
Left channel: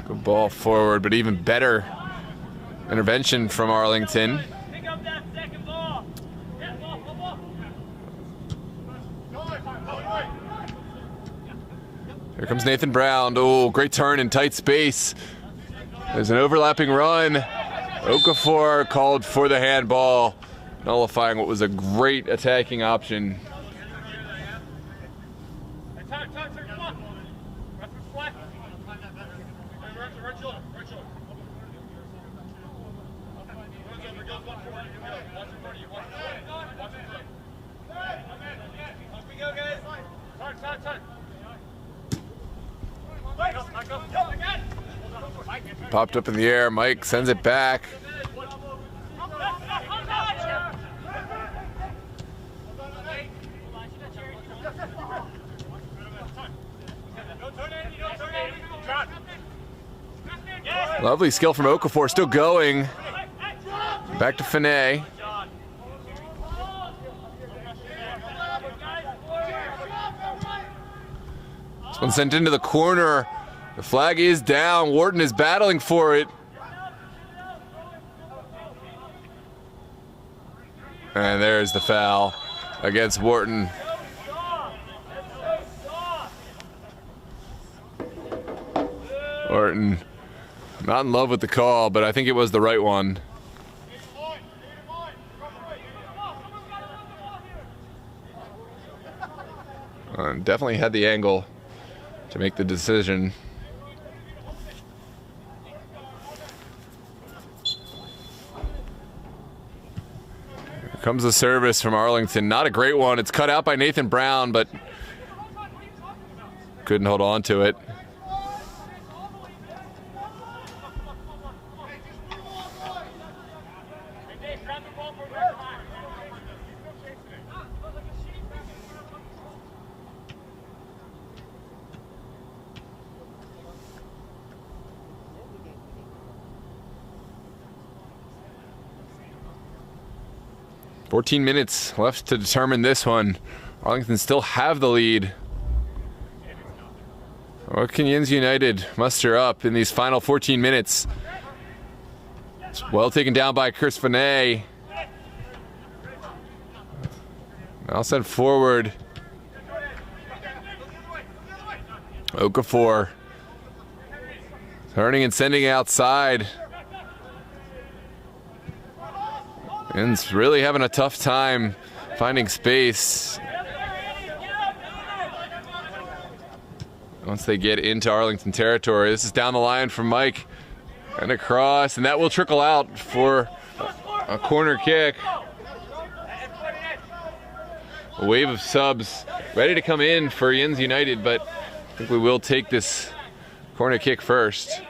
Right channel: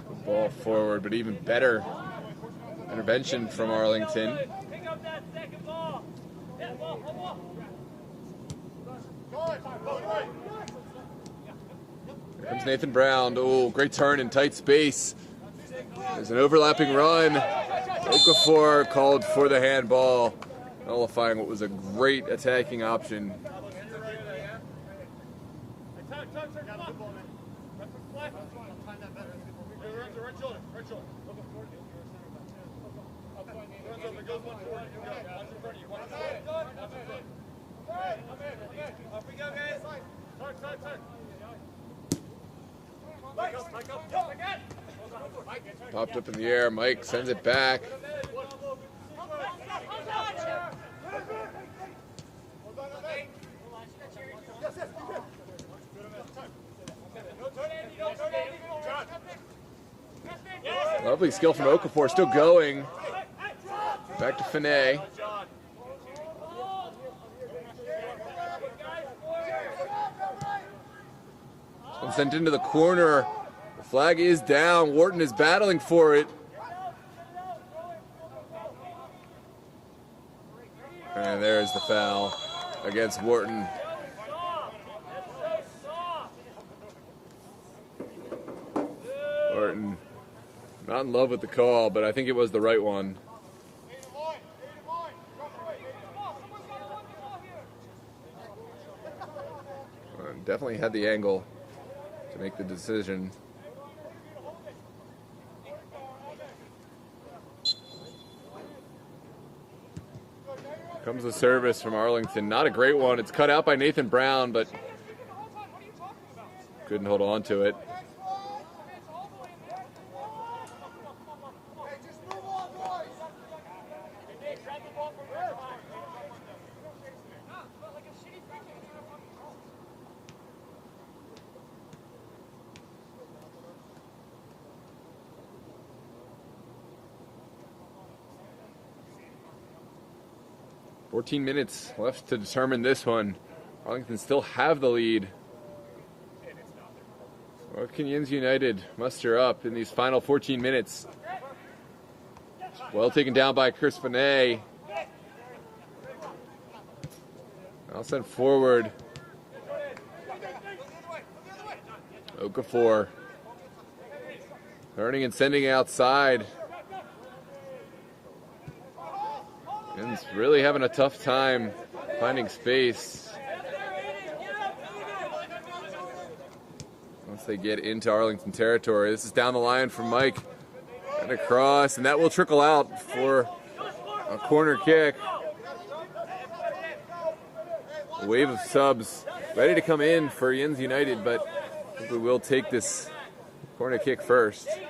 Good ball forward, but even better intervention from Arlington. Here comes Nathan Brown. Oh, great turn in tight space. There's an overlapping run. Okafor called for the handball, nullifying what was a great attacking option. Popped up in the air. Mike sends it back. Lovely skill from Okafor, still going. Back to Finet. This one sent into the corner. The flag is down. Wharton is battling for it. And there's the foul against Wharton. Wharton not in love with the call, but I think it was the right one. Definitely had the angle to make the decision. Here comes the service from Arlington. Not a great one. It's cut out by Nathan Brown, but couldn't hold on to it. 14 minutes left to determine this one. Arlington still have the lead. What can Yinz United muster up in these final 14 minutes? It's well taken down by Chris Finet. Now sent forward. Okafor turning and sending outside. Yinz really having a tough time finding space once they get into Arlington territory. This is down the line from Mike and across, and that will trickle out for a corner kick. A wave of subs ready to come in for Yinz United, but I think we will take this corner kick first.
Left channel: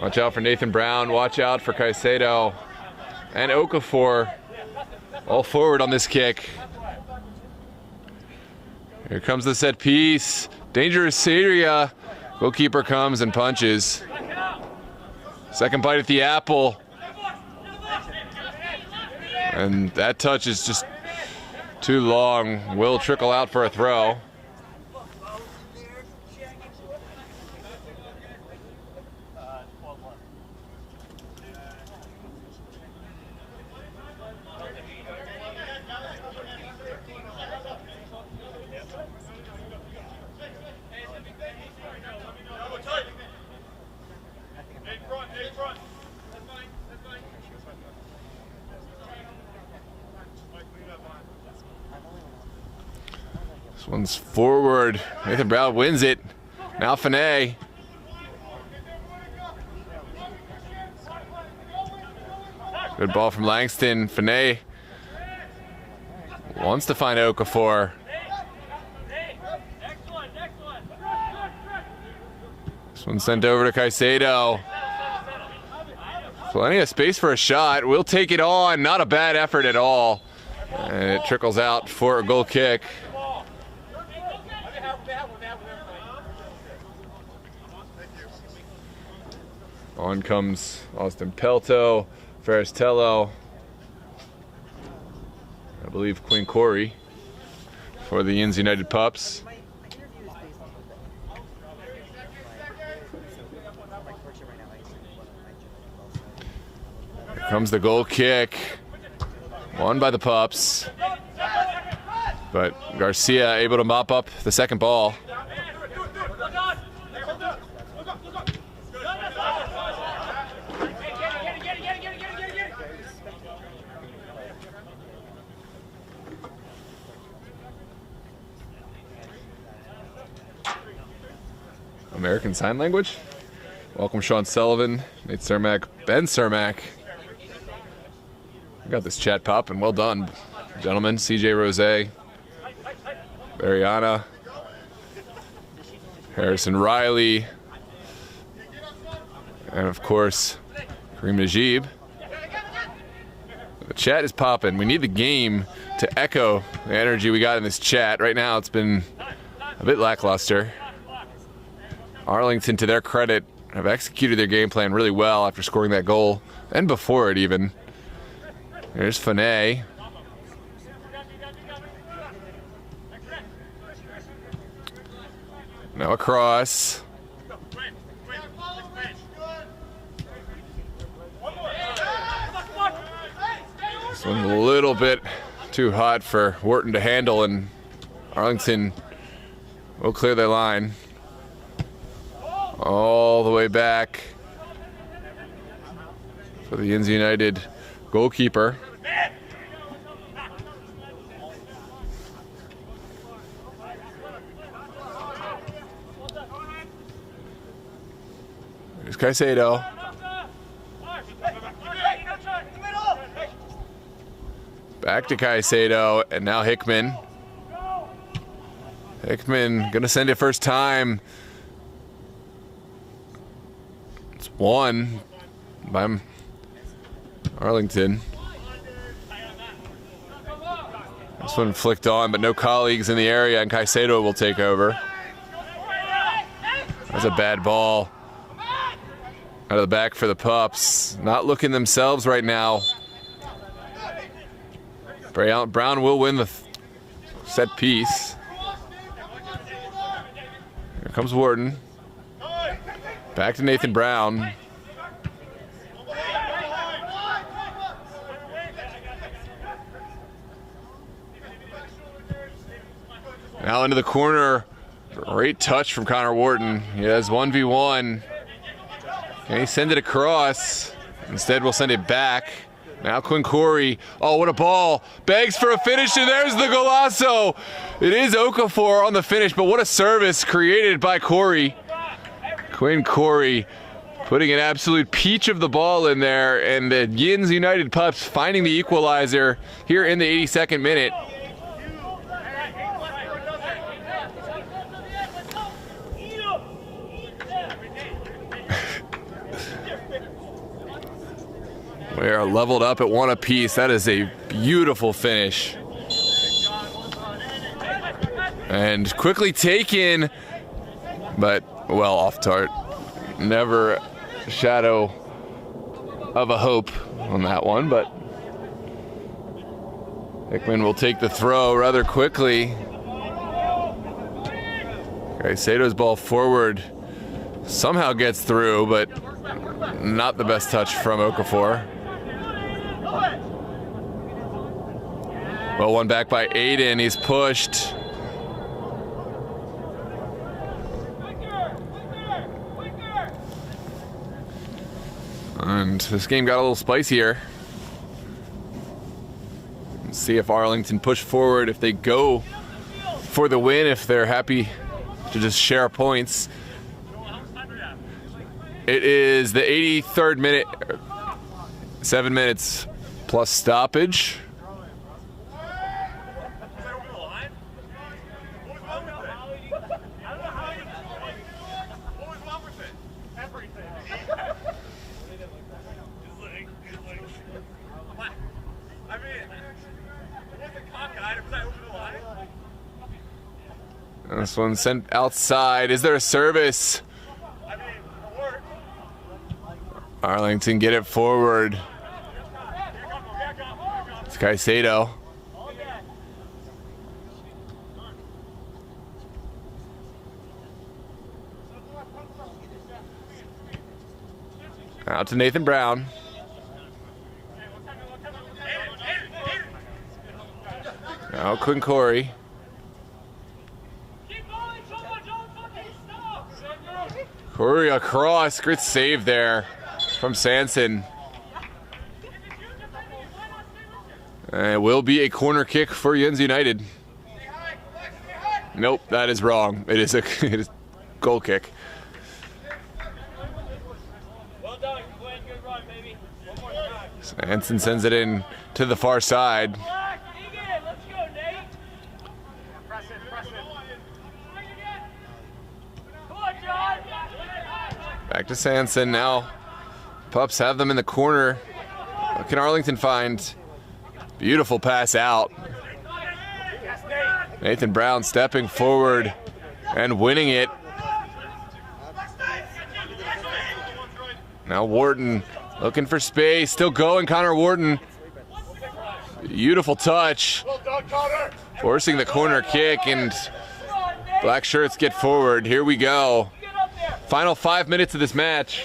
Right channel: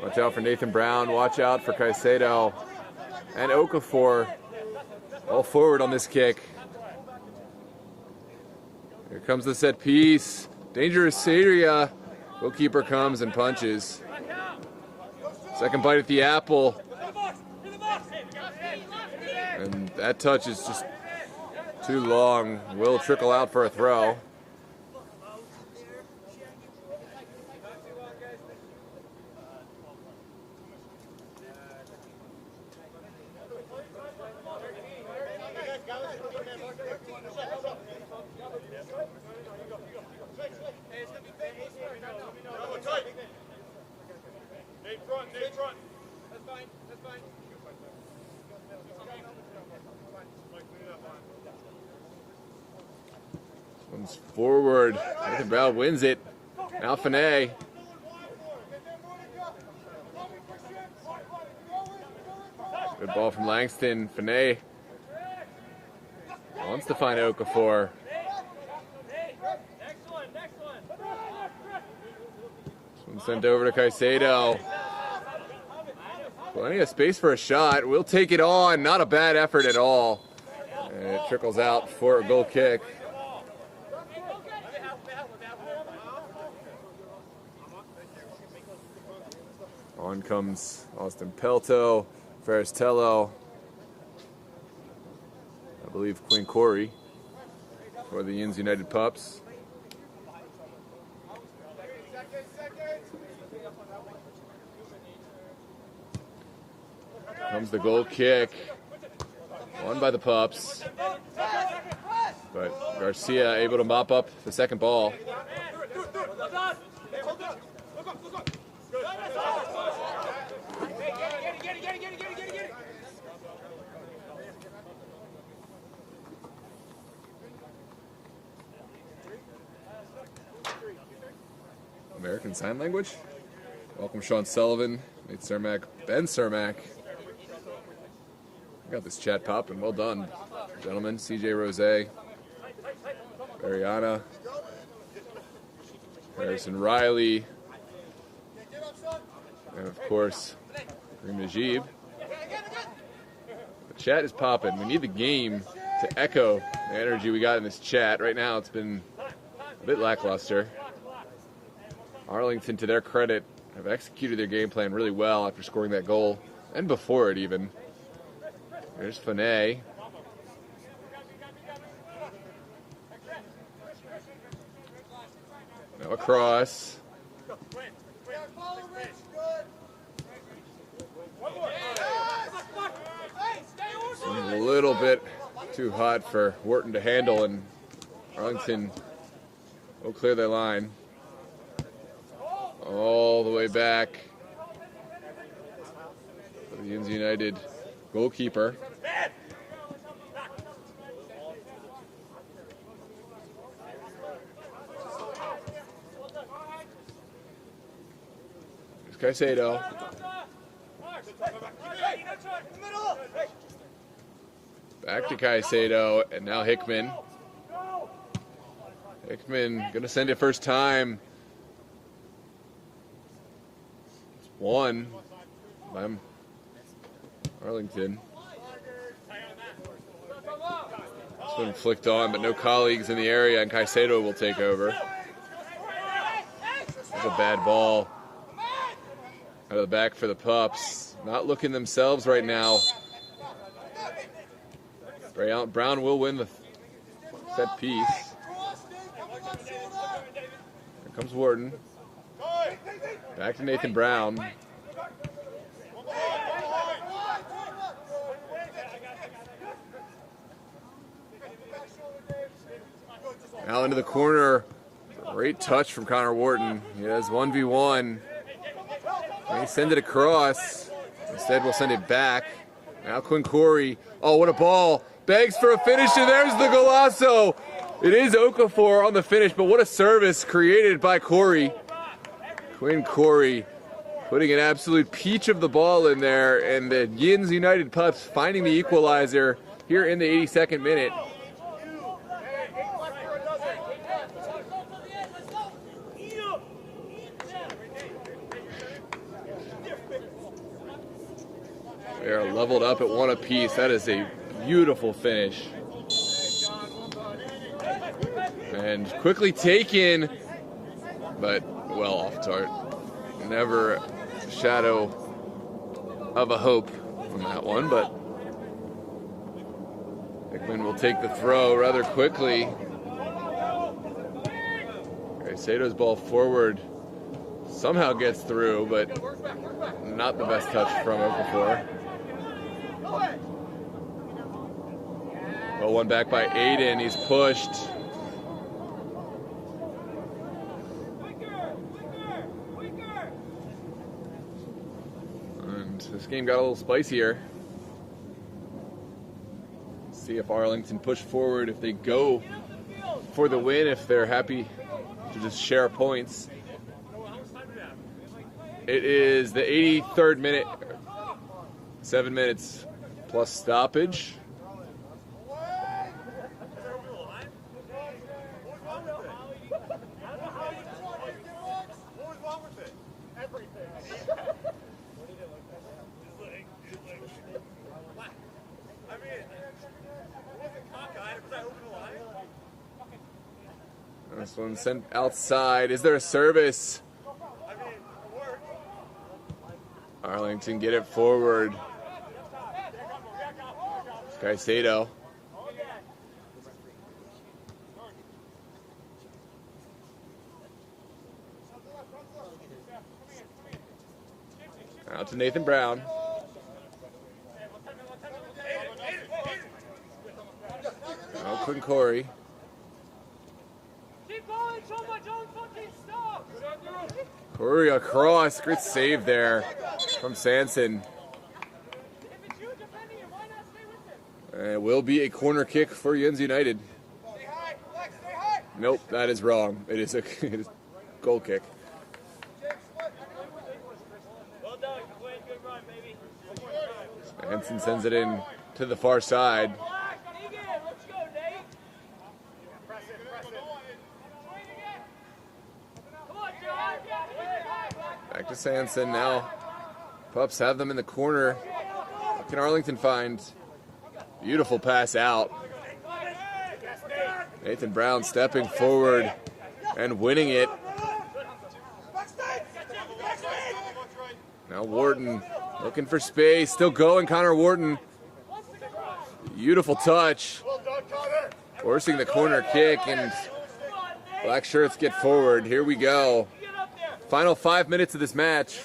Watch out for Nathan Brown, watch out for Caicedo and Okafor, all forward on this kick. Here comes the set piece, dangerous area. Goalkeeper comes and punches. Second bite at the apple. And that touch is just too long. Will trickle out for a throw. This one's forward. Nathan Brown wins it. Now Finet. Good ball from Langston. Finet wants to find Okafor. This one sent over to Caicedo. Plenty of space for a shot. We'll take it on. Not a bad effort at all. And it trickles out for a goal kick. On comes Austin Pelto, Ferristello, I believe Quinn Corey for the Yinz United Pups. Here comes the goal kick, won by the Pups, but Garcia able to mop up the second ball. American Sign Language. Welcome Sean Sullivan, Nate Cermak, Ben Cermak. We got this chat popping. Well done, gentlemen. CJ Rose, Mariana, Harrison Riley, and of course, Kareem Najib. The chat is popping. We need the game to echo the energy we got in this chat. Right now, it's been a bit lackluster. Arlington, to their credit, have executed their game plan really well after scoring that goal, and before it even. There's Finet. Now across. This one's a little bit too hot for Wharton to handle, and Arlington will clear their line. All the way back for the Yinz United goalkeeper. There's Caicedo. Back to Caicedo, and now Hickman. Hickman gonna send it first time. It's won by Arlington. This one flicked on, but no colleagues in the area, and Caicedo will take over. That's a bad ball. Out of the back for the Pups. Not looking themselves right now. Brown will win the set piece. Here comes Wharton. Back to Nathan Brown. Now into the corner. Great touch from Connor Wharton. He has 1v1. Can he send it across? Instead, we'll send it back. Now Quinn Corey. Oh, what a ball. Begs for a finish, and there's the golazo. It is Okafor on the finish, but what a service created by Corey. Quinn Corey putting an absolute peach of the ball in there, and the Yinz United Pups finding the equalizer here in the 82nd minute. We are leveled up at 1 apiece. That is a beautiful finish. And quickly taken, but well off tart. Never a shadow of a hope on that one, but Hickman will take the throw rather quickly. Sato's ball forward somehow gets through, but not the best touch from Okafor. Well, one back by Aiden. He's pushed. And this game got a little spicier. Let's see if Arlington push forward, if they go for the win, if they're happy to just share points. It is the 83rd minute, 7 minutes plus stoppage. This one sent outside. Is there a service? Arlington get it forward. It's Caicedo. Out to Nathan Brown. Now Quinn Corey. Corey across. Great save there from Sanson. And it will be a corner kick for Yinz United. Nope, that is wrong. It is a goal kick. Sanson sends it in to the far side. Back to Sanson now. Pups have them in the corner. What can Arlington find? Beautiful pass out. Nathan Brown stepping forward and winning it. Now Wharton looking for space. Still going, Connor Wharton. Beautiful touch. Forcing the corner kick, and black shirts get forward. Here we go. Final 5 minutes of this match.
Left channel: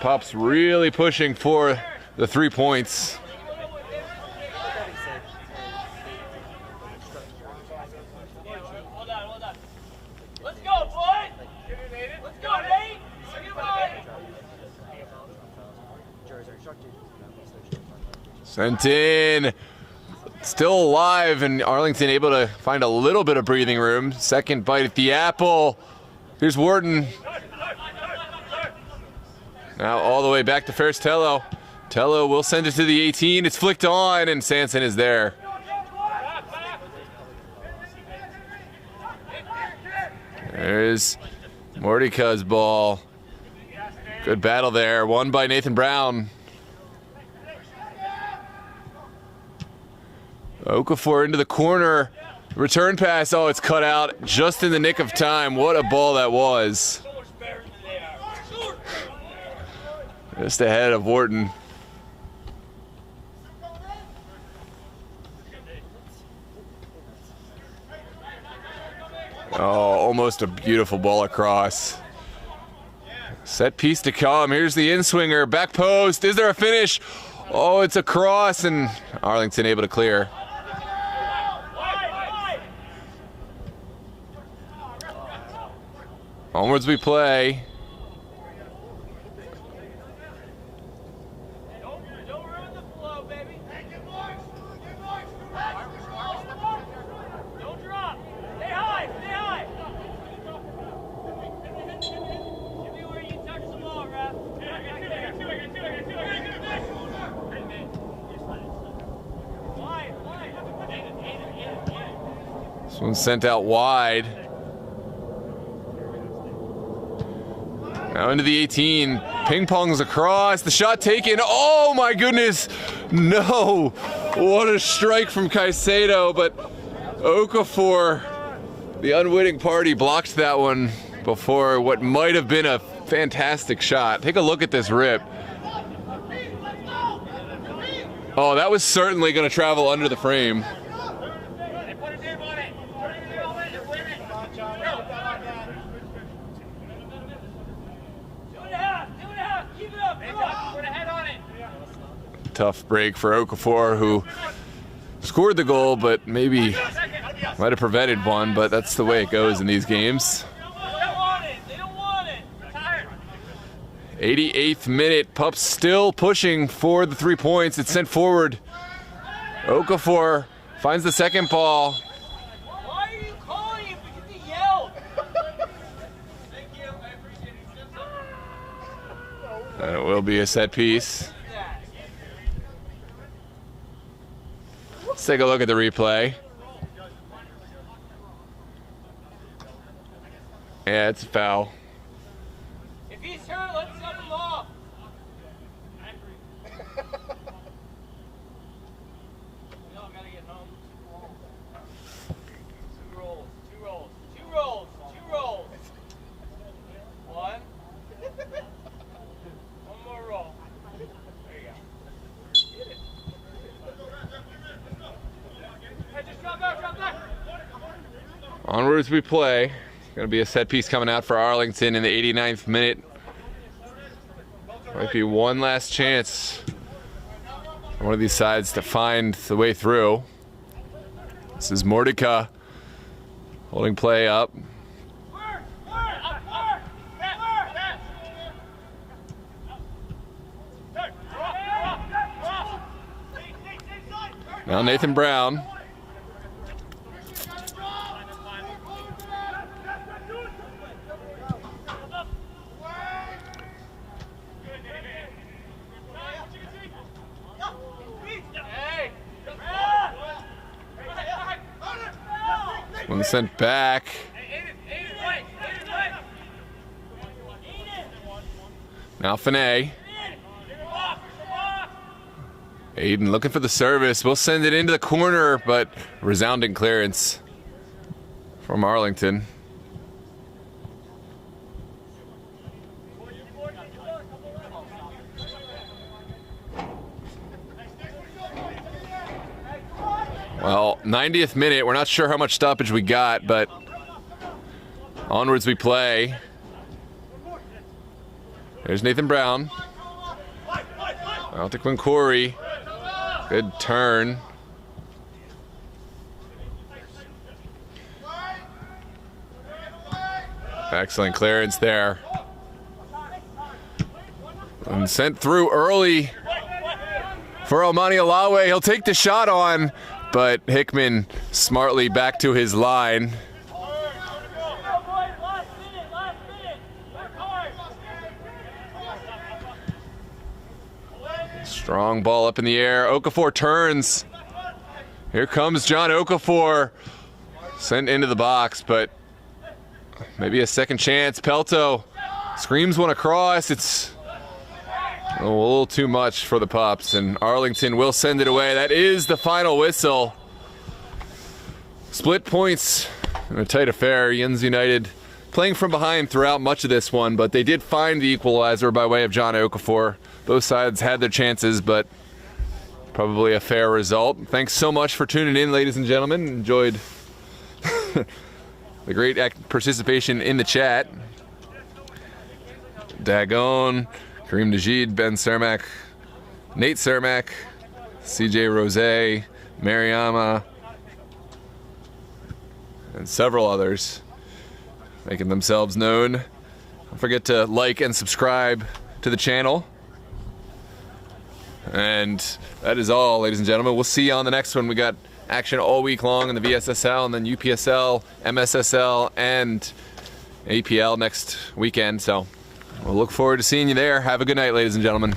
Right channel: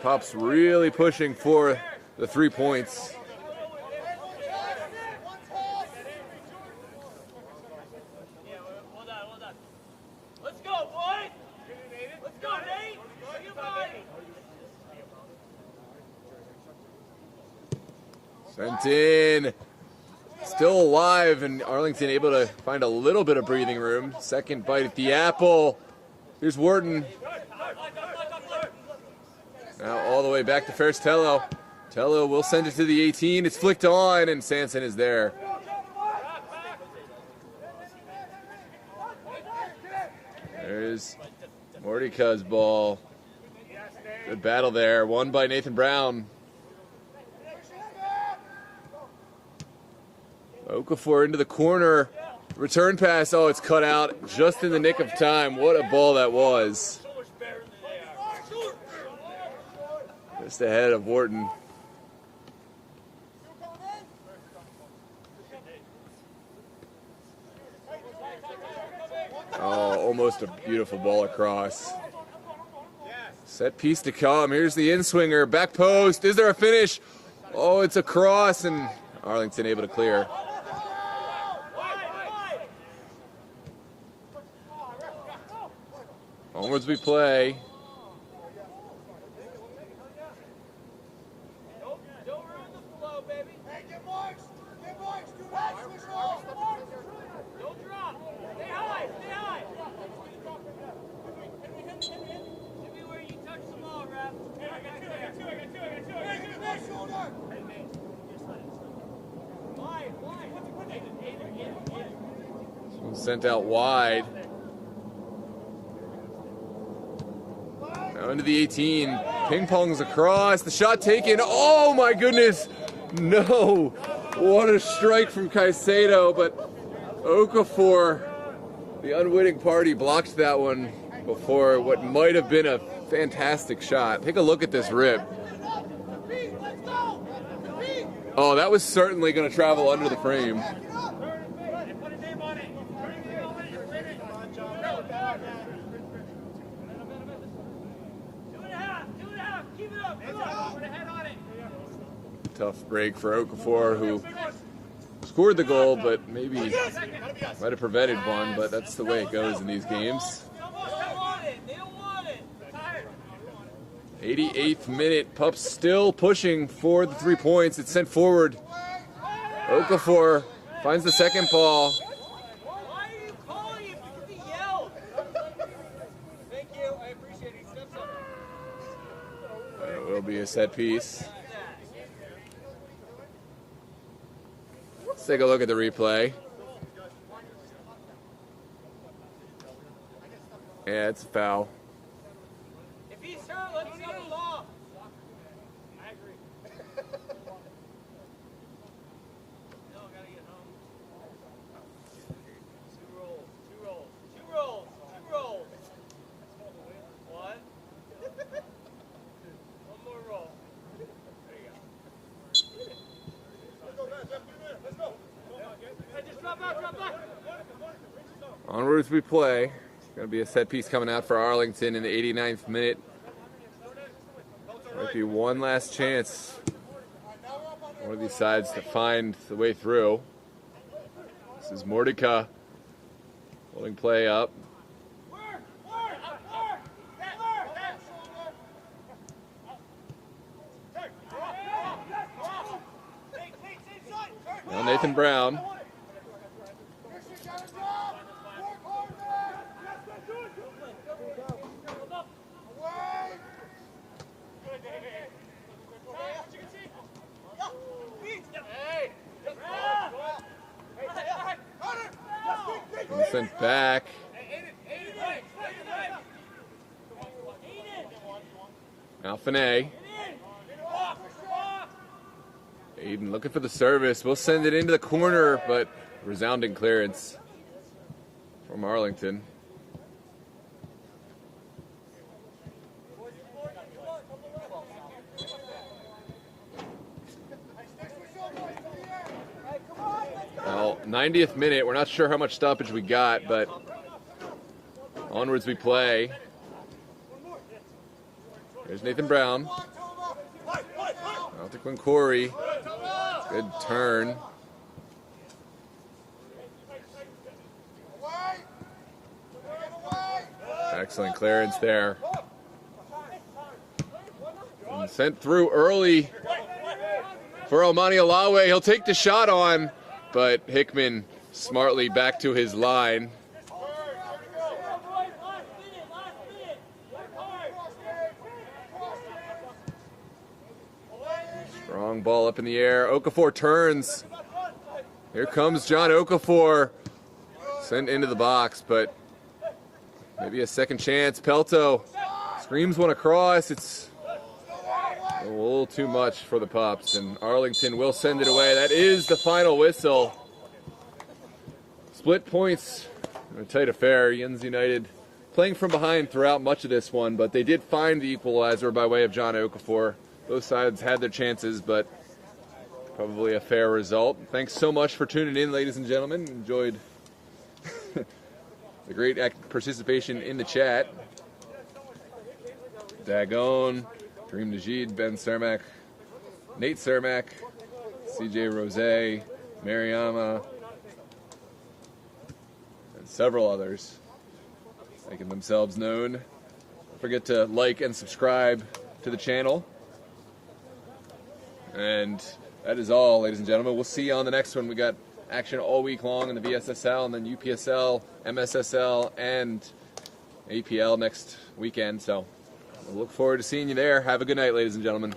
Pups really pushing for the 3 points. Let's go, boys! Let's go, Nate! Sent in. Still alive, and Arlington able to find a little bit of breathing room. Second bite at the apple. Here's Wharton. Now all the way back to Ferris Tello. Tello will send it to the 18. It's flicked on, and Sanson is there. There's Mordeka's ball. Good battle there. Won by Nathan Brown. Okafor into the corner. Return pass. Oh, it's cut out just in the nick of time. What a ball that was. Just ahead of Wharton. Oh, almost a beautiful ball across. Set piece to come. Here's the in-swinger. Back post. Is there a finish? Oh, it's a cross, and Arlington able to clear. Onwards we play. This one's sent out wide. Now into the 18. Ping pongs across. The shot taken. Oh my goodness. No. What a strike from Caicedo. But Okafor, the unwitting party, blocked that one before what might have been a fantastic shot. Take a look at this rip. Oh, that was certainly going to travel under the frame. Tough break for Okafor, who scored the goal, but maybe might have prevented one, but that's the way it goes in these games. 88th minute, Pups still pushing for the 3 points. It's sent forward. Okafor finds the second ball. Why are you calling it? Because he yelled. Thank you, I appreciate it. It will be a set piece. Let's take a look at the replay. Yeah, it's a foul. If he's hurt, let's set him off. I agree. No, I gotta get home. Two rolls. One. One more roll. There you go. Hey, just drop back. Onwards we play. Going to be a set piece coming out for Arlington in the 89th minute. Might be one last chance for one of these sides to find the way through. This is Mordecai holding play up. Now Nathan Brown. One sent back. Now Finney. Aiden looking for the service. We'll send it into the corner, but resounding clearance from Arlington. Well, 90th minute. We're not sure how much stoppage we got, but onwards we play. There's Nathan Brown. Out to Quincori. Good turn. Excellent clearance there. And sent through early for Almani Alawe. He'll take the shot on, but Hickman smartly back to his line. Strong ball up in the air. Okafor turns. Here comes John Okafor. Sent into the box, but maybe a second chance. Pelto screams one across. It's a little too much for the Pups, and Arlington will send it away. That is the final whistle. Split points in a tight affair. Yinz United playing from behind throughout much of this one, but they did find the equalizer by way of John Okafor. Both sides had their chances, but probably a fair result. Thanks so much for tuning in, ladies and gentlemen. Enjoyed the great participation in the chat. Dagon, Kareem Najid, Ben Cermak, Nate Cermak, CJ Rose, Mariama, and several others making themselves known. Don't forget to like and subscribe to the channel. And that is all, ladies and gentlemen. We'll see you on the next one. We got action all week long in the VSSL and then UPSL, MSSL, and APL next weekend. So we'll look forward to seeing you there. Have a good night, ladies and gentlemen.